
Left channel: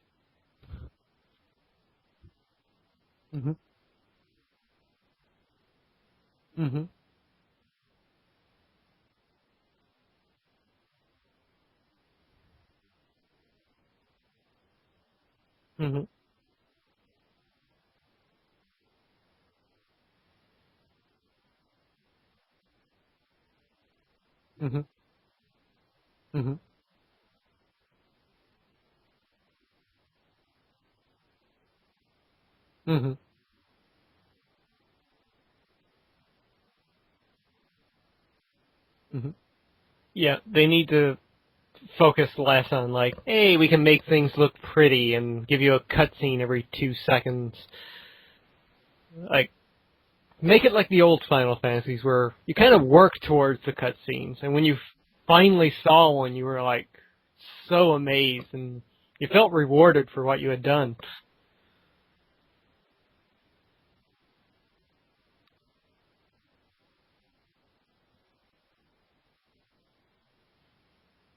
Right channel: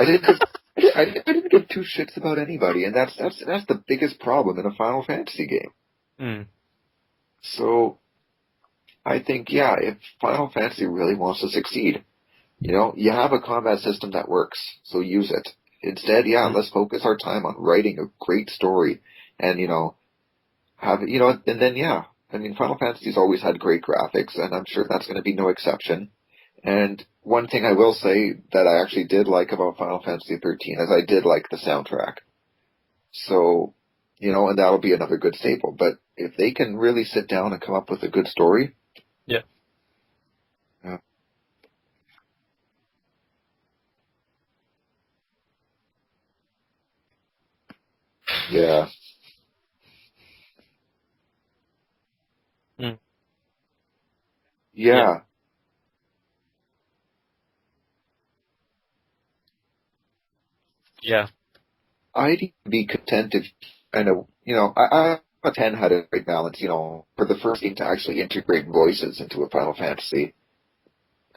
yeah, I didn't give two shits about anybody, and that's the biggest problem in a Final Fantasy game. Mm-hmm. So, I think, yeah, if Final Fantasy really wants to succeed, you have a combat system that works, so use it. Mm-hmm. Instead, let's focus our time on writing a great story, and, have, and then, Final Fantasy's always had great graphics, and I'm sure that's going to be no exception. Mm-hmm. And one thing I will say that I actually did like about Final Fantasy 13 is I did like the soundtrack. Mm-hmm. So, and that'll be another good staple. But if they can really sit down and come up with a good story. Mm-hmm. Yeah, they need to focus less on like, hey, we can make things look pretty and give you a cutscene every 2 seconds. Yeah. Like, make it like the old Final Fantasies where you kind of work towards the cutscenes, and when you finally saw one, you were like so amazed, and you felt rewarded for what you had done. Yeah. I'd be content if, I 10 had a great balance, for the first game to actually integrate voices into a Final Fantasy.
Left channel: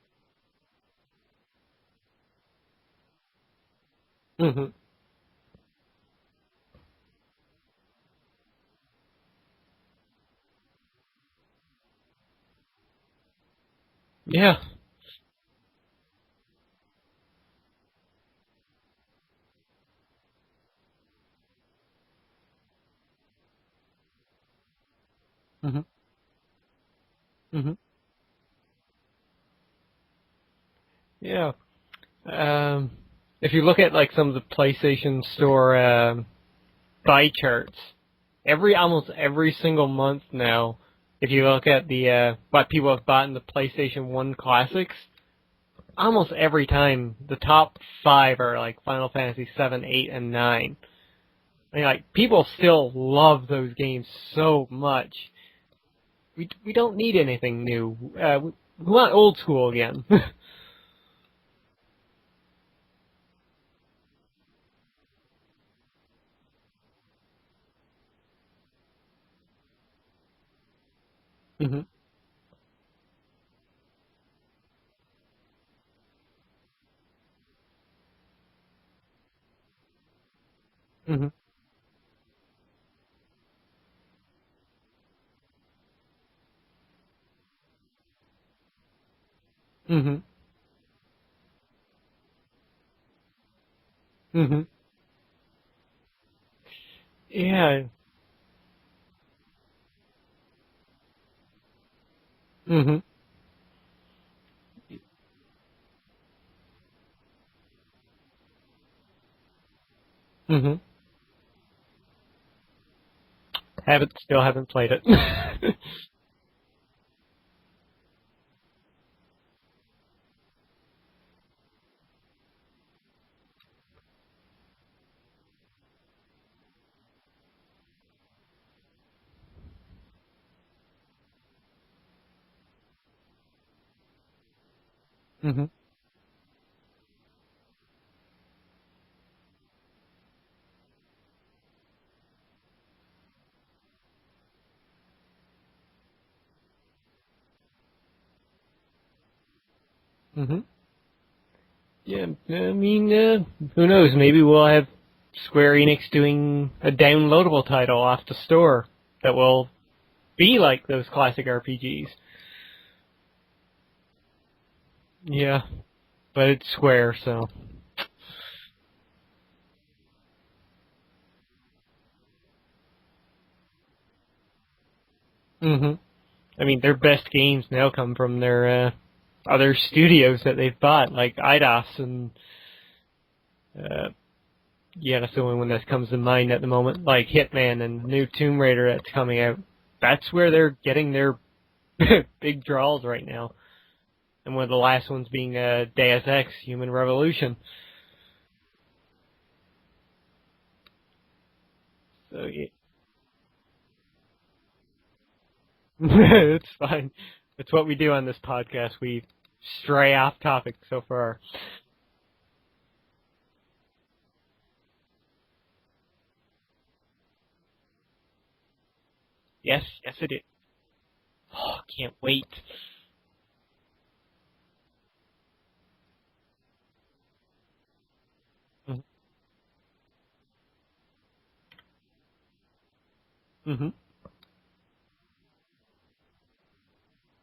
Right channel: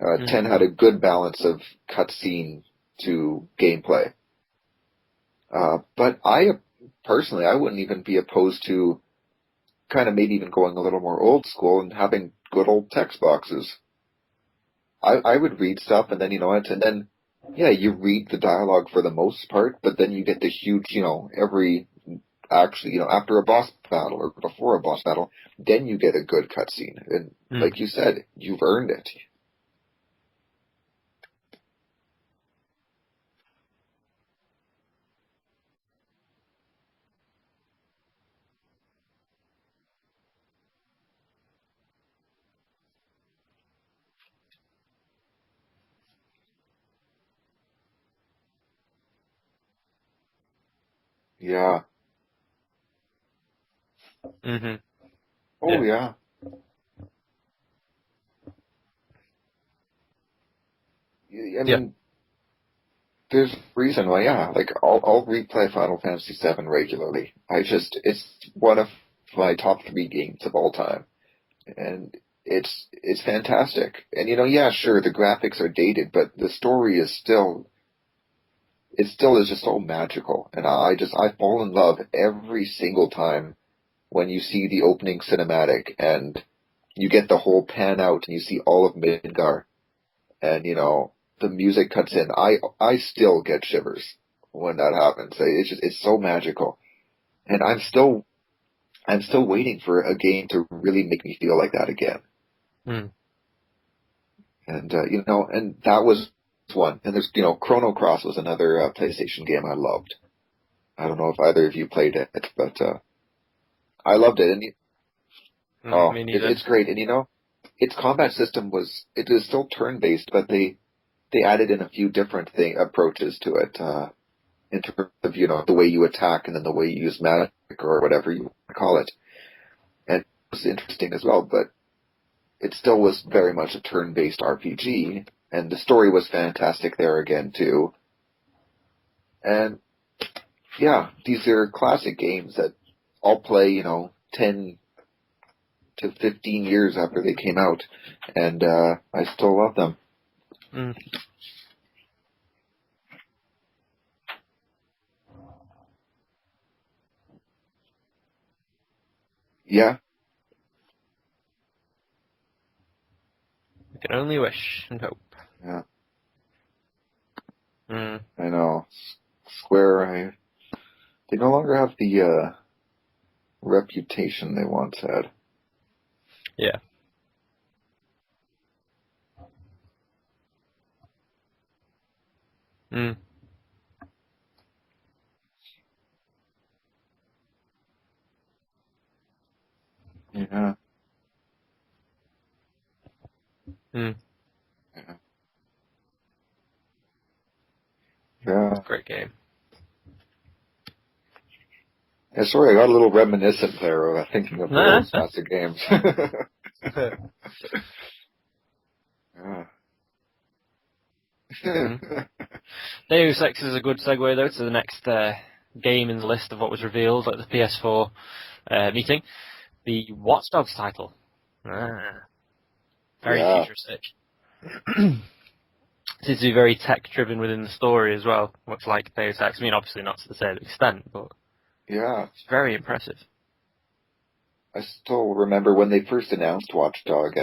10 had a good balance of cutscene to gameplay. Mm-hmm. But personally, I wouldn't even be opposed to kind of maybe even going a little more old school and having good old text boxes. Yeah. I would read stuff, and then, and then, you read the dialogue for the most part, but then you get the huge, after a boss battle or before a boss battle, then you get a good cutscene. And like you said, you've earned it. Yeah. If you look at like some of the PlayStation Store buy charts, almost every single month now, if you look at the what people have bought in the PlayStation 1 Classics, almost every time the top 5 are like Final Fantasy 7, 8, and 9. Yeah. I mean, like, people still love those games so much. Oh, yeah. We don't need anything new. We want old school again. I mean, there's a reason why, like, I'll replay Final Fantasy VII regularly. It's one of my top 3 games of all time. And it's fantastic. And, sure, the graphics are dated, but the story is still is just so magical. And I fall in love every single time when you see the opening cinematic and you get the whole pan out and you see all of Midgar. And, the music cuts in. I still get shivers when that happens. It's so magical. Yeah. And I'm still waiting for a game to really make me feel like that again. And, and that was one. And there's, Chrono Cross was another PlayStation game I loved. I don't know if either of you played it, but I loved it. Haven't played it. Oh, it's great. And, its combat system it is still turn-based, but they added in a few different approaches to it, in terms of, the way you attack and then the way you use magic or whatever you call it. And it was interesting as well, but it still was very much a turn-based RPG, and the story was fantastic there again, too. And, these are classic games that I'll play, 10 to 15 years after they came out, and I still love them. Yeah, I mean, who knows? Maybe we'll have Square Enix doing a downloadable title off the store that will be like those classic RPGs. We can only wish and hope. Yeah. But it's Square, so. I know. Square, They no longer have the reputation they once had. Mm-hmm. I Yeah. mean, their best games now come from their other studios that they've bought, like IDOS and yeah, that's the only one that comes to mind at the moment, like Hitman and the new Tomb Raider that's coming out. That's where they're getting their big draws right now. Mm. And one of the last ones being Deus Ex, Human Revolution. Yeah. Great game. Yeah, sorry, I got a little reminiscent there, thinking of the old classic games. It's fun. It's what we do on this podcast. We stray off topic so far. Deus Ex is a good segue, though, to the next game in the list of what was revealed at the PS4 meeting. Yes, the yes, Watch Dogs title. I can't wait. Very futuristic. It seems to be very tech-driven within the story as well, much like Deus Ex. I mean, obviously not to the same extent, but it's very impressive. Mm-hmm. I still remember when they first announced Watch Dogs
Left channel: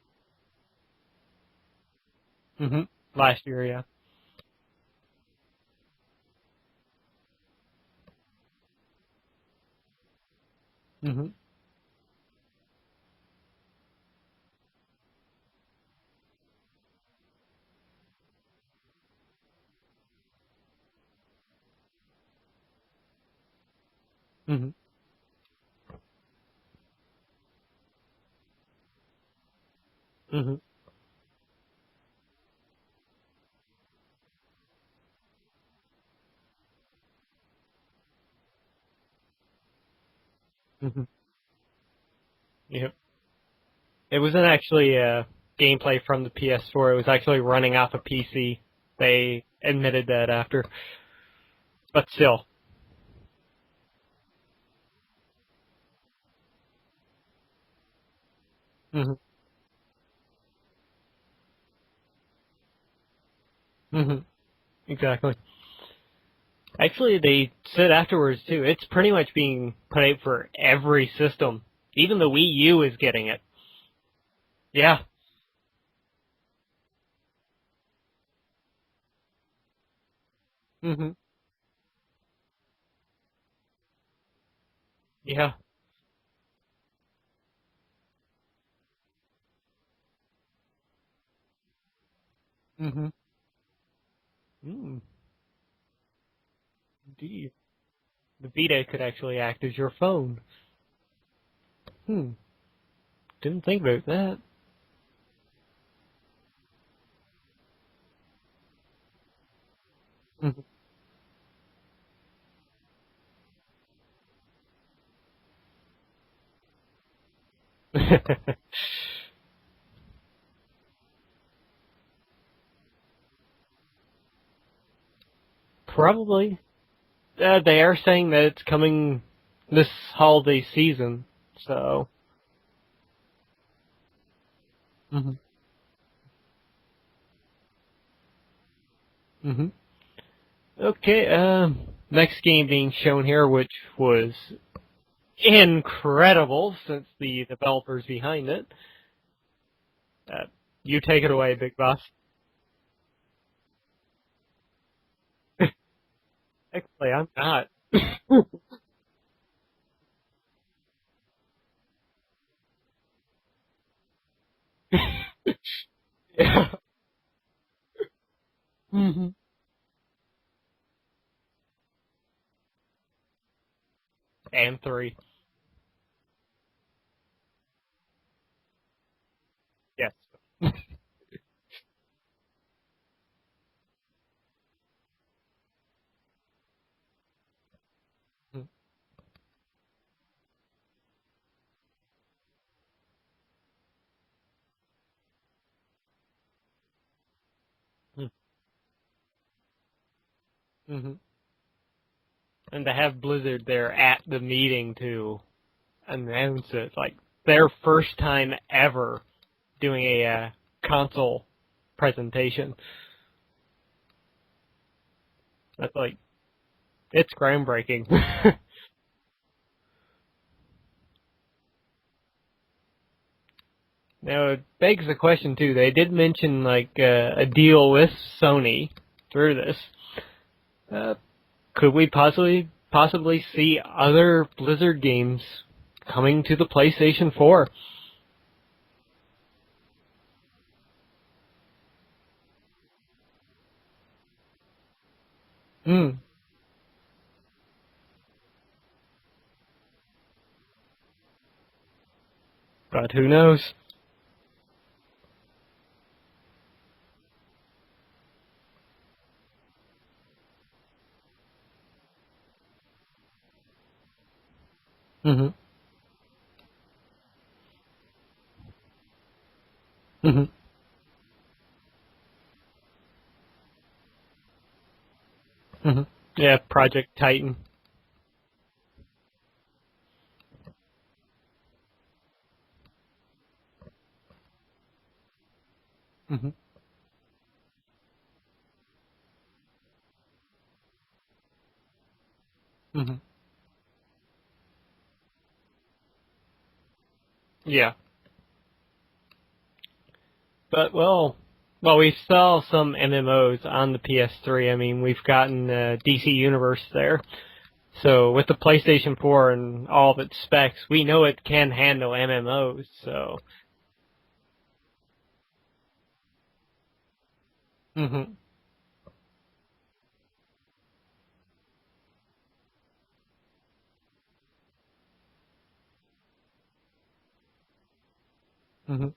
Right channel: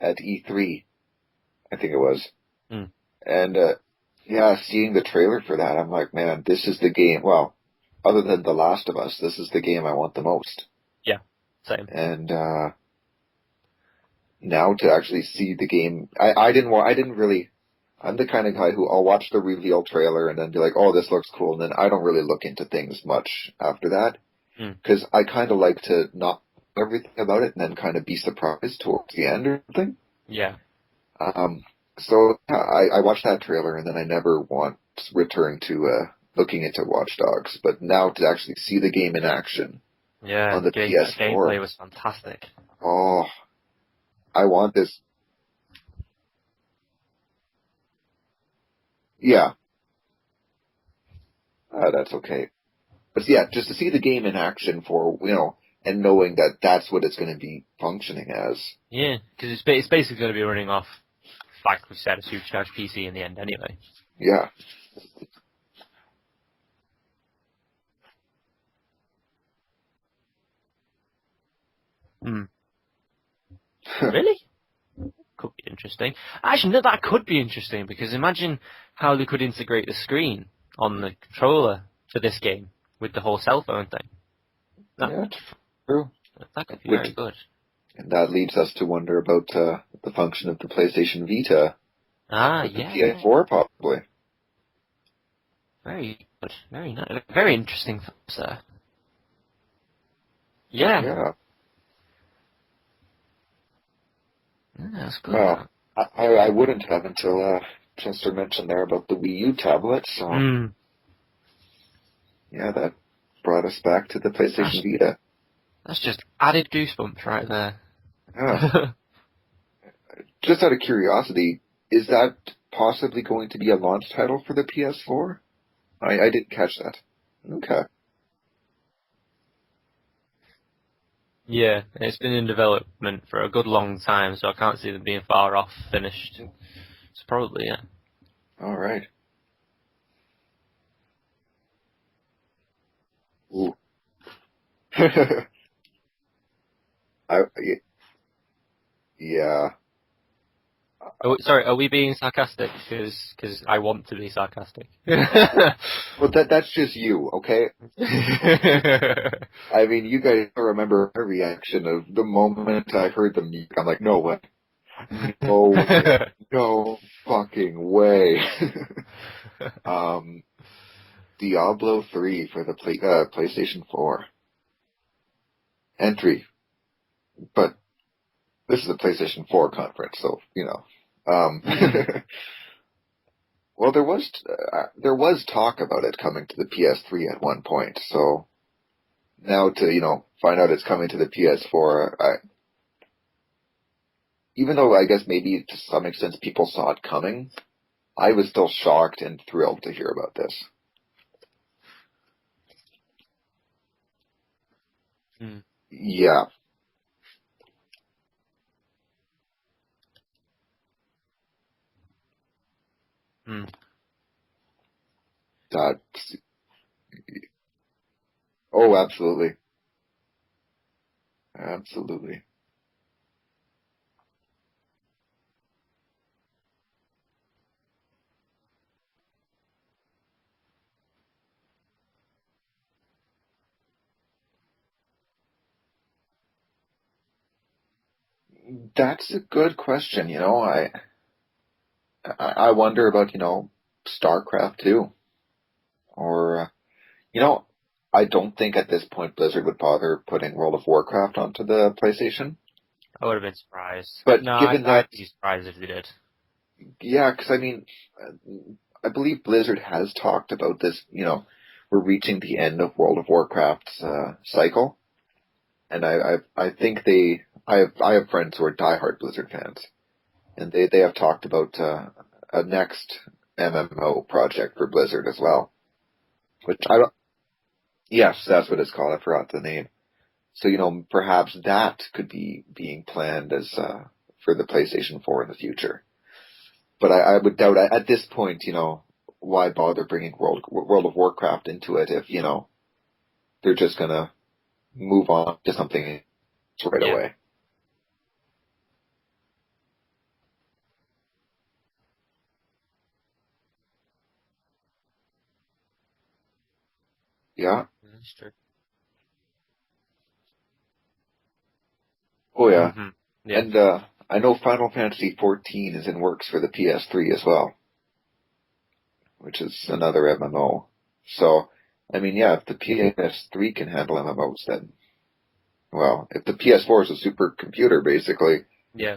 at E3, I think it was. Mm-hmm. Last year, seeing the trailer for that, I'm like, man, this is the game. Well, other than The Last of Us, this is the game I want the most. Yeah, same. And now to actually see the game, I'm the kind of guy who I'll watch the reveal trailer and then be like, oh, this looks cool, and then I don't really look into things much after that, because I kind of like to not know everything about it and then kind of be surprised towards the end or something. Yeah. So I watched that trailer and then I never want to return to looking into Watch Dogs, but now to actually see the game in action on the PS4. Gameplay was fantastic. Yeah. Oh. It wasn't actually gameplay from the PS4. It was actually running off a PC. They admitted that after. But still. Okay. But yeah, just to see the game in action and knowing that that's what it's going to be functioning as. Yeah, because it's basically going to be running off, like we said, a supercharged PC in the end anyway. Mm-hmm. Yeah. Exactly. Actually, they said afterwards, too, it's pretty much being put out for every system. Even the Wii U is getting it. Really? Yeah. Could be interesting. Actually, no, that could be interesting, because imagine how they could integrate the screen on the controller for this game with the whole cell phone thing. Yeah. True. That could be very good. And that leads us to wonder about the function of the PlayStation Vita. The PS4, probably. Very good. Very nice. Very interesting. Vita could actually act as your phone. Yeah. Didn't think about that. Yeah, that's good. Well, I wouldn't have until Chester mentioned there about the Wii U tablet, so yeah, that brought us back to the PlayStation Vita. That's just added goosebumps right there. Just out of curiosity, is that possibly going to be a launch title for the PS4? Probably. I didn't catch that. They are saying that it's coming this holiday season. Yeah, so. It's been in development for a good long time, so I can't see them being far off finished. It's probably, All right. Okay, next game being shown here, which was incredible since the developers behind it. Yeah. You take it away. Sorry, are we being sarcastic? Because I want to be sarcastic. Well, that's just you, okay? I mean, you guys remember my reaction of the moment I heard the music. I'm like, no way. No fucking way. Diablo 3 for the PlayStation 4. And 3. And 3. But this is a PlayStation 4 conference, so, well, there was talk about it coming to the PS3 at one point, so now to, find out it's coming to the PS4, even though I guess maybe to some extent people saw it coming, I was still shocked and thrilled to hear about this. And to have Blizzard there at the meeting to Yeah. announce it. Like, their first time ever doing a console presentation. Like, it's groundbreaking. Oh, absolutely. Absolutely. Now, it begs the question, too. They did mention, like, a deal with Sony through this. could we possibly see other Blizzard games coming to the PlayStation 4? That's a good question. I wonder about, StarCraft 2. Or, I don't think at this point Blizzard would bother putting World of Warcraft onto the PlayStation. But who knows? But no, given that... I'd be surprised if they did. Yeah, because, I believe Blizzard has talked about this, we're reaching the end of World of Warcraft's cycle. Mm-hmm. And I think I have friends who are diehard Blizzard fans. Mm-hmm. And they have talked about a next MMO project for Blizzard as well. Mm-hmm. Yeah, Project Titan. Yes, that's what it's called. I forgot the name. So, perhaps that could be being planned as for the PlayStation 4 in the future. Mm-hmm. But I would doubt, at this point, why bother bringing World of Warcraft into it if, mm-hmm. they're just going to move on to something right away. Yeah. But, well, we saw some MMOs on the PS3. We've gotten DC Universe there. Yeah. So with the PlayStation 4 and all of its specs, we know it can handle MMOs. Oh, yeah. So. Yeah. And I know Final Fantasy 14 is in works for the PS3 as well. Mm-hmm. Which is another MMO. So, if the PS3 can handle MMOs, then, well, if the PS4 is a supercomputer, basically, mm-hmm. Yeah,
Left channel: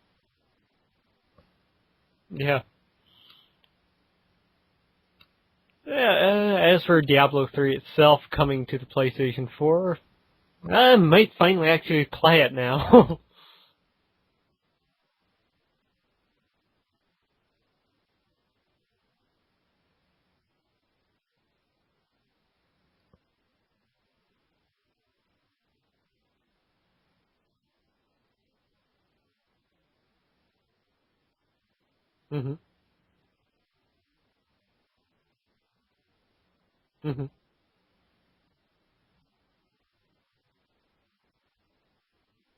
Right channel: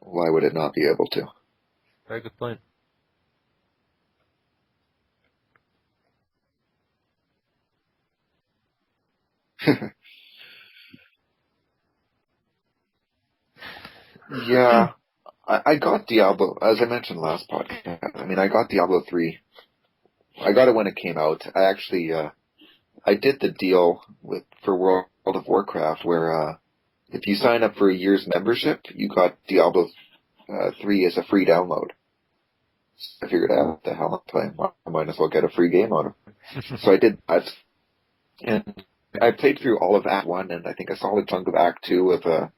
why would it not be able to? very good point. Yeah. As for Diablo 3 itself coming to the PlayStation 4, I might finally actually play it now. Yeah. I got Diablo, as I mentioned last podcast, I got Diablo 3. I got it when it came out. I actually, I did the deal for World of Warcraft where, if you sign up for a year's membership, you got Diablo 3 as a free download. Mm-hmm. So I figured out what the hell I'm playing. I might as well get a free game on it. So I did that. And I played through all of Act 1 and I think a solid chunk of Act 2 of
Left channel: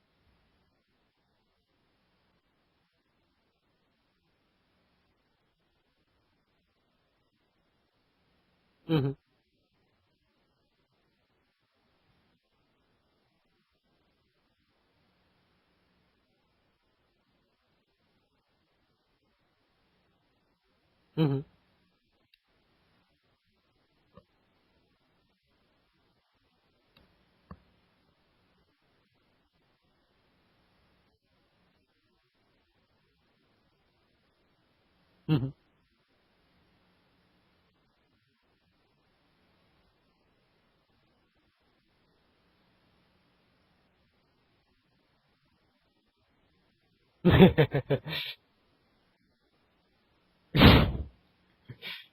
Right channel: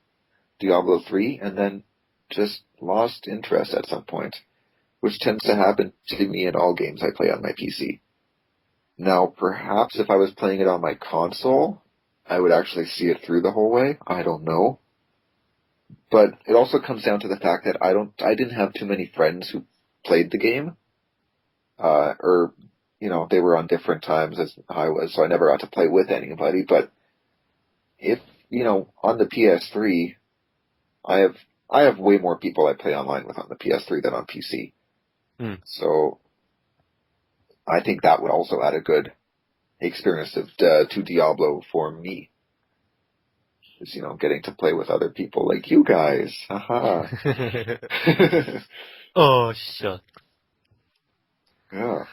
Diablo 3 and then just lost interest at some point, which tends to happen to me in all games I play on my PC. Mm-hmm. Now, perhaps if I was playing it on my console, I would actually see it through the whole way. I don't know. But it also comes down to the fact that I didn't have too many friends who played the game. Mm-hmm. Or, they were on different times as I was, so I never got to play with anybody. But if, on the PS3, I have way more people I play online with on the PS3 than on PC. Mm-hmm. So I think that would also add a good experience to Diablo for me. Is, getting to play with other people like you guys. Haha. Oh, shut. Yeah.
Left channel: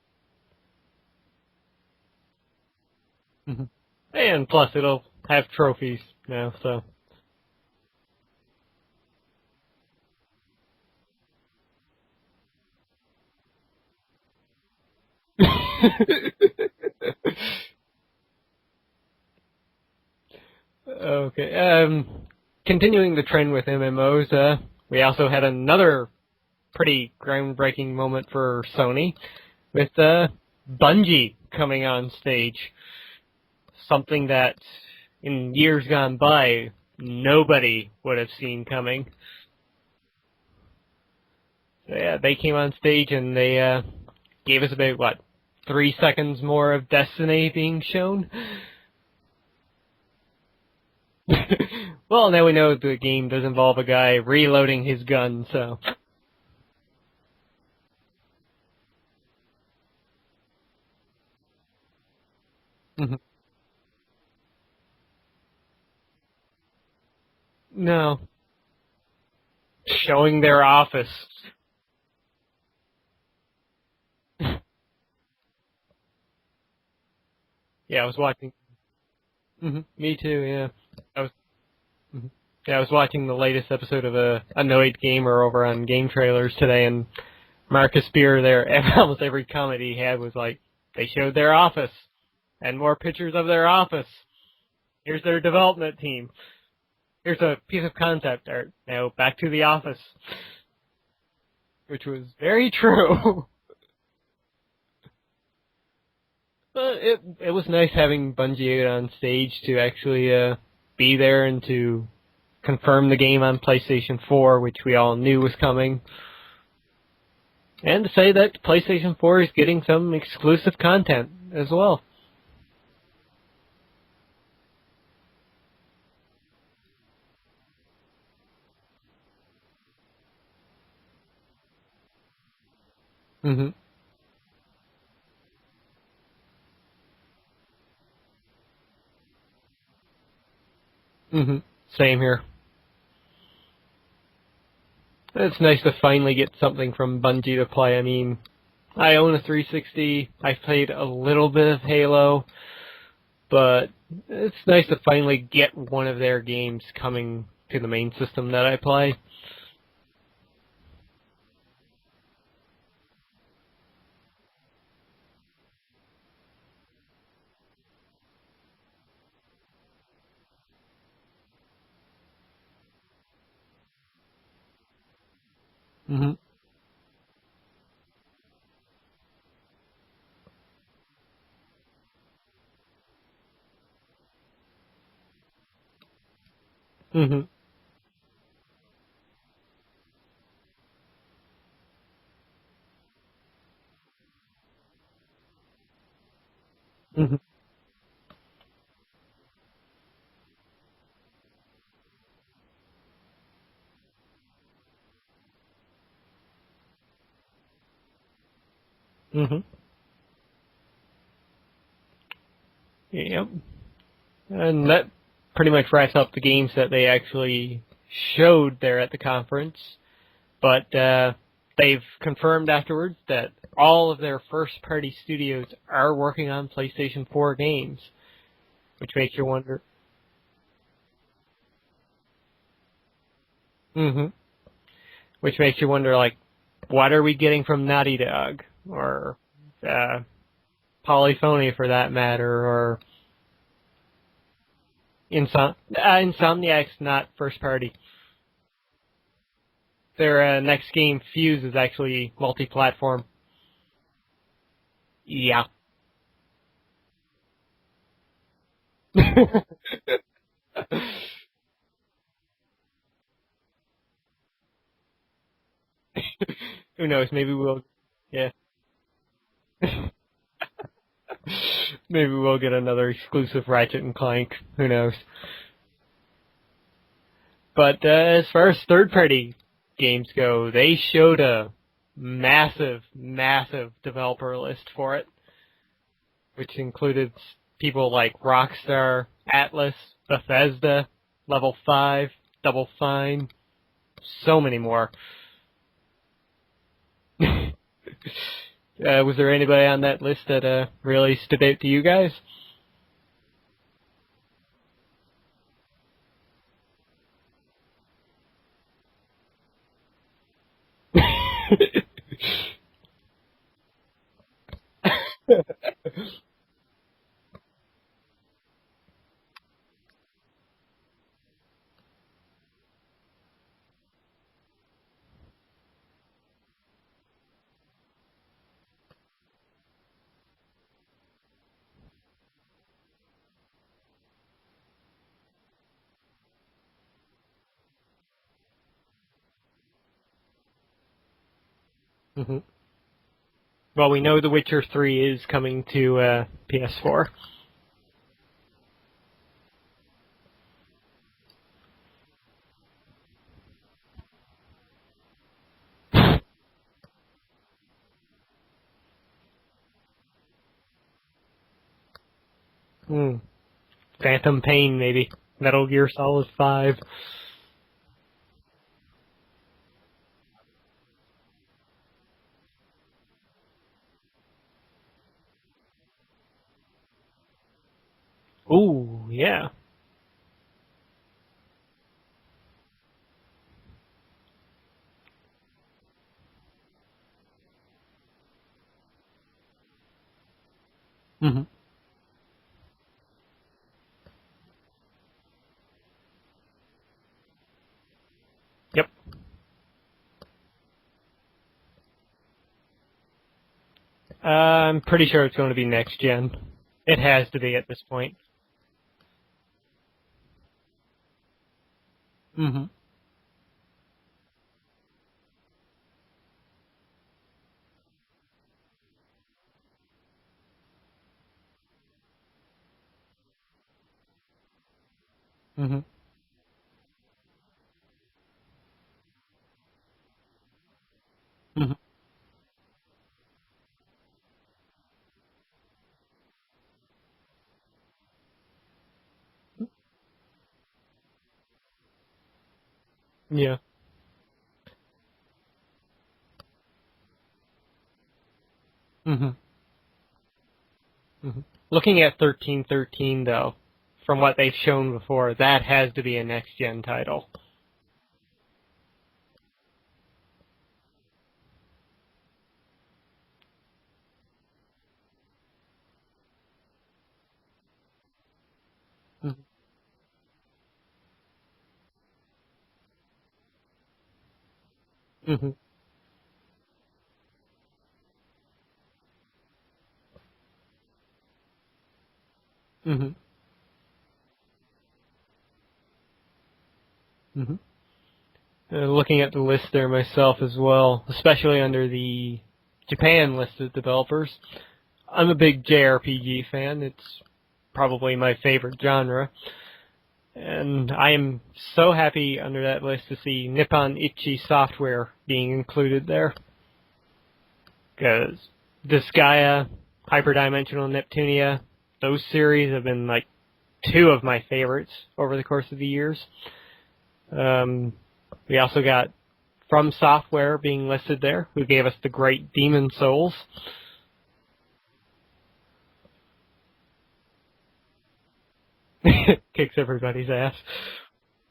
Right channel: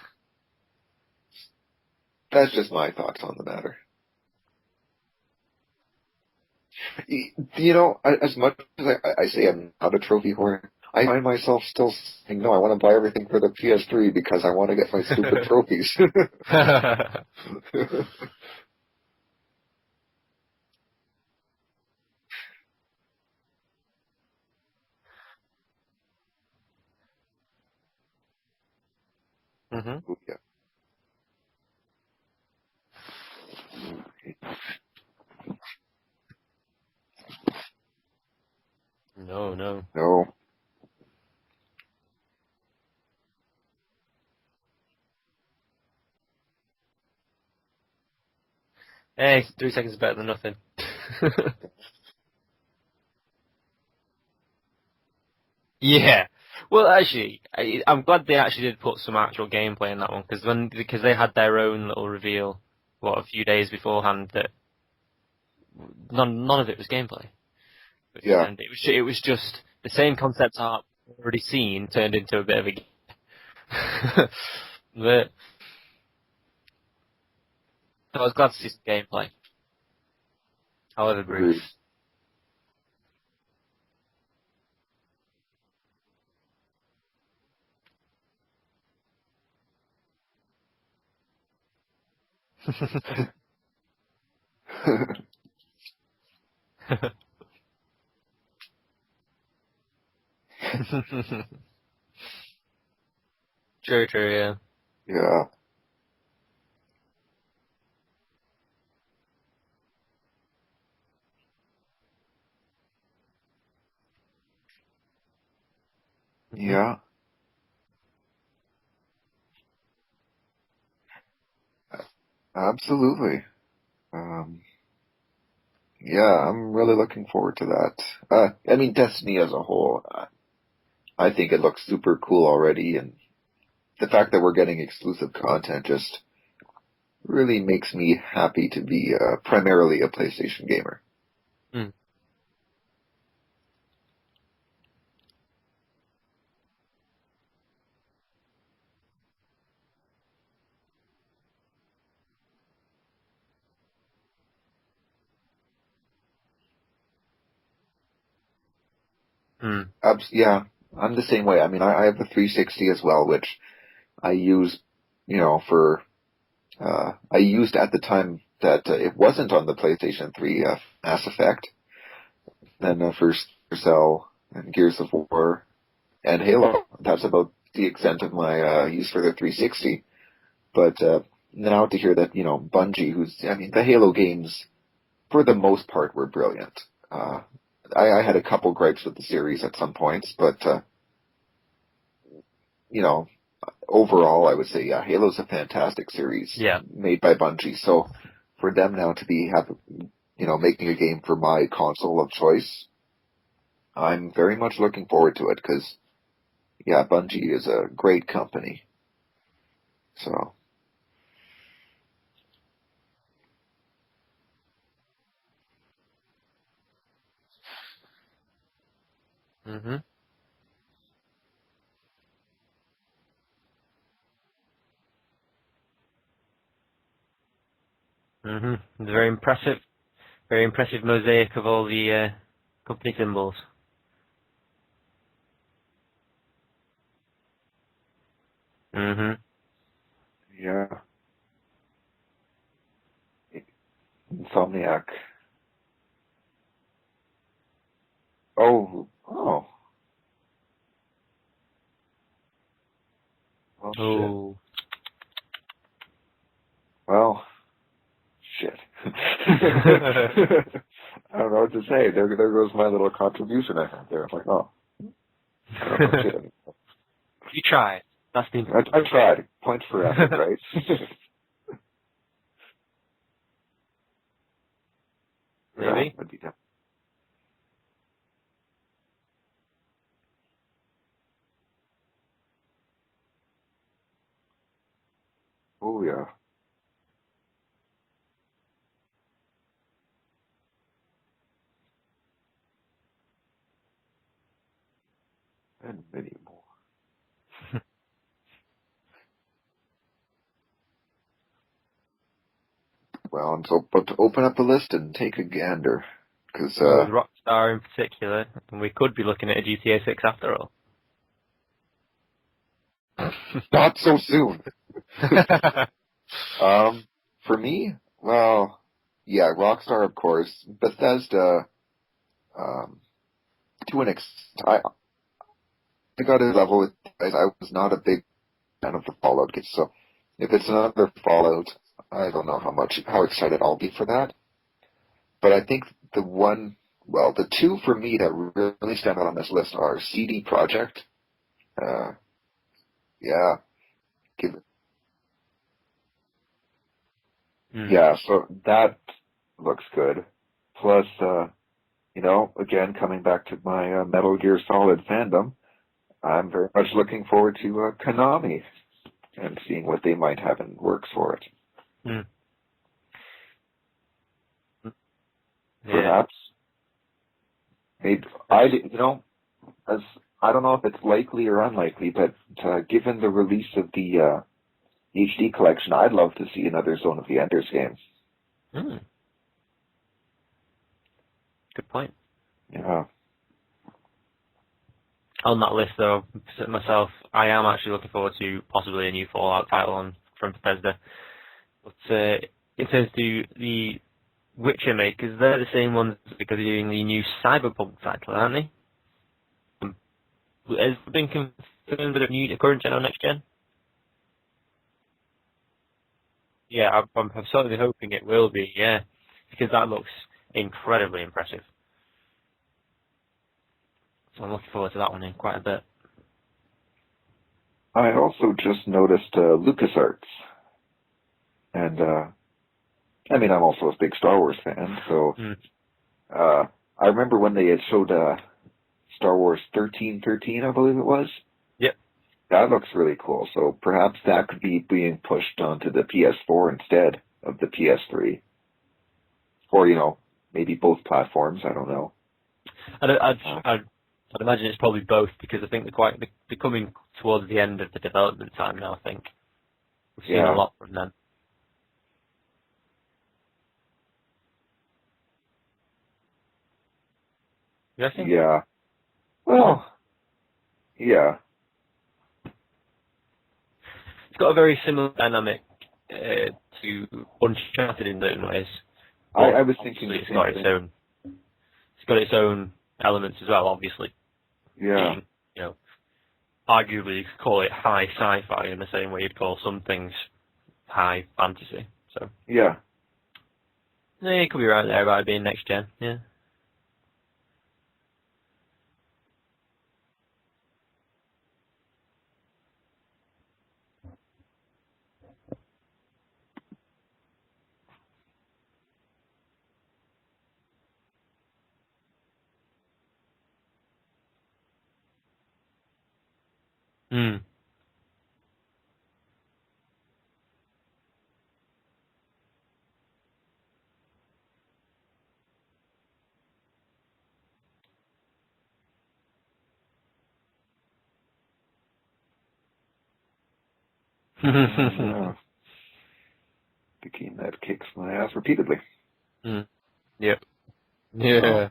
That's just my thoughts on the matter. And plus, it'll have trophies now, so. As much as I say I'm not a trophy whore, I find myself still saying, no, I want to buy everything for the PS3 because I want to get my stupid trophies. Okay. Continuing the trend with MMOs, we also had another pretty groundbreaking moment for Sony with Bungie coming on stage. Something that in years gone by nobody would have seen coming. No. Yeah, they came on stage and they gave us about 3 seconds more of Destiny being shown. Hey, 3 seconds is better than nothing. Well, now we know the game does involve a guy reloading his gun, so. Yeah. Well, actually, I'm glad they actually did put some actual gameplay in that one, because they had their own little reveal, a few days beforehand, that none of it was gameplay. No. Yeah. And it was just the same showing their office already seen turned into a bit of a but yeah, I was glad to see some gameplay. Mm-hmm. Me too, yeah. I would agree. Mm-hmm. Yeah, I was watching the latest episode of Annoyed Gamer over on Game Trailers today, and Marcus Spear there, almost every comment he had was like, they showed their office, and more pictures of their office. Here's their development team. Here's a piece of concept art. Now back to the office. Which was very true. True, yeah. Yeah. But it was nice having Bungie on stage to actually be there and to confirm the game on PlayStation 4, which we all knew was coming. Yeah. And to say that PlayStation 4 is getting some exclusive content as well. Absolutely. Yeah, I'm really looking forward to that. I mean, Destiny as a whole, I think it looks super cool already, and the fact that we're getting exclusive content just really makes me happy to be primarily a PlayStation gamer. Same here. It's nice to finally get something from Bungie to play. I mean, I own a 360. I've played a little bit of Halo, but it's nice to finally get one of their games coming to the main system that I play. Yeah, I'm the same way. I mean, I have a 360 as well, which I use, for I used at the time that it wasn't on the PlayStation 3, Mass Effect, then First Cell and Gears of War and Halo. That's about the extent of my use for the 360. But now to hear that, Bungie, the Halo games, for the most part, were brilliant. I had a couple gripes with the series at some points, but, overall, I would say, yeah, Halo's a fantastic series made by Bungie. So for them now to be making a game for my console of choice, I'm very much looking forward to it because, yeah, Bungie is a great company. So. Yep. And that pretty much wraps up the games that they actually showed there at the conference. But they've confirmed afterwards that all of their first-party studios are working on PlayStation 4 games. Very impressive. Very impressive mosaic of all the company symbols. Which makes you wonder, what are we getting from Naughty Dog? Or Polyphony, for that matter, or Insomniac. Insomniac's not first-party. Oh. Their next game, Fuse, is actually multi-platform. Oh, shit. Yeah. Well, shit. I don't know what to say. There goes my little contribution I had there. I'm like, oh. Who knows? Maybe we'll try. Yeah. I tried. Points for effort, right? Maybe we'll get another exclusive Ratchet and Clank. Who knows? Maybe. But as far as third-party games go, they showed a massive developer list for it. Oh, yeah. Which included people like Rockstar, Atlas, Bethesda, Level 5, Double Fine, so many more. And many more. Was there anybody on that list that really stood out to you guys? Well, I'm so about to open up the list and take a gander. Cause, Rockstar in particular, and we could be looking at a GTA 6 after all. Not so soon. For me, well, yeah, Rockstar, of course. Bethesda, to an extent, I got a level with, I was not a big fan of the Fallout games, so if it's another Fallout, I don't know how excited I'll be for that. But I think the two for me that really stand out on this list are CD Projekt. Yeah. Well, we know The Witcher 3 is coming to PS4. Yeah, so that looks good. Plus, again, coming back to my Metal Gear Solid fandom, I'm very much looking forward to Konami and seeing what they might have in works for it. Phantom Pain, maybe. Metal Gear Solid 5. Maybe, I don't know if it's likely or unlikely, but given the release of the HD collection, I'd love to see another Zone of the Enders game. Ooh, yeah. Good point. Yeah. On that list, though, myself, I am actually looking forward to possibly a new Fallout title from Bethesda. But in terms of the Witcher makers, they're the same ones because they're doing the new Cyberpunk title, aren't they? Yep. Has it been confirmed that a current gen or next gen? I'm pretty sure it's going to be next gen. Yeah, It I'm has to certainly be at this hoping point. it will be, yeah. Because that looks incredibly impressive. Mm-hmm. I'm looking forward to that one in quite a bit. I also just noticed LucasArts. And, I mean, I'm also a big Star Wars fan, so Mm-hmm. I remember when they had showed Star Wars 1313, I believe it was. Yep. That looks really cool, so perhaps that could be being pushed onto the PS4 instead of the PS3. Or, maybe both platforms, I don't know. I'd imagine it's probably both, because I think they're coming towards the end of the development time now, I think. Mm-hmm. We've seen a lot from them. Mm-hmm. Looking at 1313, though, from what they've shown before, that has to be a next-gen title. You think? Yeah. Well, yeah. It's got a very similar dynamic to Uncharted in certain ways. I was thinking the It's same got its thing. own. It's got its own elements as well, obviously. Yeah. Being, arguably, you could call it high sci-fi in the same way you'd call some things high fantasy. So Yeah. Mm-hmm. yeah, it could be right there about it being next gen. Yeah. Mm-hmm. Looking at the list there myself as well, especially under the Japan listed developers. I'm a big JRPG fan. It's probably my favorite genre. And I am so happy under that list to see Nippon Ichi Software being included there. Because Disgaea, Hyperdimensional Neptunia, those series have been like two of my favorites over the course of the years. We also got From Software being listed there, who gave us the great Demon Souls. The game that kicks my ass repeatedly. Kicks everybody's ass. Yeah.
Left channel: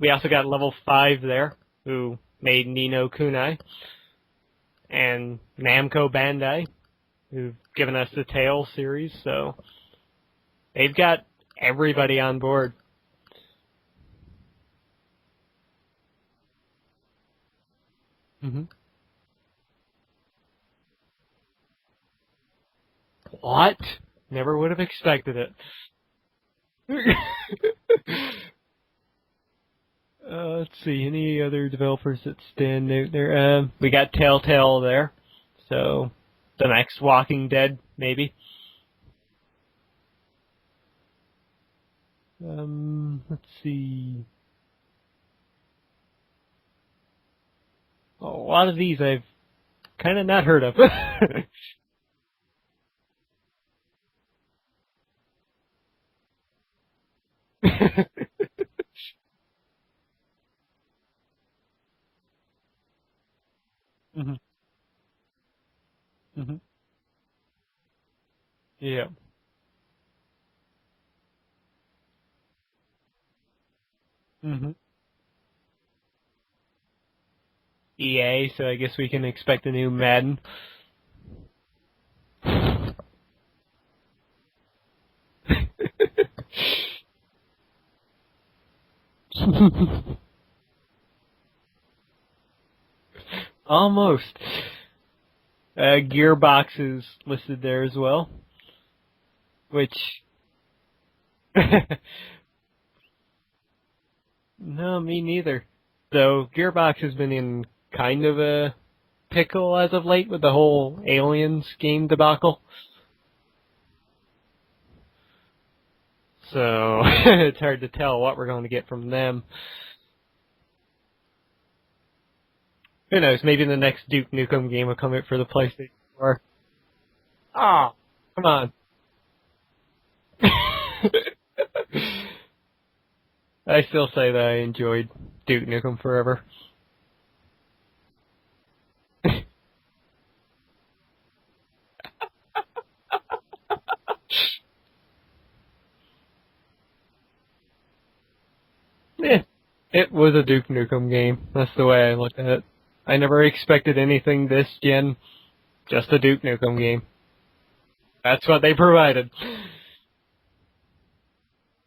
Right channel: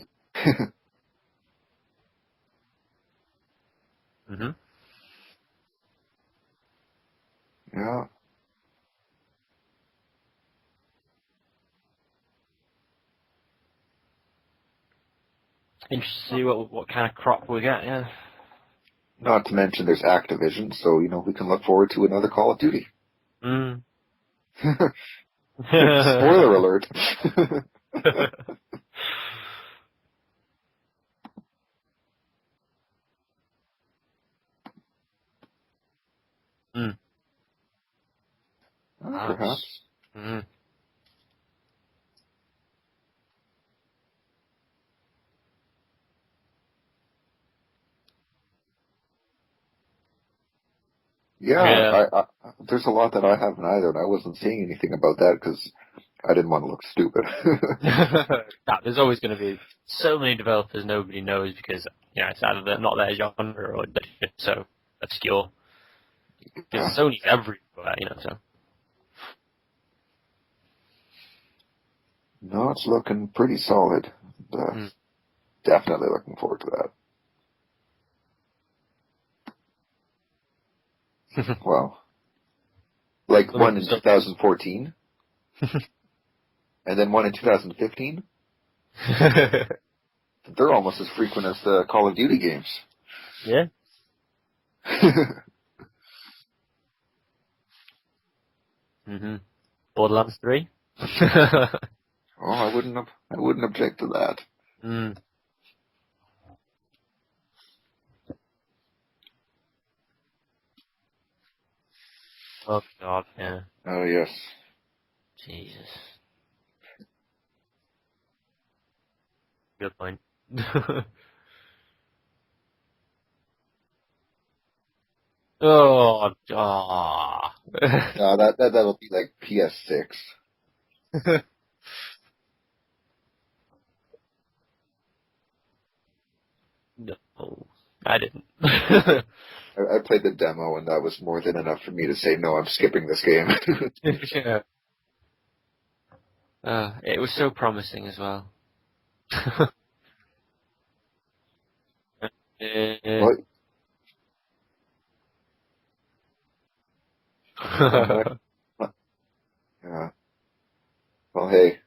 We also got Level 5 there, who made Ni no Kunai. And Namco Bandai, who've given us the Tales series, so they've got everybody on board. Interesting to see what kind of crop we get, yeah. Not to mention there's Activision, so, we can look forward to another Call of Duty. What? Never would have expected it. Spoiler alert. Let's see, any other developers that stand out there? We got Telltale there, so the next Walking Dead, maybe. Perhaps. Let's see. A lot of these I've kind of not heard of. Yeah. There's a lot that I haven't either, and I wasn't seeing anything about that because I didn't want to look stupid. There's always going to be so many developers nobody knows because it's either not their genre or they're so obscure. Because Sony's everywhere, so. Yeah. No, it's looking pretty solid. Definitely looking forward to that. EA, so I guess we can expect a new Madden. Well, like one in 2014, and then one in 2015. They're almost as frequent as the Call of Duty games. Yeah, almost. Gearbox is listed there as well. Which Borderlands 3. I wouldn't object to that. No, me neither. So Gearbox has been in kind of a pickle as of late with the whole Aliens game debacle. Oh God, yeah. Oh yes. Jesus. So it's hard to tell what we're going to get from them. Good point. Who knows? Maybe the next Duke Nukem game will come out for the PlayStation. That'll be like PS6. I still say that I enjoyed Duke Nukem Forever. No, I didn't. I played the demo, and that was more than enough for me to say, no, I'm skipping this game. It was so promising as well. Yeah, it was a Duke Nukem game. That's the way I look at it. I never expected anything this gen. Just a Duke Nukem game. That's what they provided. Yeah. Well, hey,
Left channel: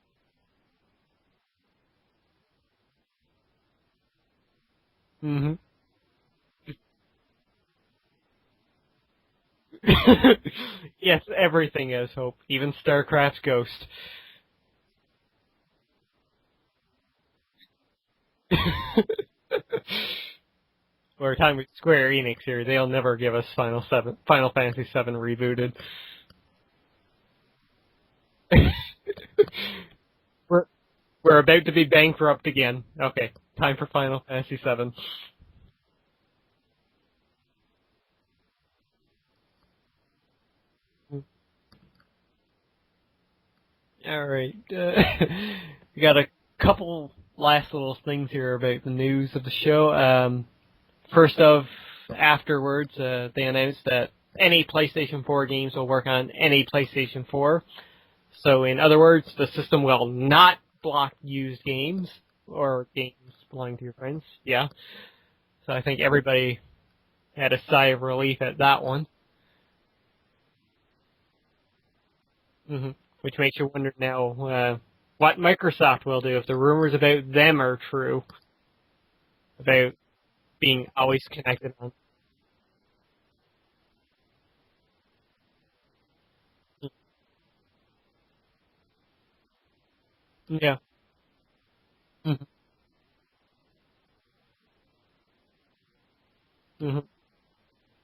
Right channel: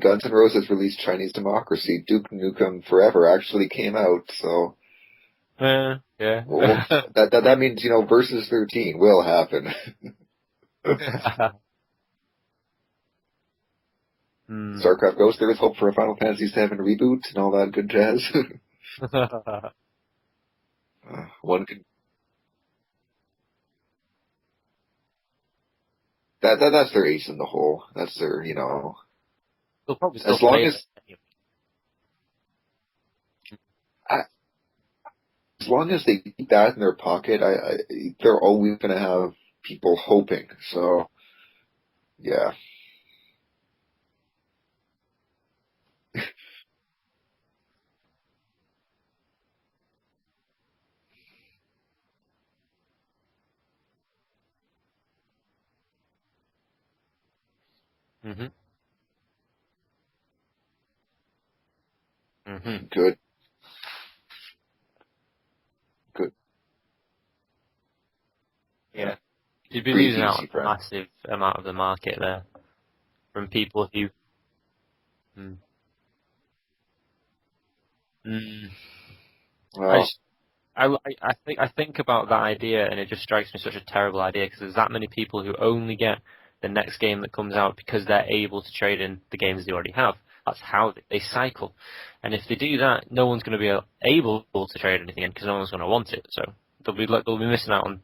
Guns N' Roses released Chinese Democracy. Duke Nukem Forever actually came out, so Mm-hmm. Yeah. Well, that means, versus 13 will happen. Yes, everything has hope, even StarCraft's Ghost. StarCraft Ghost, there is hope for a Final Fantasy VII reboot and all that good jazz. We're talking Square Enix here. They'll never give us Final Fantasy VII rebooted. That's their ace in the hole. That's their, They'll probably still as long play as it. We're about to be bankrupt again. Okay, time for Final Fantasy VII. as long as they keep that in their pocket, they're always going to have people hoping. So, yeah. All right. We got a couple last little things here about the news of the show. First of, afterwards, they announced that any PlayStation 4 games will work on any PlayStation 4. Mm-hmm. So, in other words, the system will not block used games or games belonging to your friends. Yeah. So I think everybody had a sigh of relief at that one. Yeah. You've been losing out a massive amount of the market there. Mm-hmm. Which makes you wonder now what Microsoft will do if the rumors about them are true. About being always connected. I think about that idea, and it just strikes me such a terrible idea because there's that many people who only get the next game that comes out because they're able to trade in the games they already have. That's how they cycle. And if they do that, no one's going to be able to trade anything in because no one's going to want it. So they'll be missing out on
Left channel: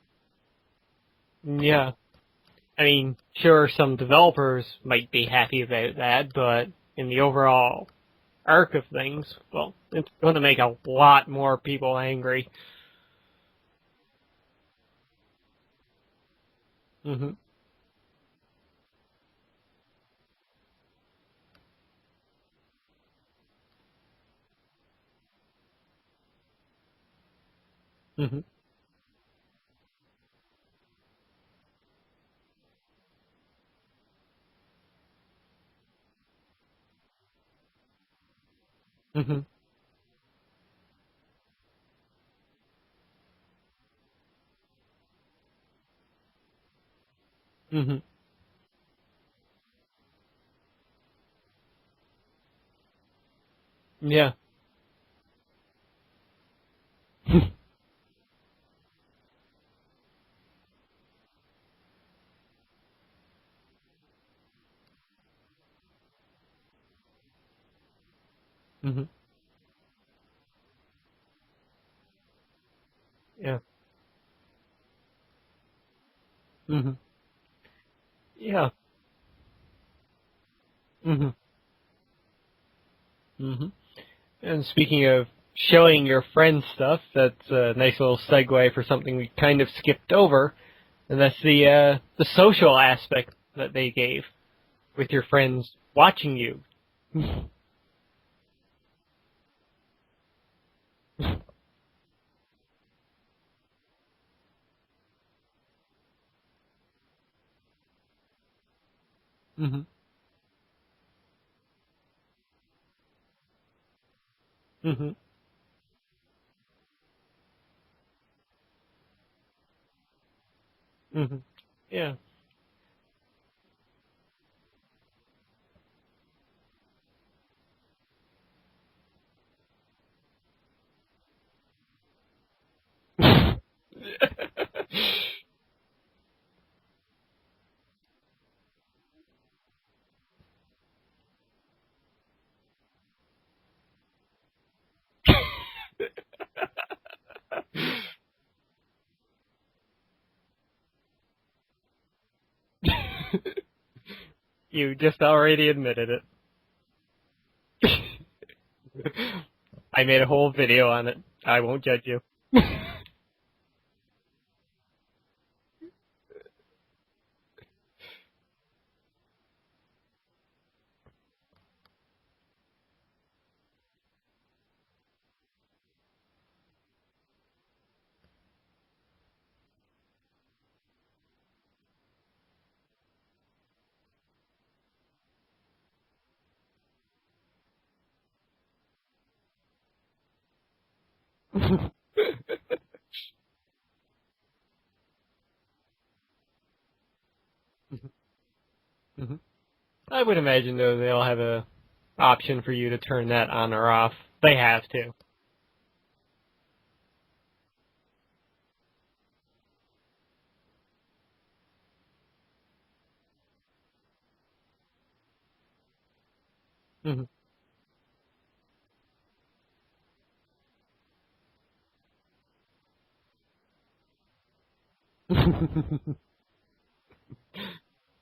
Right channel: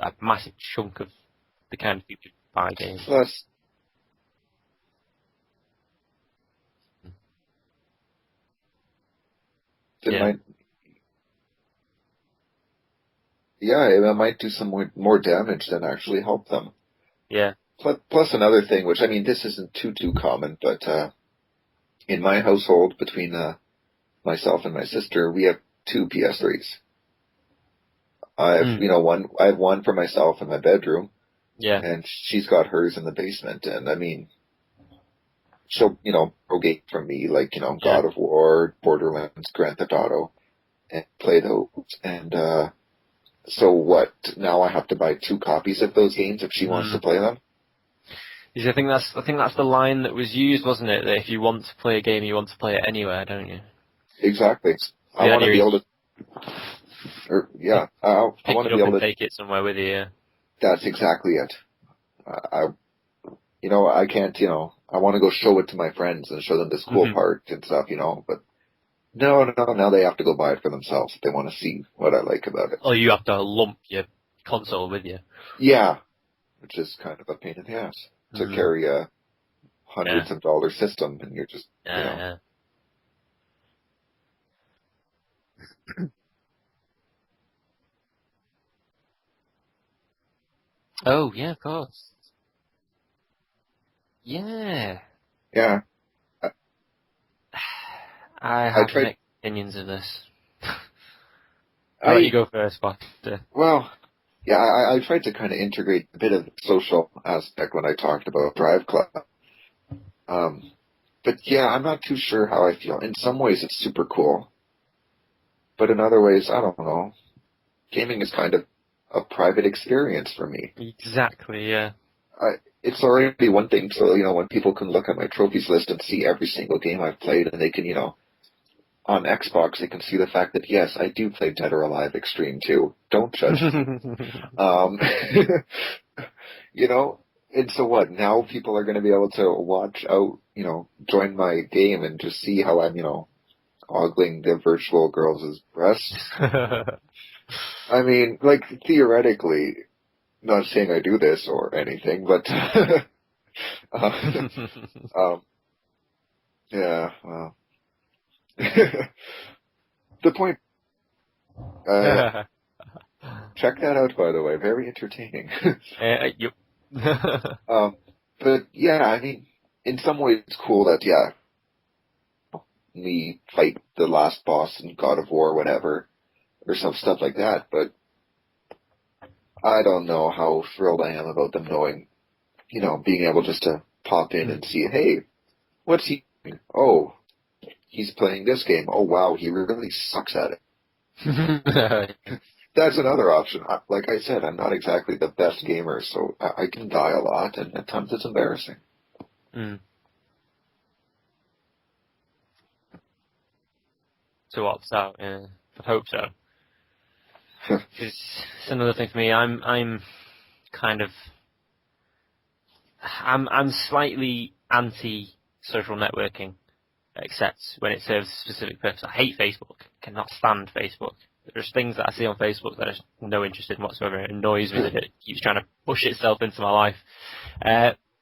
a massive chunk of the kind of people who buy games. I mean, sure, some developers might be happy about that, but in the overall arc of things, well, it's going to make a lot more people angry. Yeah, it might do some more damage than actually help them. Mm-hmm. Yeah. Plus another thing, which, I mean, this isn't too common, but in my household, between myself and my sister, we have 2 PS3s. Mm-hmm. I have one for myself in my bedroom. Yeah. And she's got hers in the basement. And I mean, she'll, pro game from me, like, God of War, Borderlands, Grand Theft Auto, and play those. And so what? Now I have to buy 2 copies of those games if she wants to play them? Mm-hmm. I think that's the line that was used, wasn't it? That if you want to play a game, you want to play it anywhere, don't you? Yeah. Exactly. I want to be able to. Yeah, I want to be able to take it somewhere with you. Yeah. That's exactly it. I can't. I want to go show it to my friends and show them this cool part and stuff. But no. Now they have to go buy it for themselves if they want to see what I like about it. Oh, you have to lump your console with you. Yeah, which is kind of a pain in the ass to carry a hundreds of dollar system and you're just And speaking of showing your friends stuff, that's a nice little segue for something we kind of skipped over. And that's the social aspect that they gave with your friends watching you. I have mixed opinions of this. I'll let you go first, Buster. Well, yeah, I tried to kind of integrate a bit of the social aspect when I talked about Drive Club. But yeah, I'm not too sure how I feel. In some ways, it's super cool. But in other ways, I don't know. Gaming is kind of a private experience for me. Exactly, yeah. It's already one thing, so, when people can look at my trophies list and see every single game I've played, and they can, on Xbox, they can see the fact that, yes, I do play Dead or Alive Extreme too. Don't judge me. And so what? Now people are going to be able to watch out, join my game and just see how I'm, ogling the virtual girl's breasts. I mean, like, theoretically, not saying I do this or anything, but... you just already admitted it. Yeah, well... I made a whole video on it. I won't judge it. Check that out, by the way. Very entertaining. Yep. But, yeah, I mean, in some ways it's cool that, me fight the last boss in God of War, whatever, or some stuff like that, but I don't know how thrilled I am about them knowing, being able just to pop in and see, hey, what's he doing? Oh, he's playing this game. Oh, wow, he really sucks at it. That's another option. Like I said, I'm not exactly the best gamer, so I can die a lot, and at times it's embarrassing. I would imagine, though, they'll have a option for you to turn that on or off. They have to. hope so. It's another thing for me. I'm slightly anti social networking, except when it serves a specific purpose. I hate Facebook. Cannot stand Facebook. There's things that I see on Facebook that I have no interest in whatsoever. It annoys me that it keeps trying to push itself into my life.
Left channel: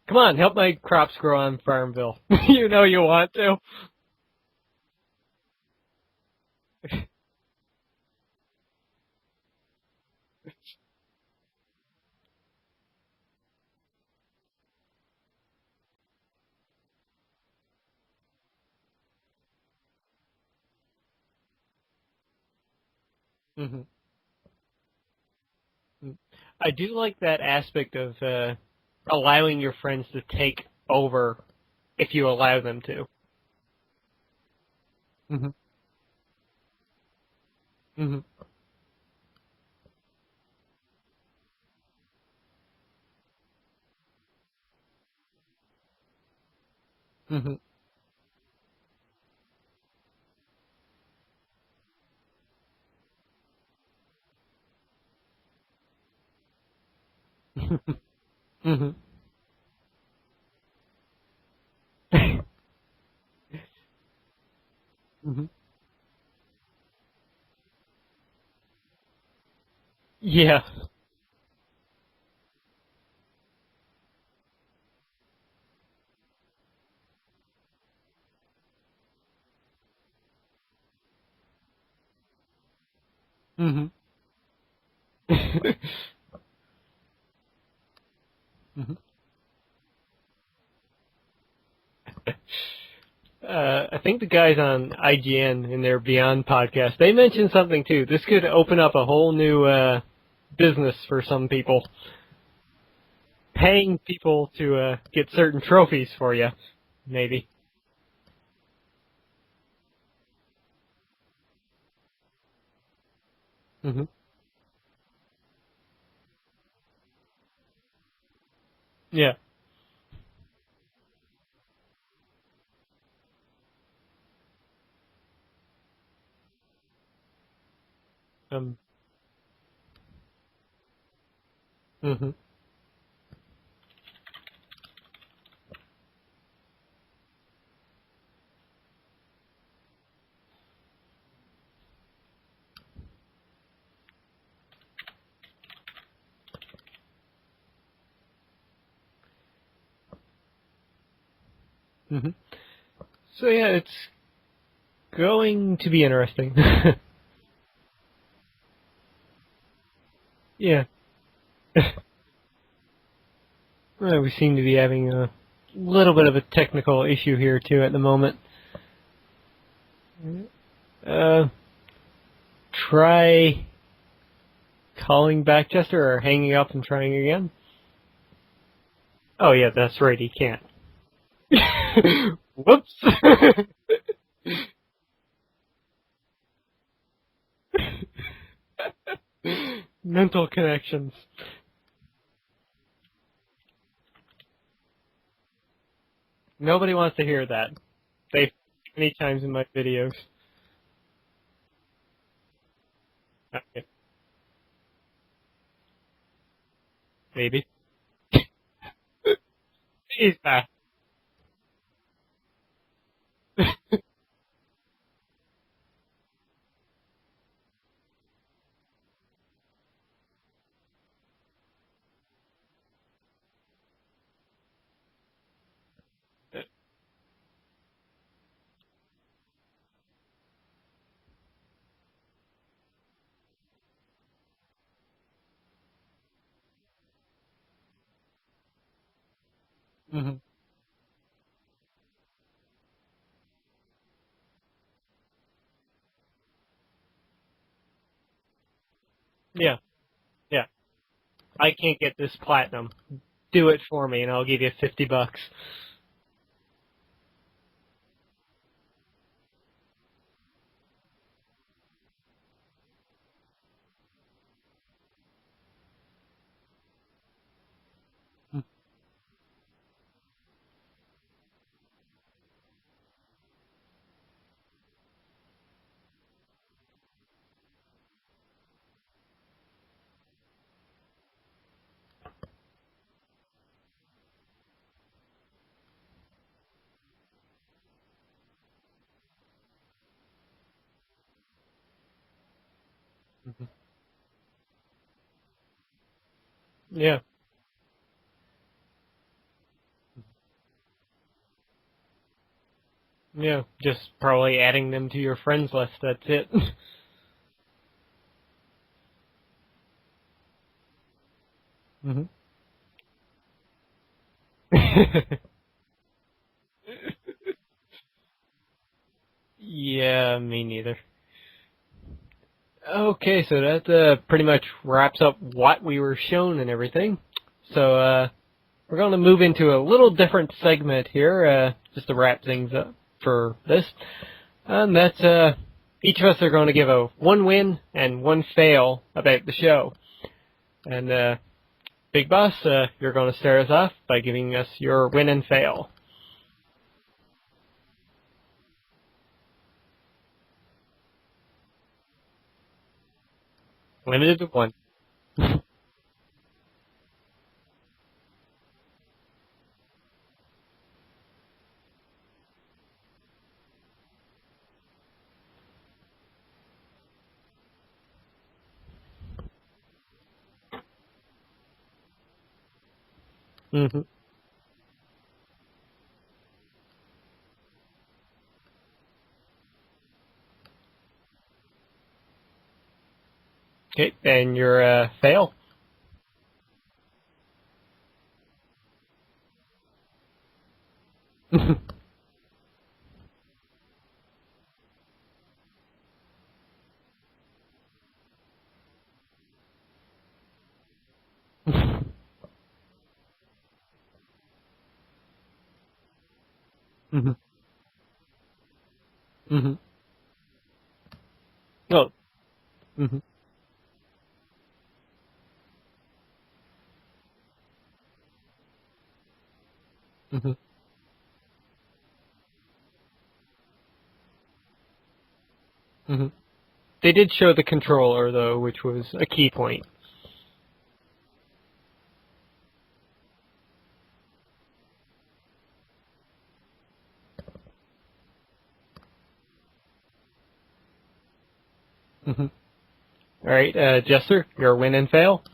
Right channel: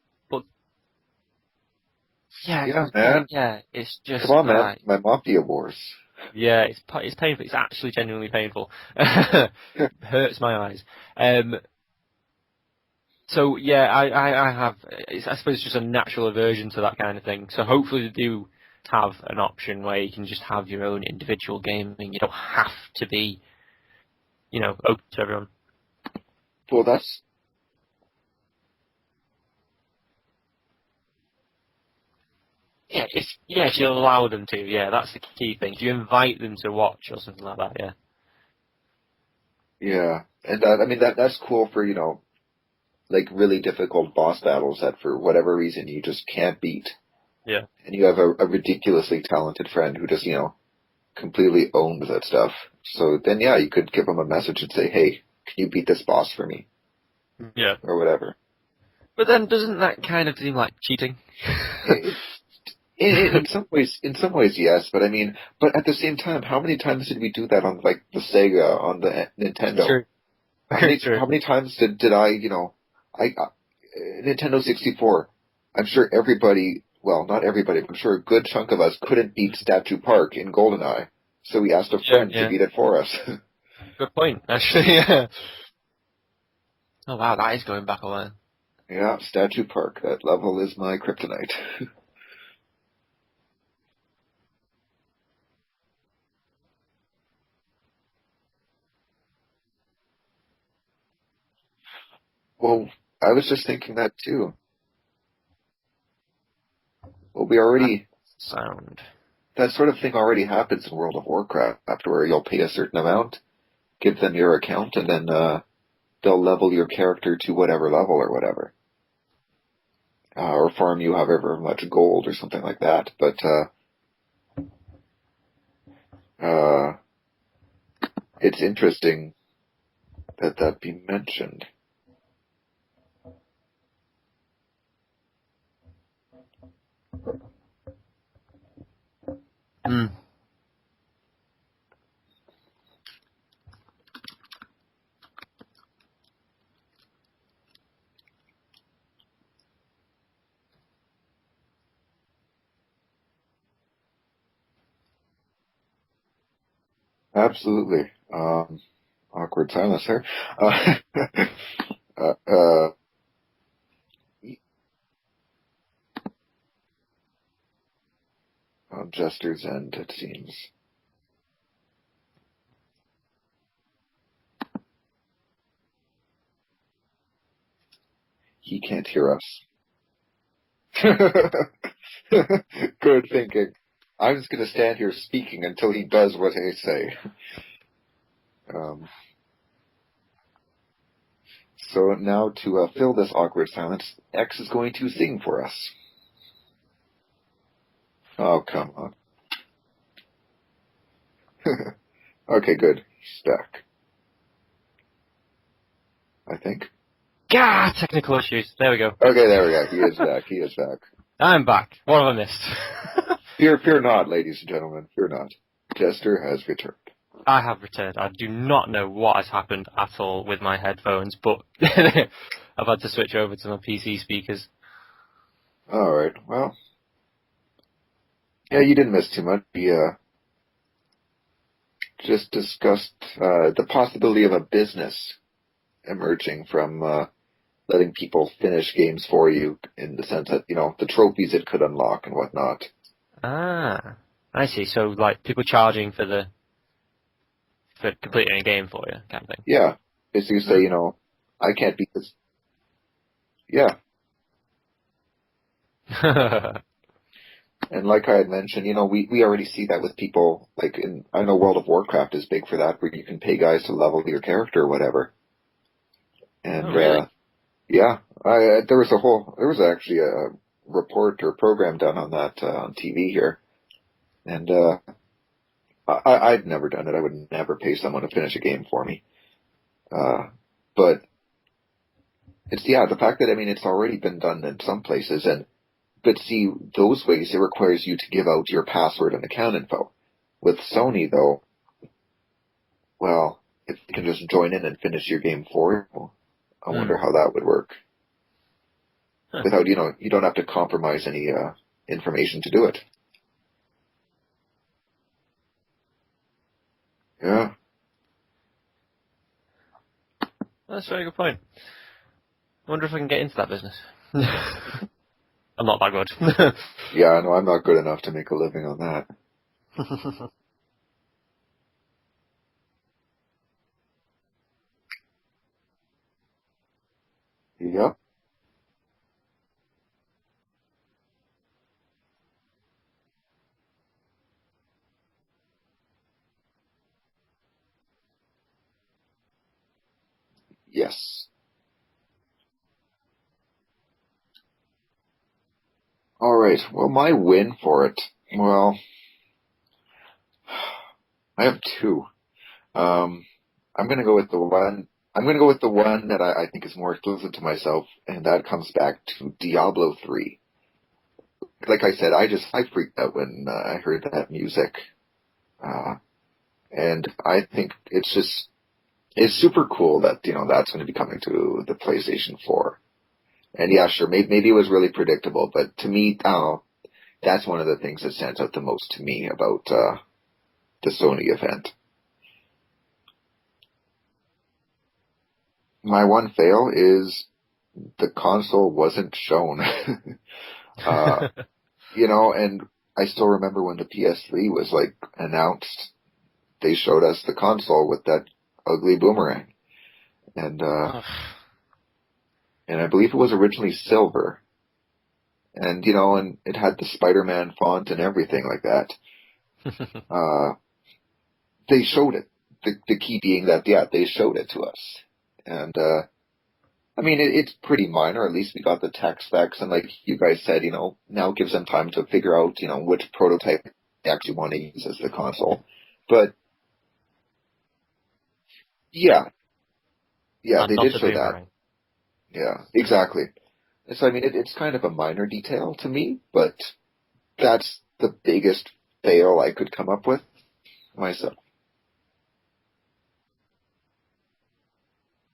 Come on, help my crops grow on Farmville. You know you want to. It's just come on, man. My Mafia Wars. Yeah, it's painful. It's actually genuinely painful. Hurts my eyes. So yeah, I have. I suppose it's just a natural aversion to that kind of thing. So hopefully they do have an option where you can just have your own individual gaming. You don't have to be, open to everyone. I do like that aspect of allowing your friends to take over if you allow them to. Yeah, if you allow them to. Yeah, that's the key thing. If you invite them to watch or something like that. Yeah. Mm-hmm. Yeah, and that's cool for like really difficult boss battles that for whatever reason you just can't beat. Mm-hmm. Yeah. And you have a ridiculously talented friend who just completely owns that stuff. So then you could give them a message and say, hey, can you beat this boss for me? Yeah. Or whatever. Mm-hmm. But then doesn't that kind of seem like cheating? In some ways, yes. But I mean, but at the same time, how many times did we do that on like the Sega, on the Nintendo? True. Yeah. How many times did I, Nintendo 64? I'm sure everybody, well, not everybody, but I'm sure a good chunk of us couldn't beat Statue Park in GoldenEye, so we asked a friend to beat it for us. Mm-hmm. Good point, actually. Yeah. Oh wow, that is going back a while. Yeah, Statue Park. That level is my kryptonite. I think the guys on IGN in their Beyond podcast, they mentioned something too. This could open up a whole new business for some people. Well, I was just paying thinking that people too. to get certain trophies for you, maybe. Well, we already sound. That sort of thing already happens in World of Warcraft, where you'll pay a certain amount, give them your account, and then they'll level your character to whatever level or whatever. Yeah. Or farm you however much gold or something like that. But it's interesting that be mentioned. Mm-hmm. Mm. Mm-hmm. So yeah, it's going to be interesting. Absolutely. Awkward silence there. Yeah. We seem to be having a little bit of a technical issue here too at the moment. On Jester's end, it seems. Try calling back Jester or hanging up and trying again. He can't hear us. Oh yeah, that's right, he can't. Whoops. Okay. I'm just going to stand here speaking until he does what I say. Mental connections. So now to fill this awkward silence, X is going to sing for us. Nobody wants to hear that. Come on. Many times in my videos. Okay, good. He's back. I think. Maybe. Technical issues. There we go. Okay, there we go. He is back. He is back. I'm back. What have I missed? Fear not, ladies and gentlemen. Fear not. Jester has returned. I have returned. I do not know what has happened at all with my headphones, but I've had to switch over to my PC speakers. All right. Well, yeah, you didn't miss too much. We just discussed the possibility of a business emerging from letting people finish games for you in the sense that, the trophies it could unlock and whatnot. Ah, I see. So, like, people charging for completing a game for you, kind of thing. Yeah. If you say, I can't get this platinum. Do it for me, and I'll give you $50. And like I had mentioned, we already see that with people, like I know World of Warcraft is big for that, where you can pay guys to level your character or whatever. And, really? there was actually a report or program done on that on TV here. And I've never done it. I would never pay someone to finish a game for me. But it's, the fact that, it's already been done in some places, but see, those ways, it requires you to give out your password and account info. With Sony, though, well, if you can just join in and finish your game for you, I wonder how that would work. Without, you don't have to compromise any information to do it. Yeah, just probably adding them to your friends list, that's it. Yeah. That's a very good point. Mm-hmm. I wonder if I can get into that business. I'm not that good. Yeah, no, I'm not good enough to make a living on that. Yeah, me neither. Okay, so that pretty much wraps up what we were shown and everything. So we're going to move into a little different segment here, just to wrap things up for this. And that's each of us are going to give a one win and one fail about the show. And Yes. Big Boss, you're going to start us off by giving us your win and fail. All right. Well, my win for it, well, I have two. I'm going to go with the one. I'm going to go with the one that I think is more exclusive to myself, and that comes back to Diablo 3. Like I said, I freaked out when I heard that music, and I think it's super cool that that's going to be coming to the PlayStation 4. Mm-hmm. And yeah, sure, maybe it was really predictable, but to me, that's one of the things that stands out the most to me about the Sony event. Okay, and your fail? My one fail is the console wasn't shown. And I still remember when the PS3 was announced, they showed us the console with that ugly boomerang. And and I believe it was originally silver. And and it had the Spider-Man font and everything like that. Mm-hmm. They showed it. The key being that, they showed it to us. And, it's pretty minor. At least we got the tech specs. And like you guys said, now it gives them time to figure out, which prototype they actually want to use as the console. Mm-hmm. But they did show the controller, though, which was a key point. Yeah, they did show that. Yeah, exactly. So, it's kind of a minor detail to me, but that's the biggest fail I could come up with myself. Mm-hmm. All right, Jester, your win and fail?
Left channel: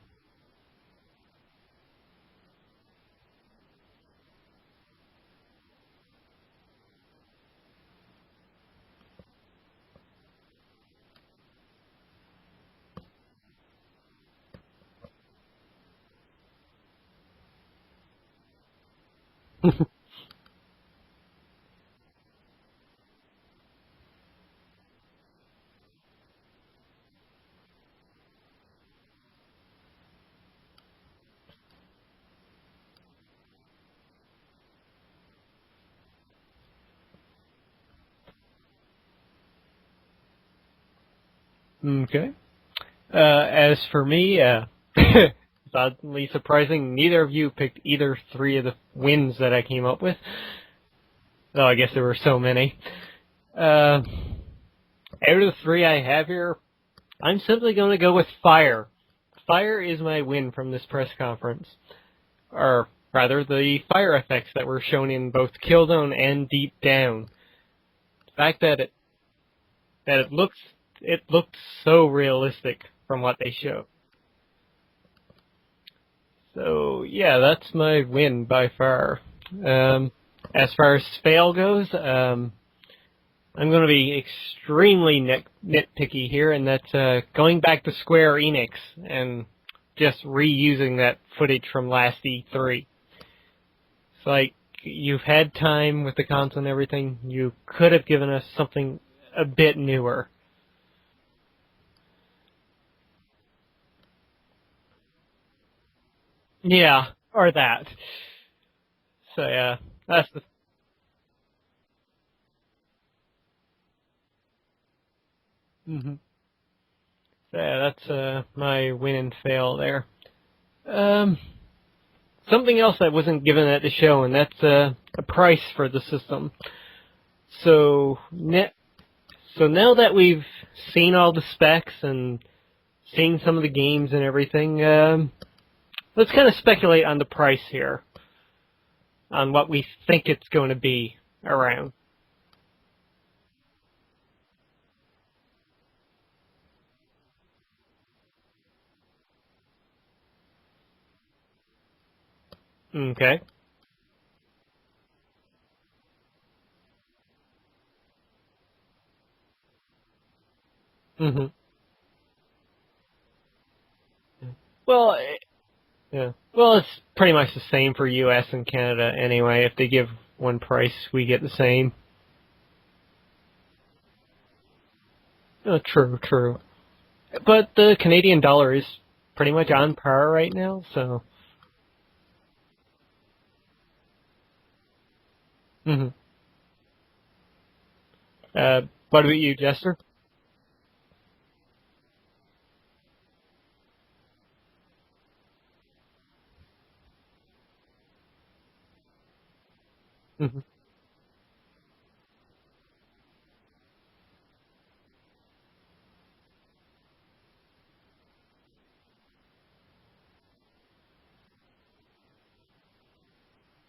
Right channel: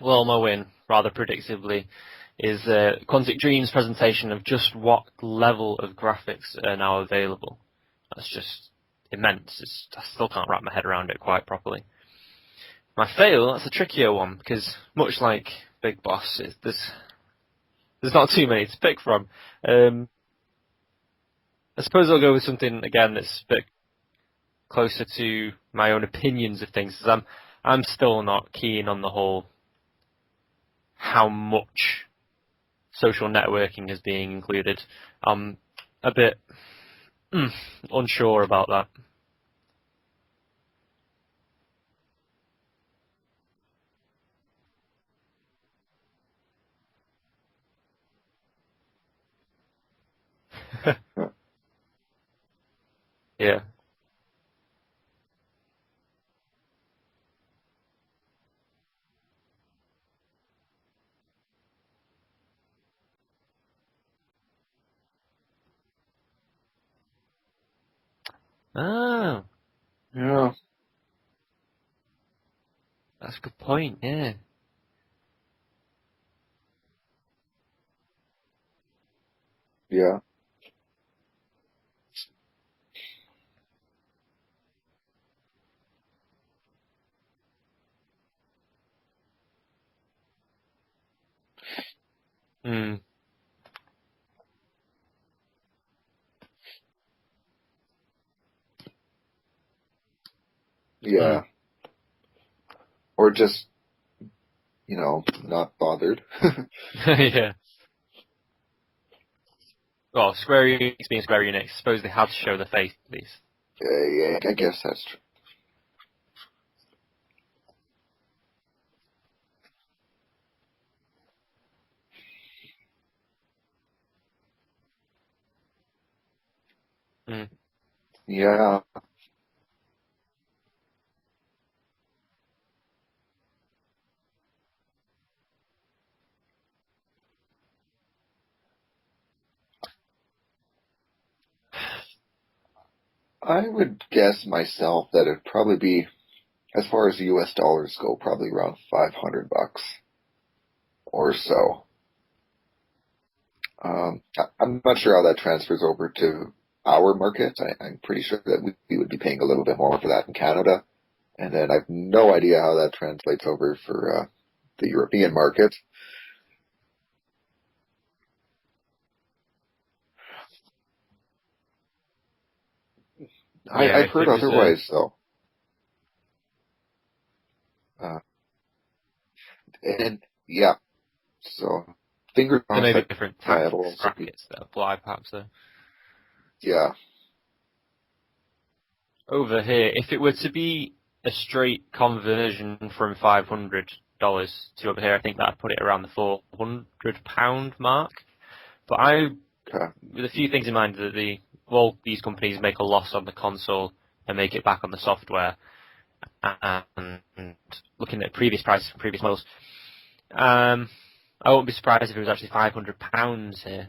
Well, my win, rather predictably, is Quantic Dream's presentation of just what level of graphics are now available. That's just immense. I still can't wrap my head around it quite properly. My fail, that's a trickier one, because much like Big Boss, there's not too many to pick from. I suppose I'll go with something, again, that's a bit closer to my own opinions of things, because I'm still not keen on the whole how much social networking is being included. I'm a bit unsure about that. Okay. As for me, it's oddly surprising neither of you picked either three of the wins that I came up with. Though I guess there were so many. Yeah. Out of the three I have here, I'm simply going to go with Fire. Fire is my win from this press conference. Or rather, the fire effects that were shown in both Killzone and Deep Down. The fact that it looked so realistic from what they showed. Point, yeah. So yeah, that's my win by far. As far as fail goes, I'm going to be extremely nitpicky here, and that's going back to Square Enix and just reusing that footage from last E3. It's like, you've had time with the console and everything. You could have given us something a bit newer. Yeah. Or just, not bothered. Yeah, or that. So, yeah. Well, Square Enix being Square Enix, I suppose they had to show the face, at least. Yeah, I guess that's true. Mm-hmm. So, yeah, that's my win and fail there. Something else that wasn't given at the show, and that's a price for the system. So, yeah. So now that we've seen all the specs and seen some of the games and everything, let's kind of speculate on the price here, on what we think it's going to be around. I would guess myself that it'd probably be, as far as the US dollars go, probably around $500 or so. Okay. I'm not sure how that transfers over to our market. I'm pretty sure that we would be paying a little bit more for that in Canada. Mm-hmm. And then I have no idea how that translates over for the European market. Yeah. Well, it's pretty much the same for U.S. and Canada anyway. If they give one price, we get the same. I've heard otherwise, though. Oh, true. But the Canadian dollar is pretty much on par right now, so... So, fingers crossed. There may be different tax brackets that apply, perhaps, though. Mm-hmm. Yeah. What about you, Over Jester? here, if it were to be a straight conversion from $500 to over here, I think that'd put it around the £400 mark. But with a few things in mind, that these companies make a loss on the console and make it back on the software. And looking at previous prices from previous models, I wouldn't be surprised if it was actually £500 here.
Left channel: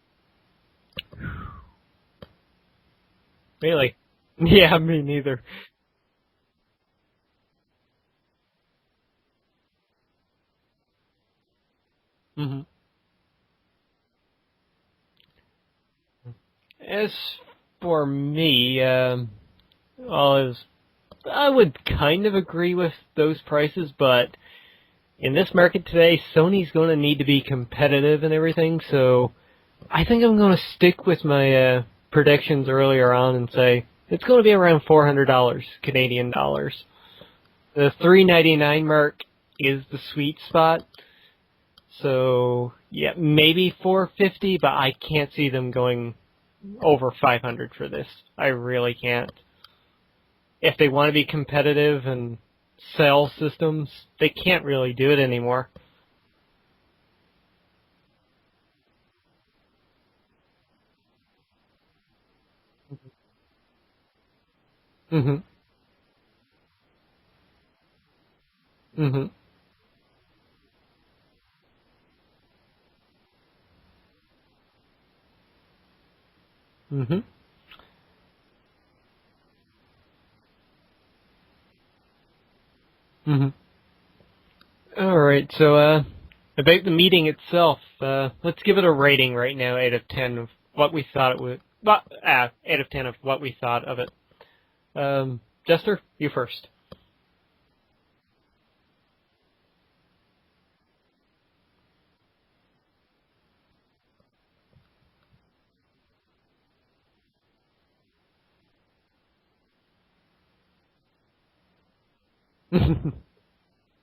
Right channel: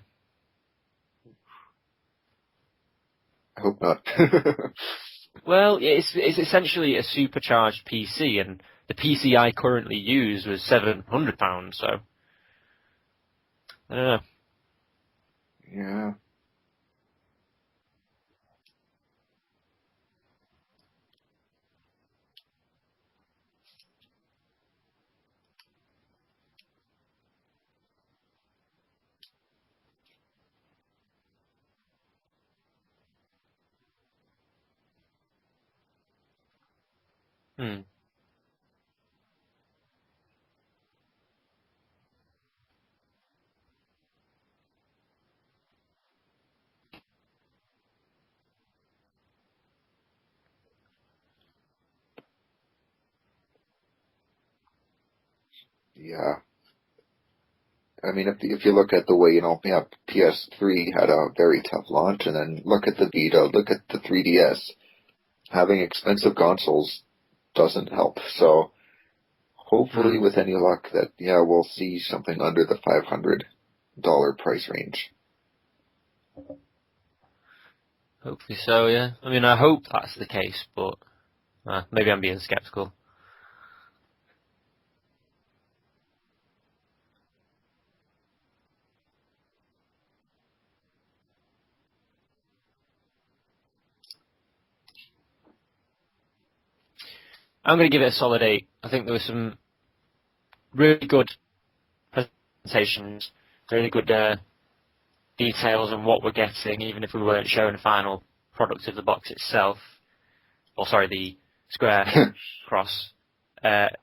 Really? Yeah, me neither. Well, it's essentially a supercharged PC, and the PC I currently use was £700, so Mm-hmm. I don't know. Yeah. As for me, I would kind of agree with those prices, but in this market today, Sony's going to need to be competitive and everything, so I think I'm going to stick with my predictions earlier on and say it's going to be around $400 Canadian dollars. The $399 mark is the sweet spot. So yeah, maybe $450, but I can't see them going over $500 for this. I really can't. If they want to be competitive and sell systems, they can't really do it anymore. Yeah. I mean, if you look at the way, PS3 had a very tough launch, and then look at the Vita, look at the 3DS. Mm-hmm. Having expensive consoles doesn't help. So hopefully, with any luck, that we'll see something under the $500 price range. Mm-hmm. Hopefully so, yeah. I mean, I hope that's the case, but maybe I'm being skeptical. Mm-hmm. All right, so about the meeting itself, let's give it a rating right now, 8 of 10 of what we thought it would. 8 of 10 of what we thought of it. Jester, you first. I'm going to give it a solid 8. I think there were some really good presentations, really good details on what we're getting, even if we weren't showing the final product of the box itself. Or sorry, the Square Cross. But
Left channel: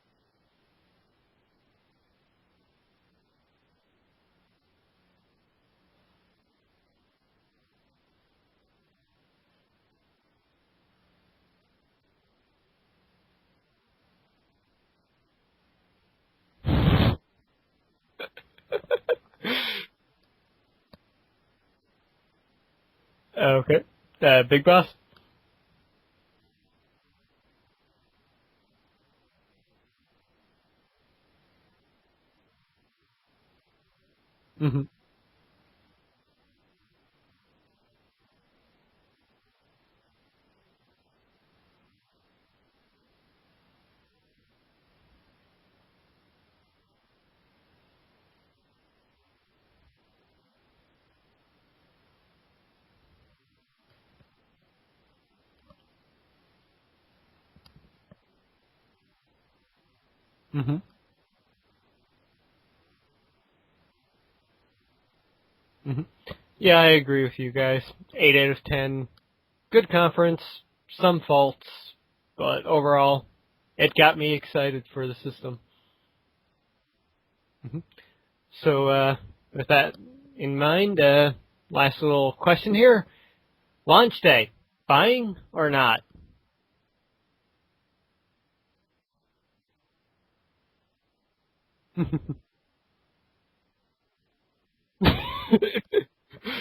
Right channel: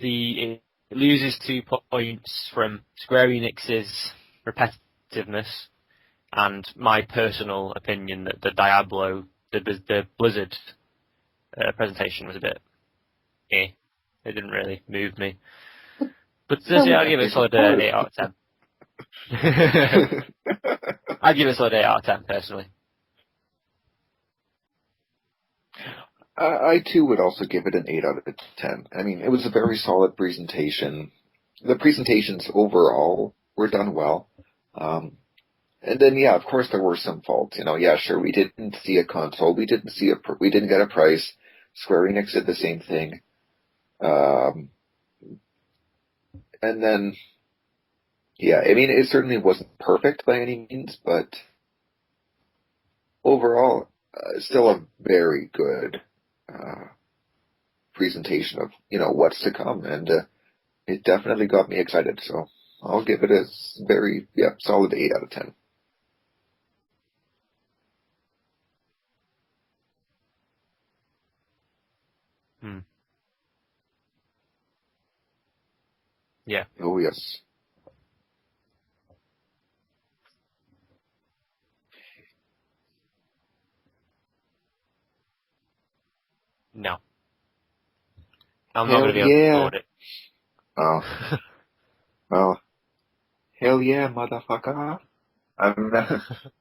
it loses 2 points from Square Enix's repetitiveness and my personal opinion that the Diablo, the Blizzard presentation was a bit It didn't really move me. But I'll give it a solid 8 out of 10. I'd give it a solid 8 out of 10, personally. Okay. Big Boss? I too would also give it an 8 out of 10. I mean, it was a very solid presentation. The presentations overall were done well. Mm-hmm. And then, yeah, of course there were some faults. Yeah, sure, we didn't see a console. We didn't get a price. Square Enix did the same thing. And then, yeah, I mean, it certainly wasn't perfect by any means, but overall, still a very good presentation of, what's to come. And it definitely got me excited. So I'll give it a very, solid 8 out of 10. Mm-hmm. Yeah, I agree with you guys. 8 out of 10. Good conference. Some faults, but overall, it got me excited for the system. Yeah. Oh, yes. Mm-hmm. So, with that in mind, last little question here. Launch day, buying or not? No. I'm not going to be able to afford it. Oh. Well, Hell yeah, motherfucker.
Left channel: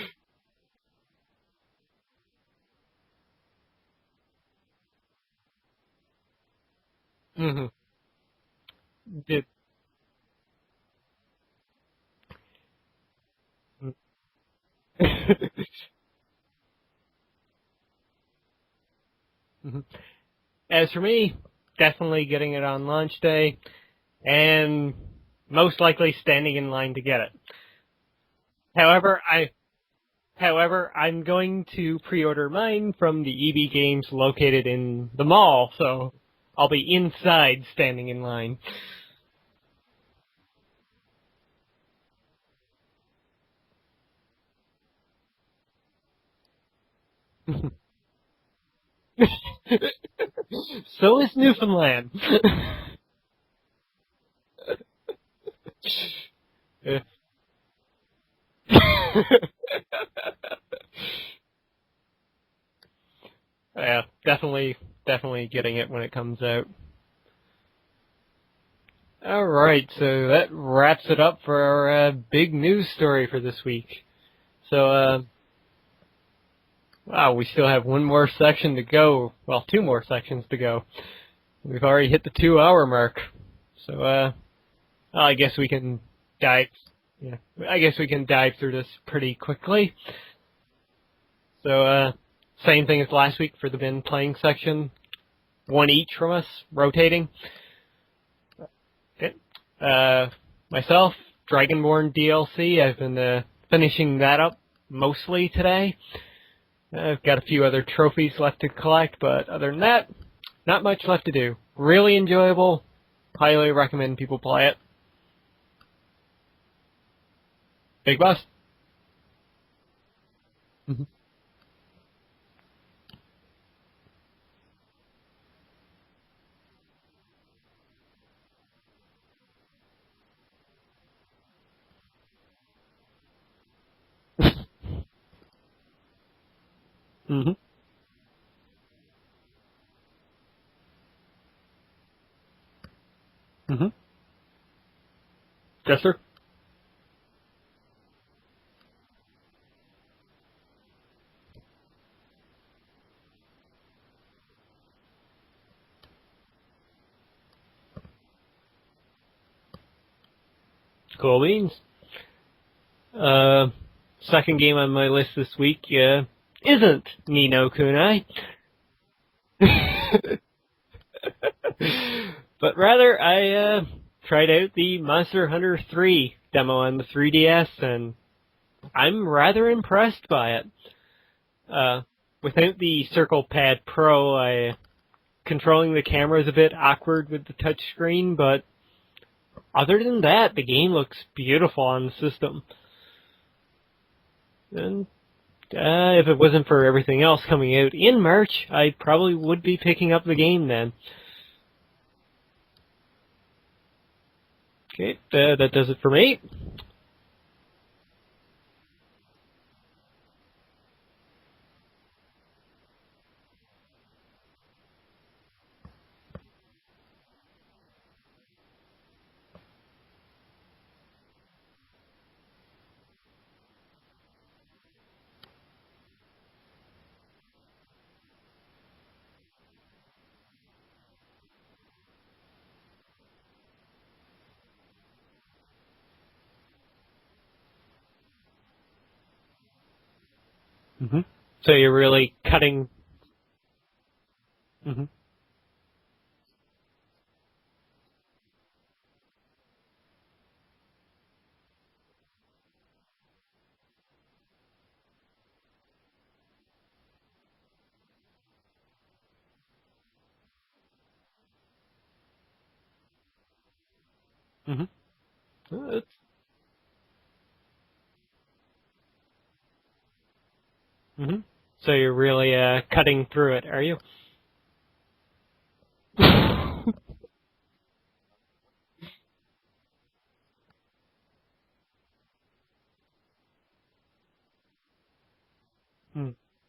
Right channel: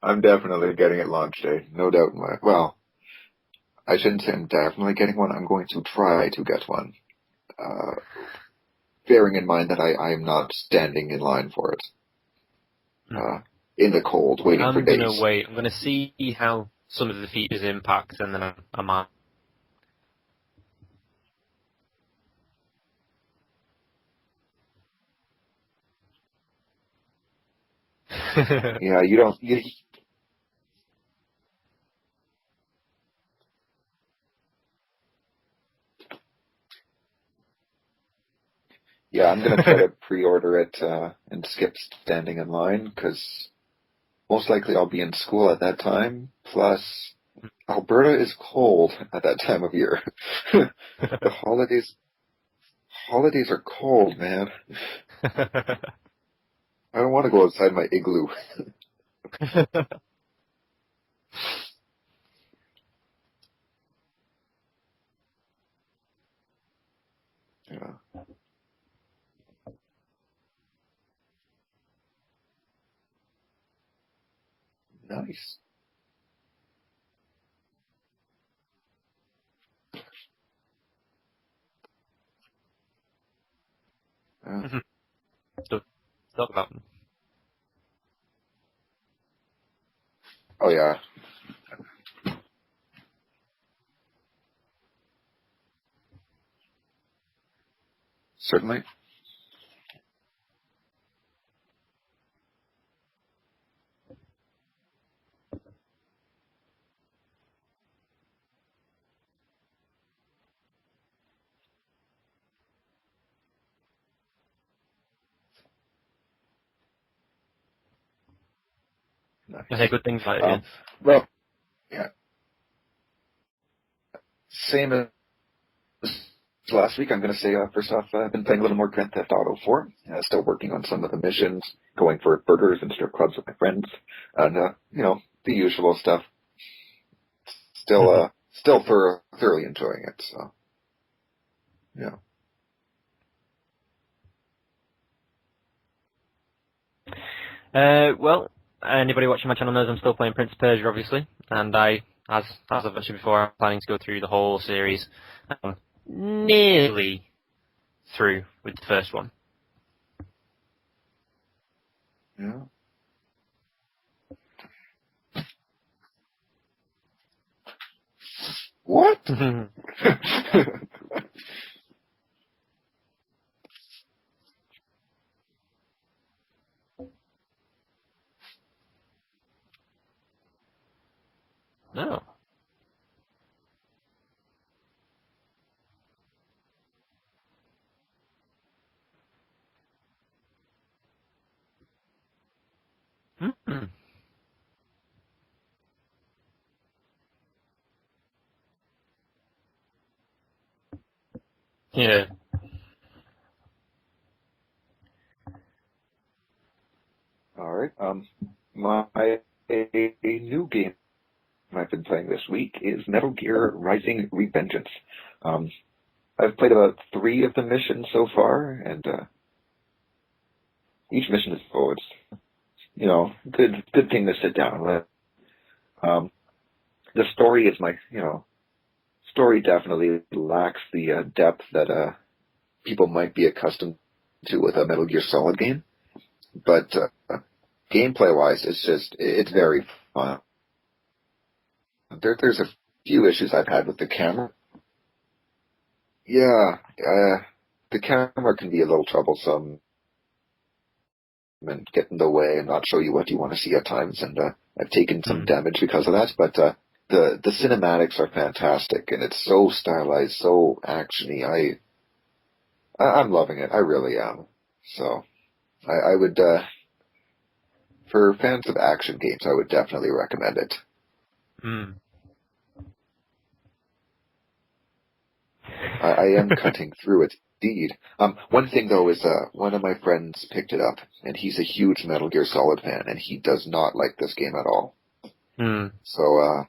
I'm definitely getting it launch day. No doubt. Well, I shouldn't say I'm definitely getting one. I'm going to try to get one. Mm-hmm. Bearing in mind that I am not standing in line for it. In the cold, waiting for days. I'm going to wait. I'm going to see how some of the features impact, and then I might. Mm-hmm. As for me, definitely getting it on launch day, and most likely standing in line to get it. However, I'm going to pre-order mine from the EB Games located in the mall, so I'll be inside standing in line. Yeah, I'm going to try to pre-order it and skip standing in line, because most likely I'll be in school at that time, plus Alberta is cold at that time of year. So is Newfoundland. Holidays are cold, man. I don't want to go outside my igloo. Yeah, definitely getting it when it comes out. Yeah. All right, so that wraps it up for our big news story for this week. So, Nice. Wow, we still have one more section to go. Well, two more sections to go. We've already hit the 2-hour mark. So, I guess we can dive. Yeah, I guess we can dive through this pretty quickly. Oh yeah. So, same thing as last week for the bin playing section. One each from us, rotating. Certainly. Okay. Myself, Dragonborn DLC. I've been finishing that up mostly today. I've got a few other trophies left to collect, but other than that, not much left to do. Really enjoyable. Highly recommend people play it. Big Boss? Nice. I say good things about it. Well, yeah. Same as last week, I'm going to say, first off, I've been playing a little more Grand Theft Auto 4. Still working on some of the missions, going for burgers and strip clubs with my friends, and, the usual stuff. Mm-hmm. Still thoroughly enjoying it, so, yeah. Mm-hmm. Jester? Well, anybody watching my channel knows I'm still playing Prince of Persia, obviously, and as I've mentioned before, I'm planning to go through the whole series. Nearly through with the first one. Cool beans. Yeah. Second game on my list this week isn't Ni no Kunai. What? But rather, I tried out the Monster Hunter 3 demo on the 3DS, and I'm rather impressed by it. Without the Circle Pad Pro, controlling the camera is a bit awkward with the touchscreen, but other than that, the game looks beautiful on the system. And if it wasn't for everything else coming out in March, I probably would be picking up the game then. Yeah. Okay, that does it for me. All right. My new game I've been playing this week is Metal Gear Rising: Revengeance. I've played about 3 of the missions so far, and each mission is good thing to sit down with. The story is story definitely lacks the depth that people might be accustomed to with a Metal Gear Solid game, but gameplay-wise, it's very fun. Mm-hmm. So you're really there's cutting... a few issues I've had with the camera. Mm-hmm. Yeah, the camera can be a little troublesome and get in the way and not show you what you want to see at times, and I've taken some damage because of that, but the cinematics are fantastic, and it's so stylized, so actiony. I'm loving it. I really am. Mm-hmm. So I would, for fans of action games, I would definitely recommend it. Mm-hmm. So you're really cutting through it, are you? I am cutting through it, indeed. One thing, though, is one of my friends picked it up, and he's a huge Metal Gear Solid fan, and he does not like this game at all. So,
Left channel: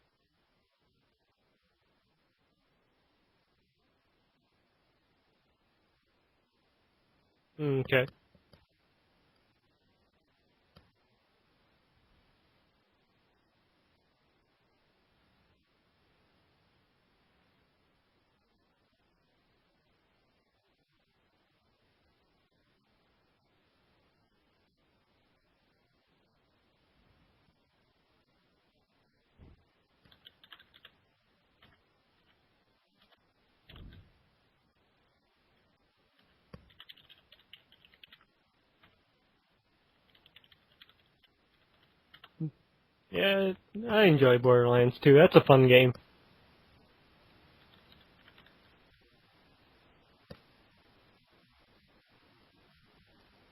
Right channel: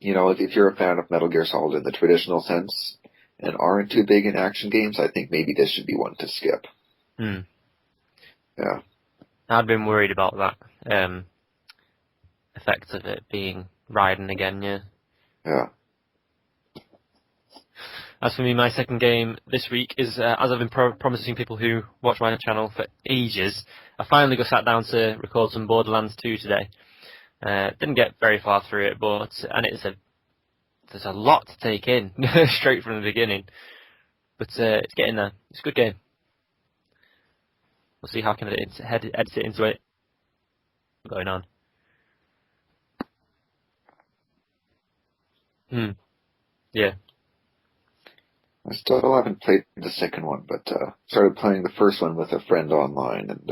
if you're a fan of Metal Gear Solid in the traditional sense and aren't too big in action games, I think maybe this should be one to skip. Okay. Yeah. I'd been worried about that effect of it being Raiden again, yeah. Yeah. As for me, my second game this week is, as I've been promising people who watch my channel for ages, I finally got sat down to record some Borderlands 2 today. Didn't get very far through it, there's a lot to take in straight from the beginning. But it's getting there. It's a good game. We'll see how I can edit it into it. What's going on? Yeah, I enjoy Borderlands 2. That's a fun game. Yeah. I still haven't played the second one, but started playing the first one with a friend online, and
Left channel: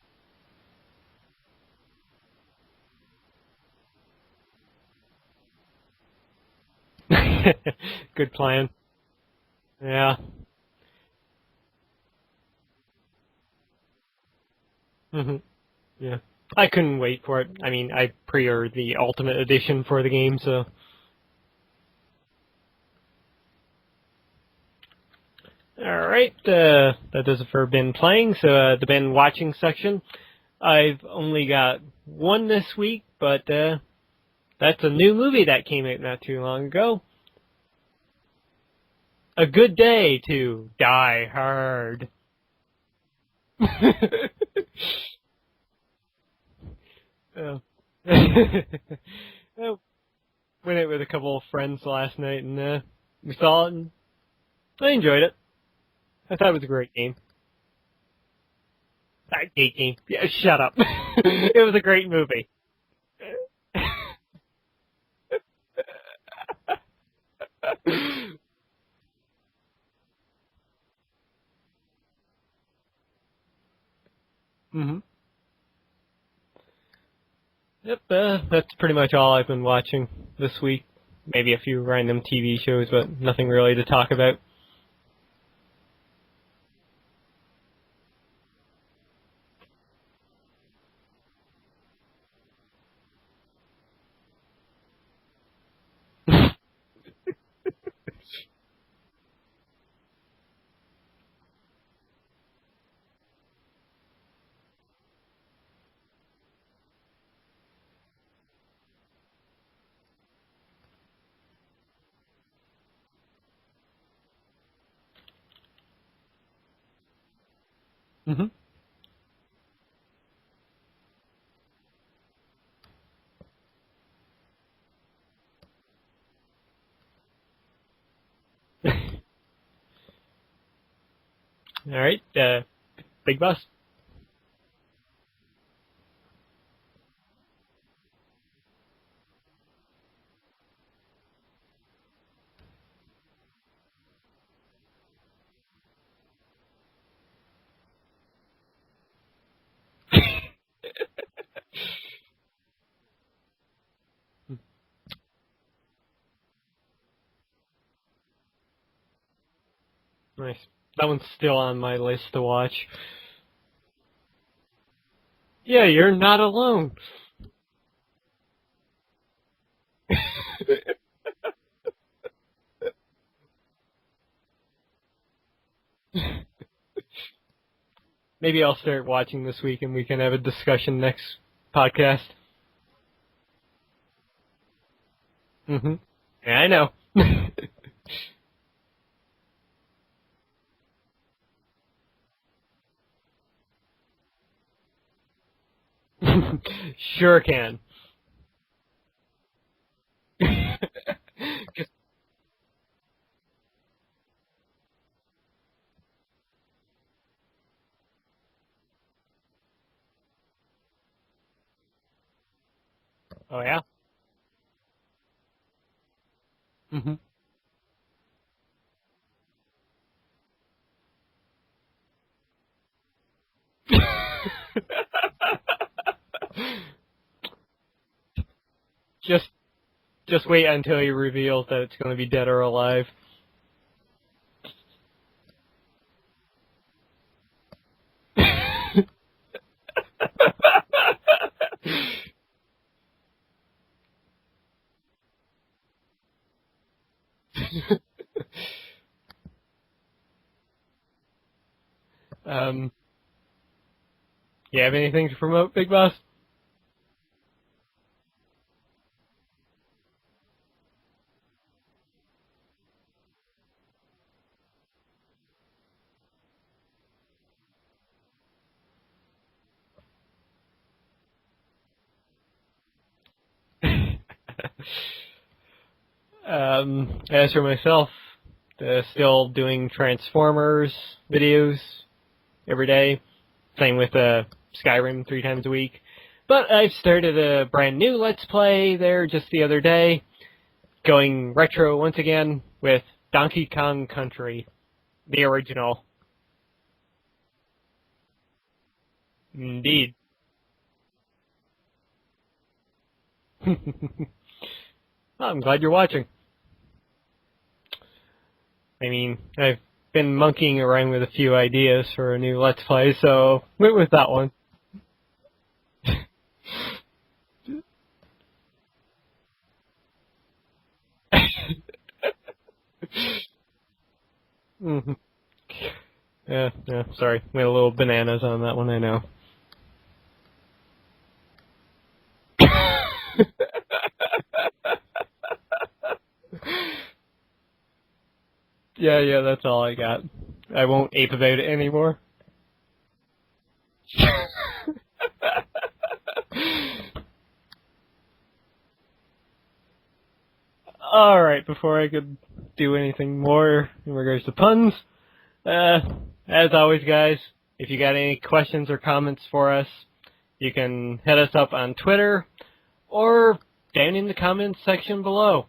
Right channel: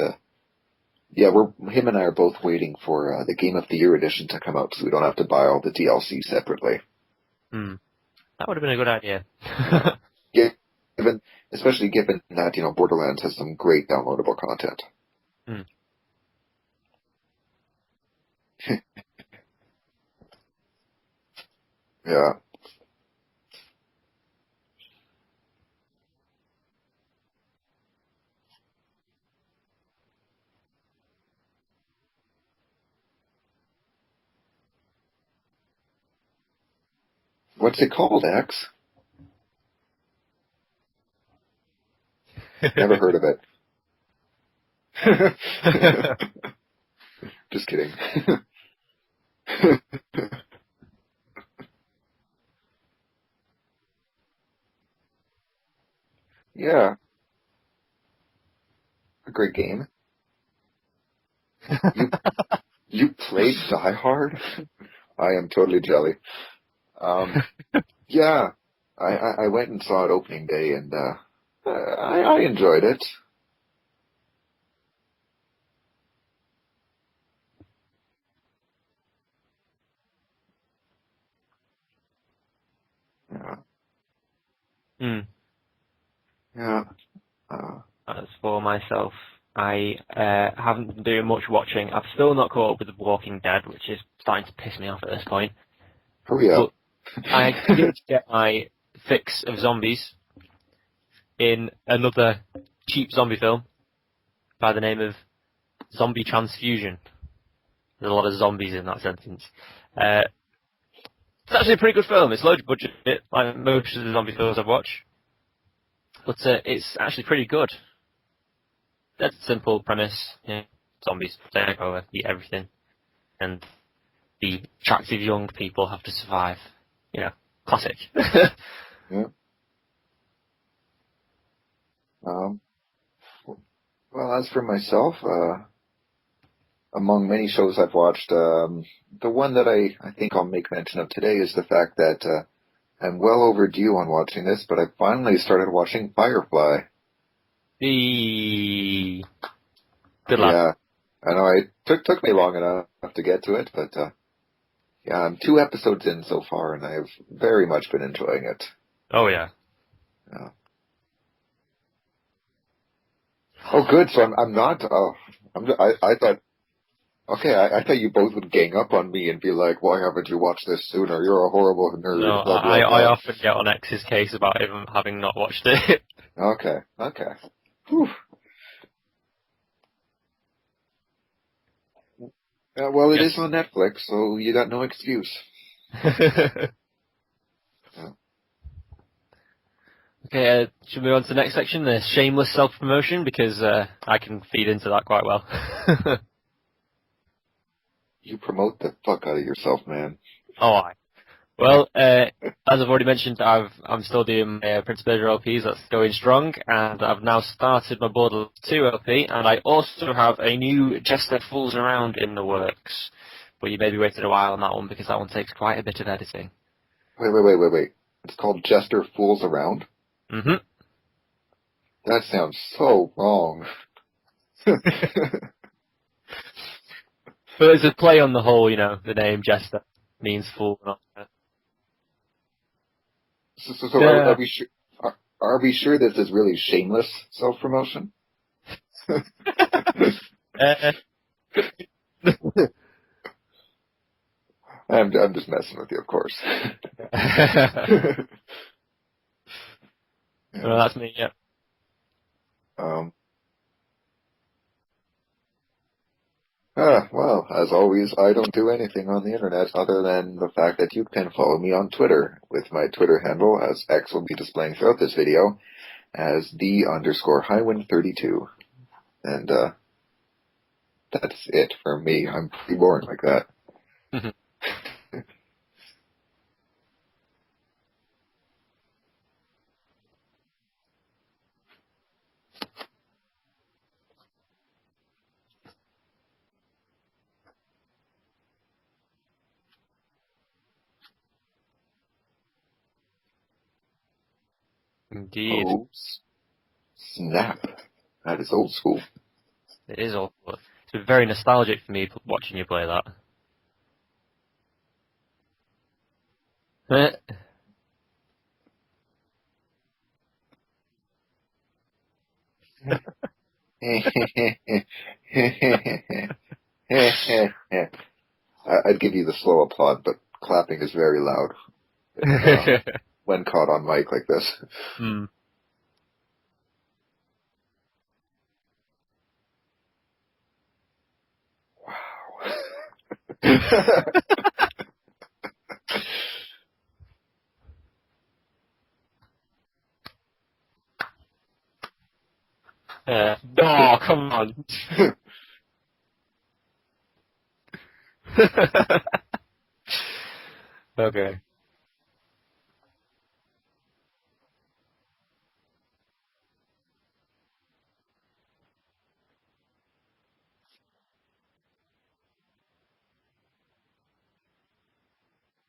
yeah, him and I are both waiting for the Game of the Year edition to come out, so we don't have to buy all the DLC separately. Good That would have plan. been a good idea. Yeah. Especially given that Borderlands has some great downloadable content. Yeah. I couldn't wait for it. I mean, I pre-ordered the Ultimate Edition for the game, so. Yeah. Alright, that does it for been playing, so the been watching section. I've only got one this week, but that's a new movie that came out not too long ago. What's it called, X? A Good Day to Die Hard. Never heard of it. Just kidding. Went out with a couple of friends last night, and we saw it, and I enjoyed it. I thought it was a great game. A great game? Yeah, shut up. It was a great movie. You played Die Hard? I am totally jelly. Yeah, I went and saw it opening day, and I enjoyed it. Yep, that's pretty much all I've been watching this week. Maybe a few random TV shows, but nothing really to talk about. Yeah. As for myself, I haven't been doing much watching. I've still not caught up with The Walking Dead, which is starting to piss me off at this point. Yeah. But I did get my fix of zombies in another cheap zombie film by the name of Zombie Transfusion. There's a lot of zombies in that sentence. It's actually a pretty good film. It's low budget, like most of the zombie films I've watched. But it's actually pretty good. That's a simple premise. Yeah, zombies take over, eat everything, and the attractive young people have to survive. Classic. Yeah. Alright, Big Boss? Well, as for myself, among many shows I've watched, the one that I think I'll make mention of today is the fact that I'm well overdue on watching this, but I finally started watching Firefly. Good luck. Yeah, I know it took me long enough to get to it, but yeah, I'm 2 episodes in so far, and I've very much been enjoying it. Oh yeah. Nice. That one's still on my list to watch. Oh, good. So I'm not. Yeah, you're not alone. Okay, I thought you both would gang up on me and be like, "Why haven't you watched this sooner? You're a horrible nerd." No, blah, blah, I blah. often get on X's case about him having not watched it. Okay. Whew. Maybe I'll start watching this week and we can have a discussion next podcast. Well, it is on Netflix, so you got no excuse. Yeah, I know. Okay, should we move on to the next section, the shameless self-promotion, because I can feed into that quite well. Sure can. You promote the fuck out of yourself, man. Oh, well, as I've already mentioned, I'm still doing my Prince of Persia LPs. That's going strong, and I've now started my Borderlands 2 LP, and I also have a new Jester Fools Around in the works. Oh, We maybe waited a while on that one because that one takes quite a bit of editing. Wait. It's called Jester Fools Around? That sounds so wrong. But it's a play on the whole, the name Jester. Just wait until he reveals that it's going to be dead or alive. So are we sure this is really shameless self-promotion? I'm just messing with you, of course. Well, that's me, yeah. You have anything to promote, Big Boss? Well, as always, I don't do anything on the internet other than the fact that you can follow me on Twitter with my Twitter handle, as X will be displaying throughout this video, as the_Highwind32. And, that's it for me. I'm pretty boring like that. As for myself, still doing Transformers videos every day. Same with Skyrim 3 times a week. But I've started a brand new Let's Play there just the other day, going retro once again with Donkey Kong Country, the original. Snap. That is old school. Indeed. It is old. It's been very nostalgic for me watching you play that. Well, I'm glad you're watching. I mean, I've been monkeying around with a few ideas for a new Let's Play, so when was that one? I'd give you the slow applaud, but clapping is very loud when caught on mic like this. Mm-hmm. Yeah, sorry. We had a little bananas on that one, I know. Yeah, that's all I got. I won't ape about it anymore. Oh, come on. Okay. Alright, before I could do anything more in regards to puns, as always, guys, if you got any questions or comments for us, you can hit us up on Twitter or down in the comments section below.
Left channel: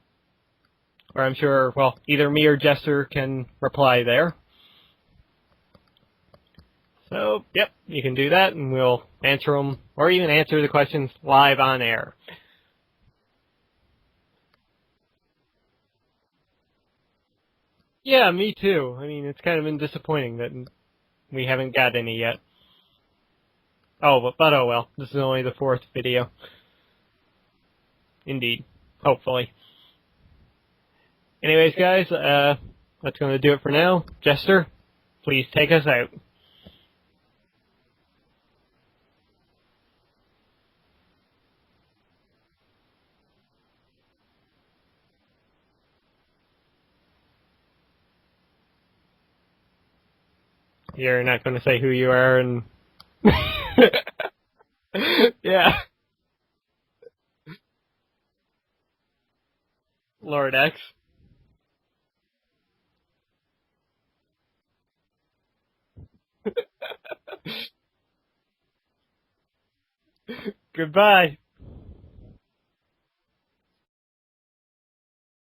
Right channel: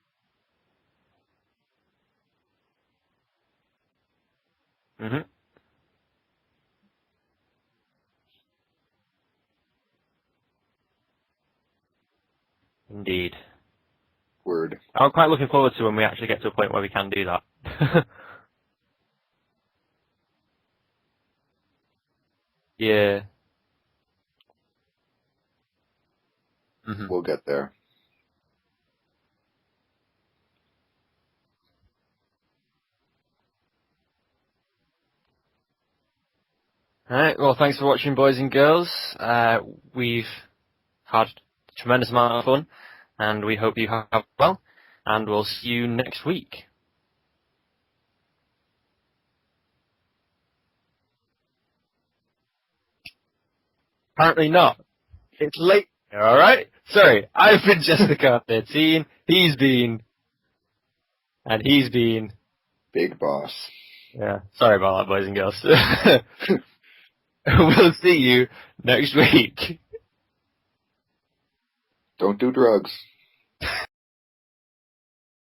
Or I'm sure, well, either me or Jester can reply there. Mm-hmm. So, yep, you can do that, and we'll answer them, or even answer the questions live on air. Indeed. Word. I'm quite looking forward to when we actually get to a point where we can do that. Yeah, me too. I mean, it's kind of been disappointing that we haven't got any yet. Yeah. Oh, but oh well. This is only the 4th video. Mm-hmm. We'll get there. Indeed. Hopefully. Anyways, guys, that's going to do it for now. Jester, please take us out. Alright, well, thanks for watching, boys and girls. We've had a tremendous amount of fun, and we hope you have well, and we'll see you next week. You're not going to say who you are and... Apparently not. It's Yeah. late, alright? Sorry, I've been Jessica 13, he's been... Lord X. And he's been... Big Boss. Yeah, sorry about that, boys and girls. We'll see you next week. Goodbye. Don't do drugs.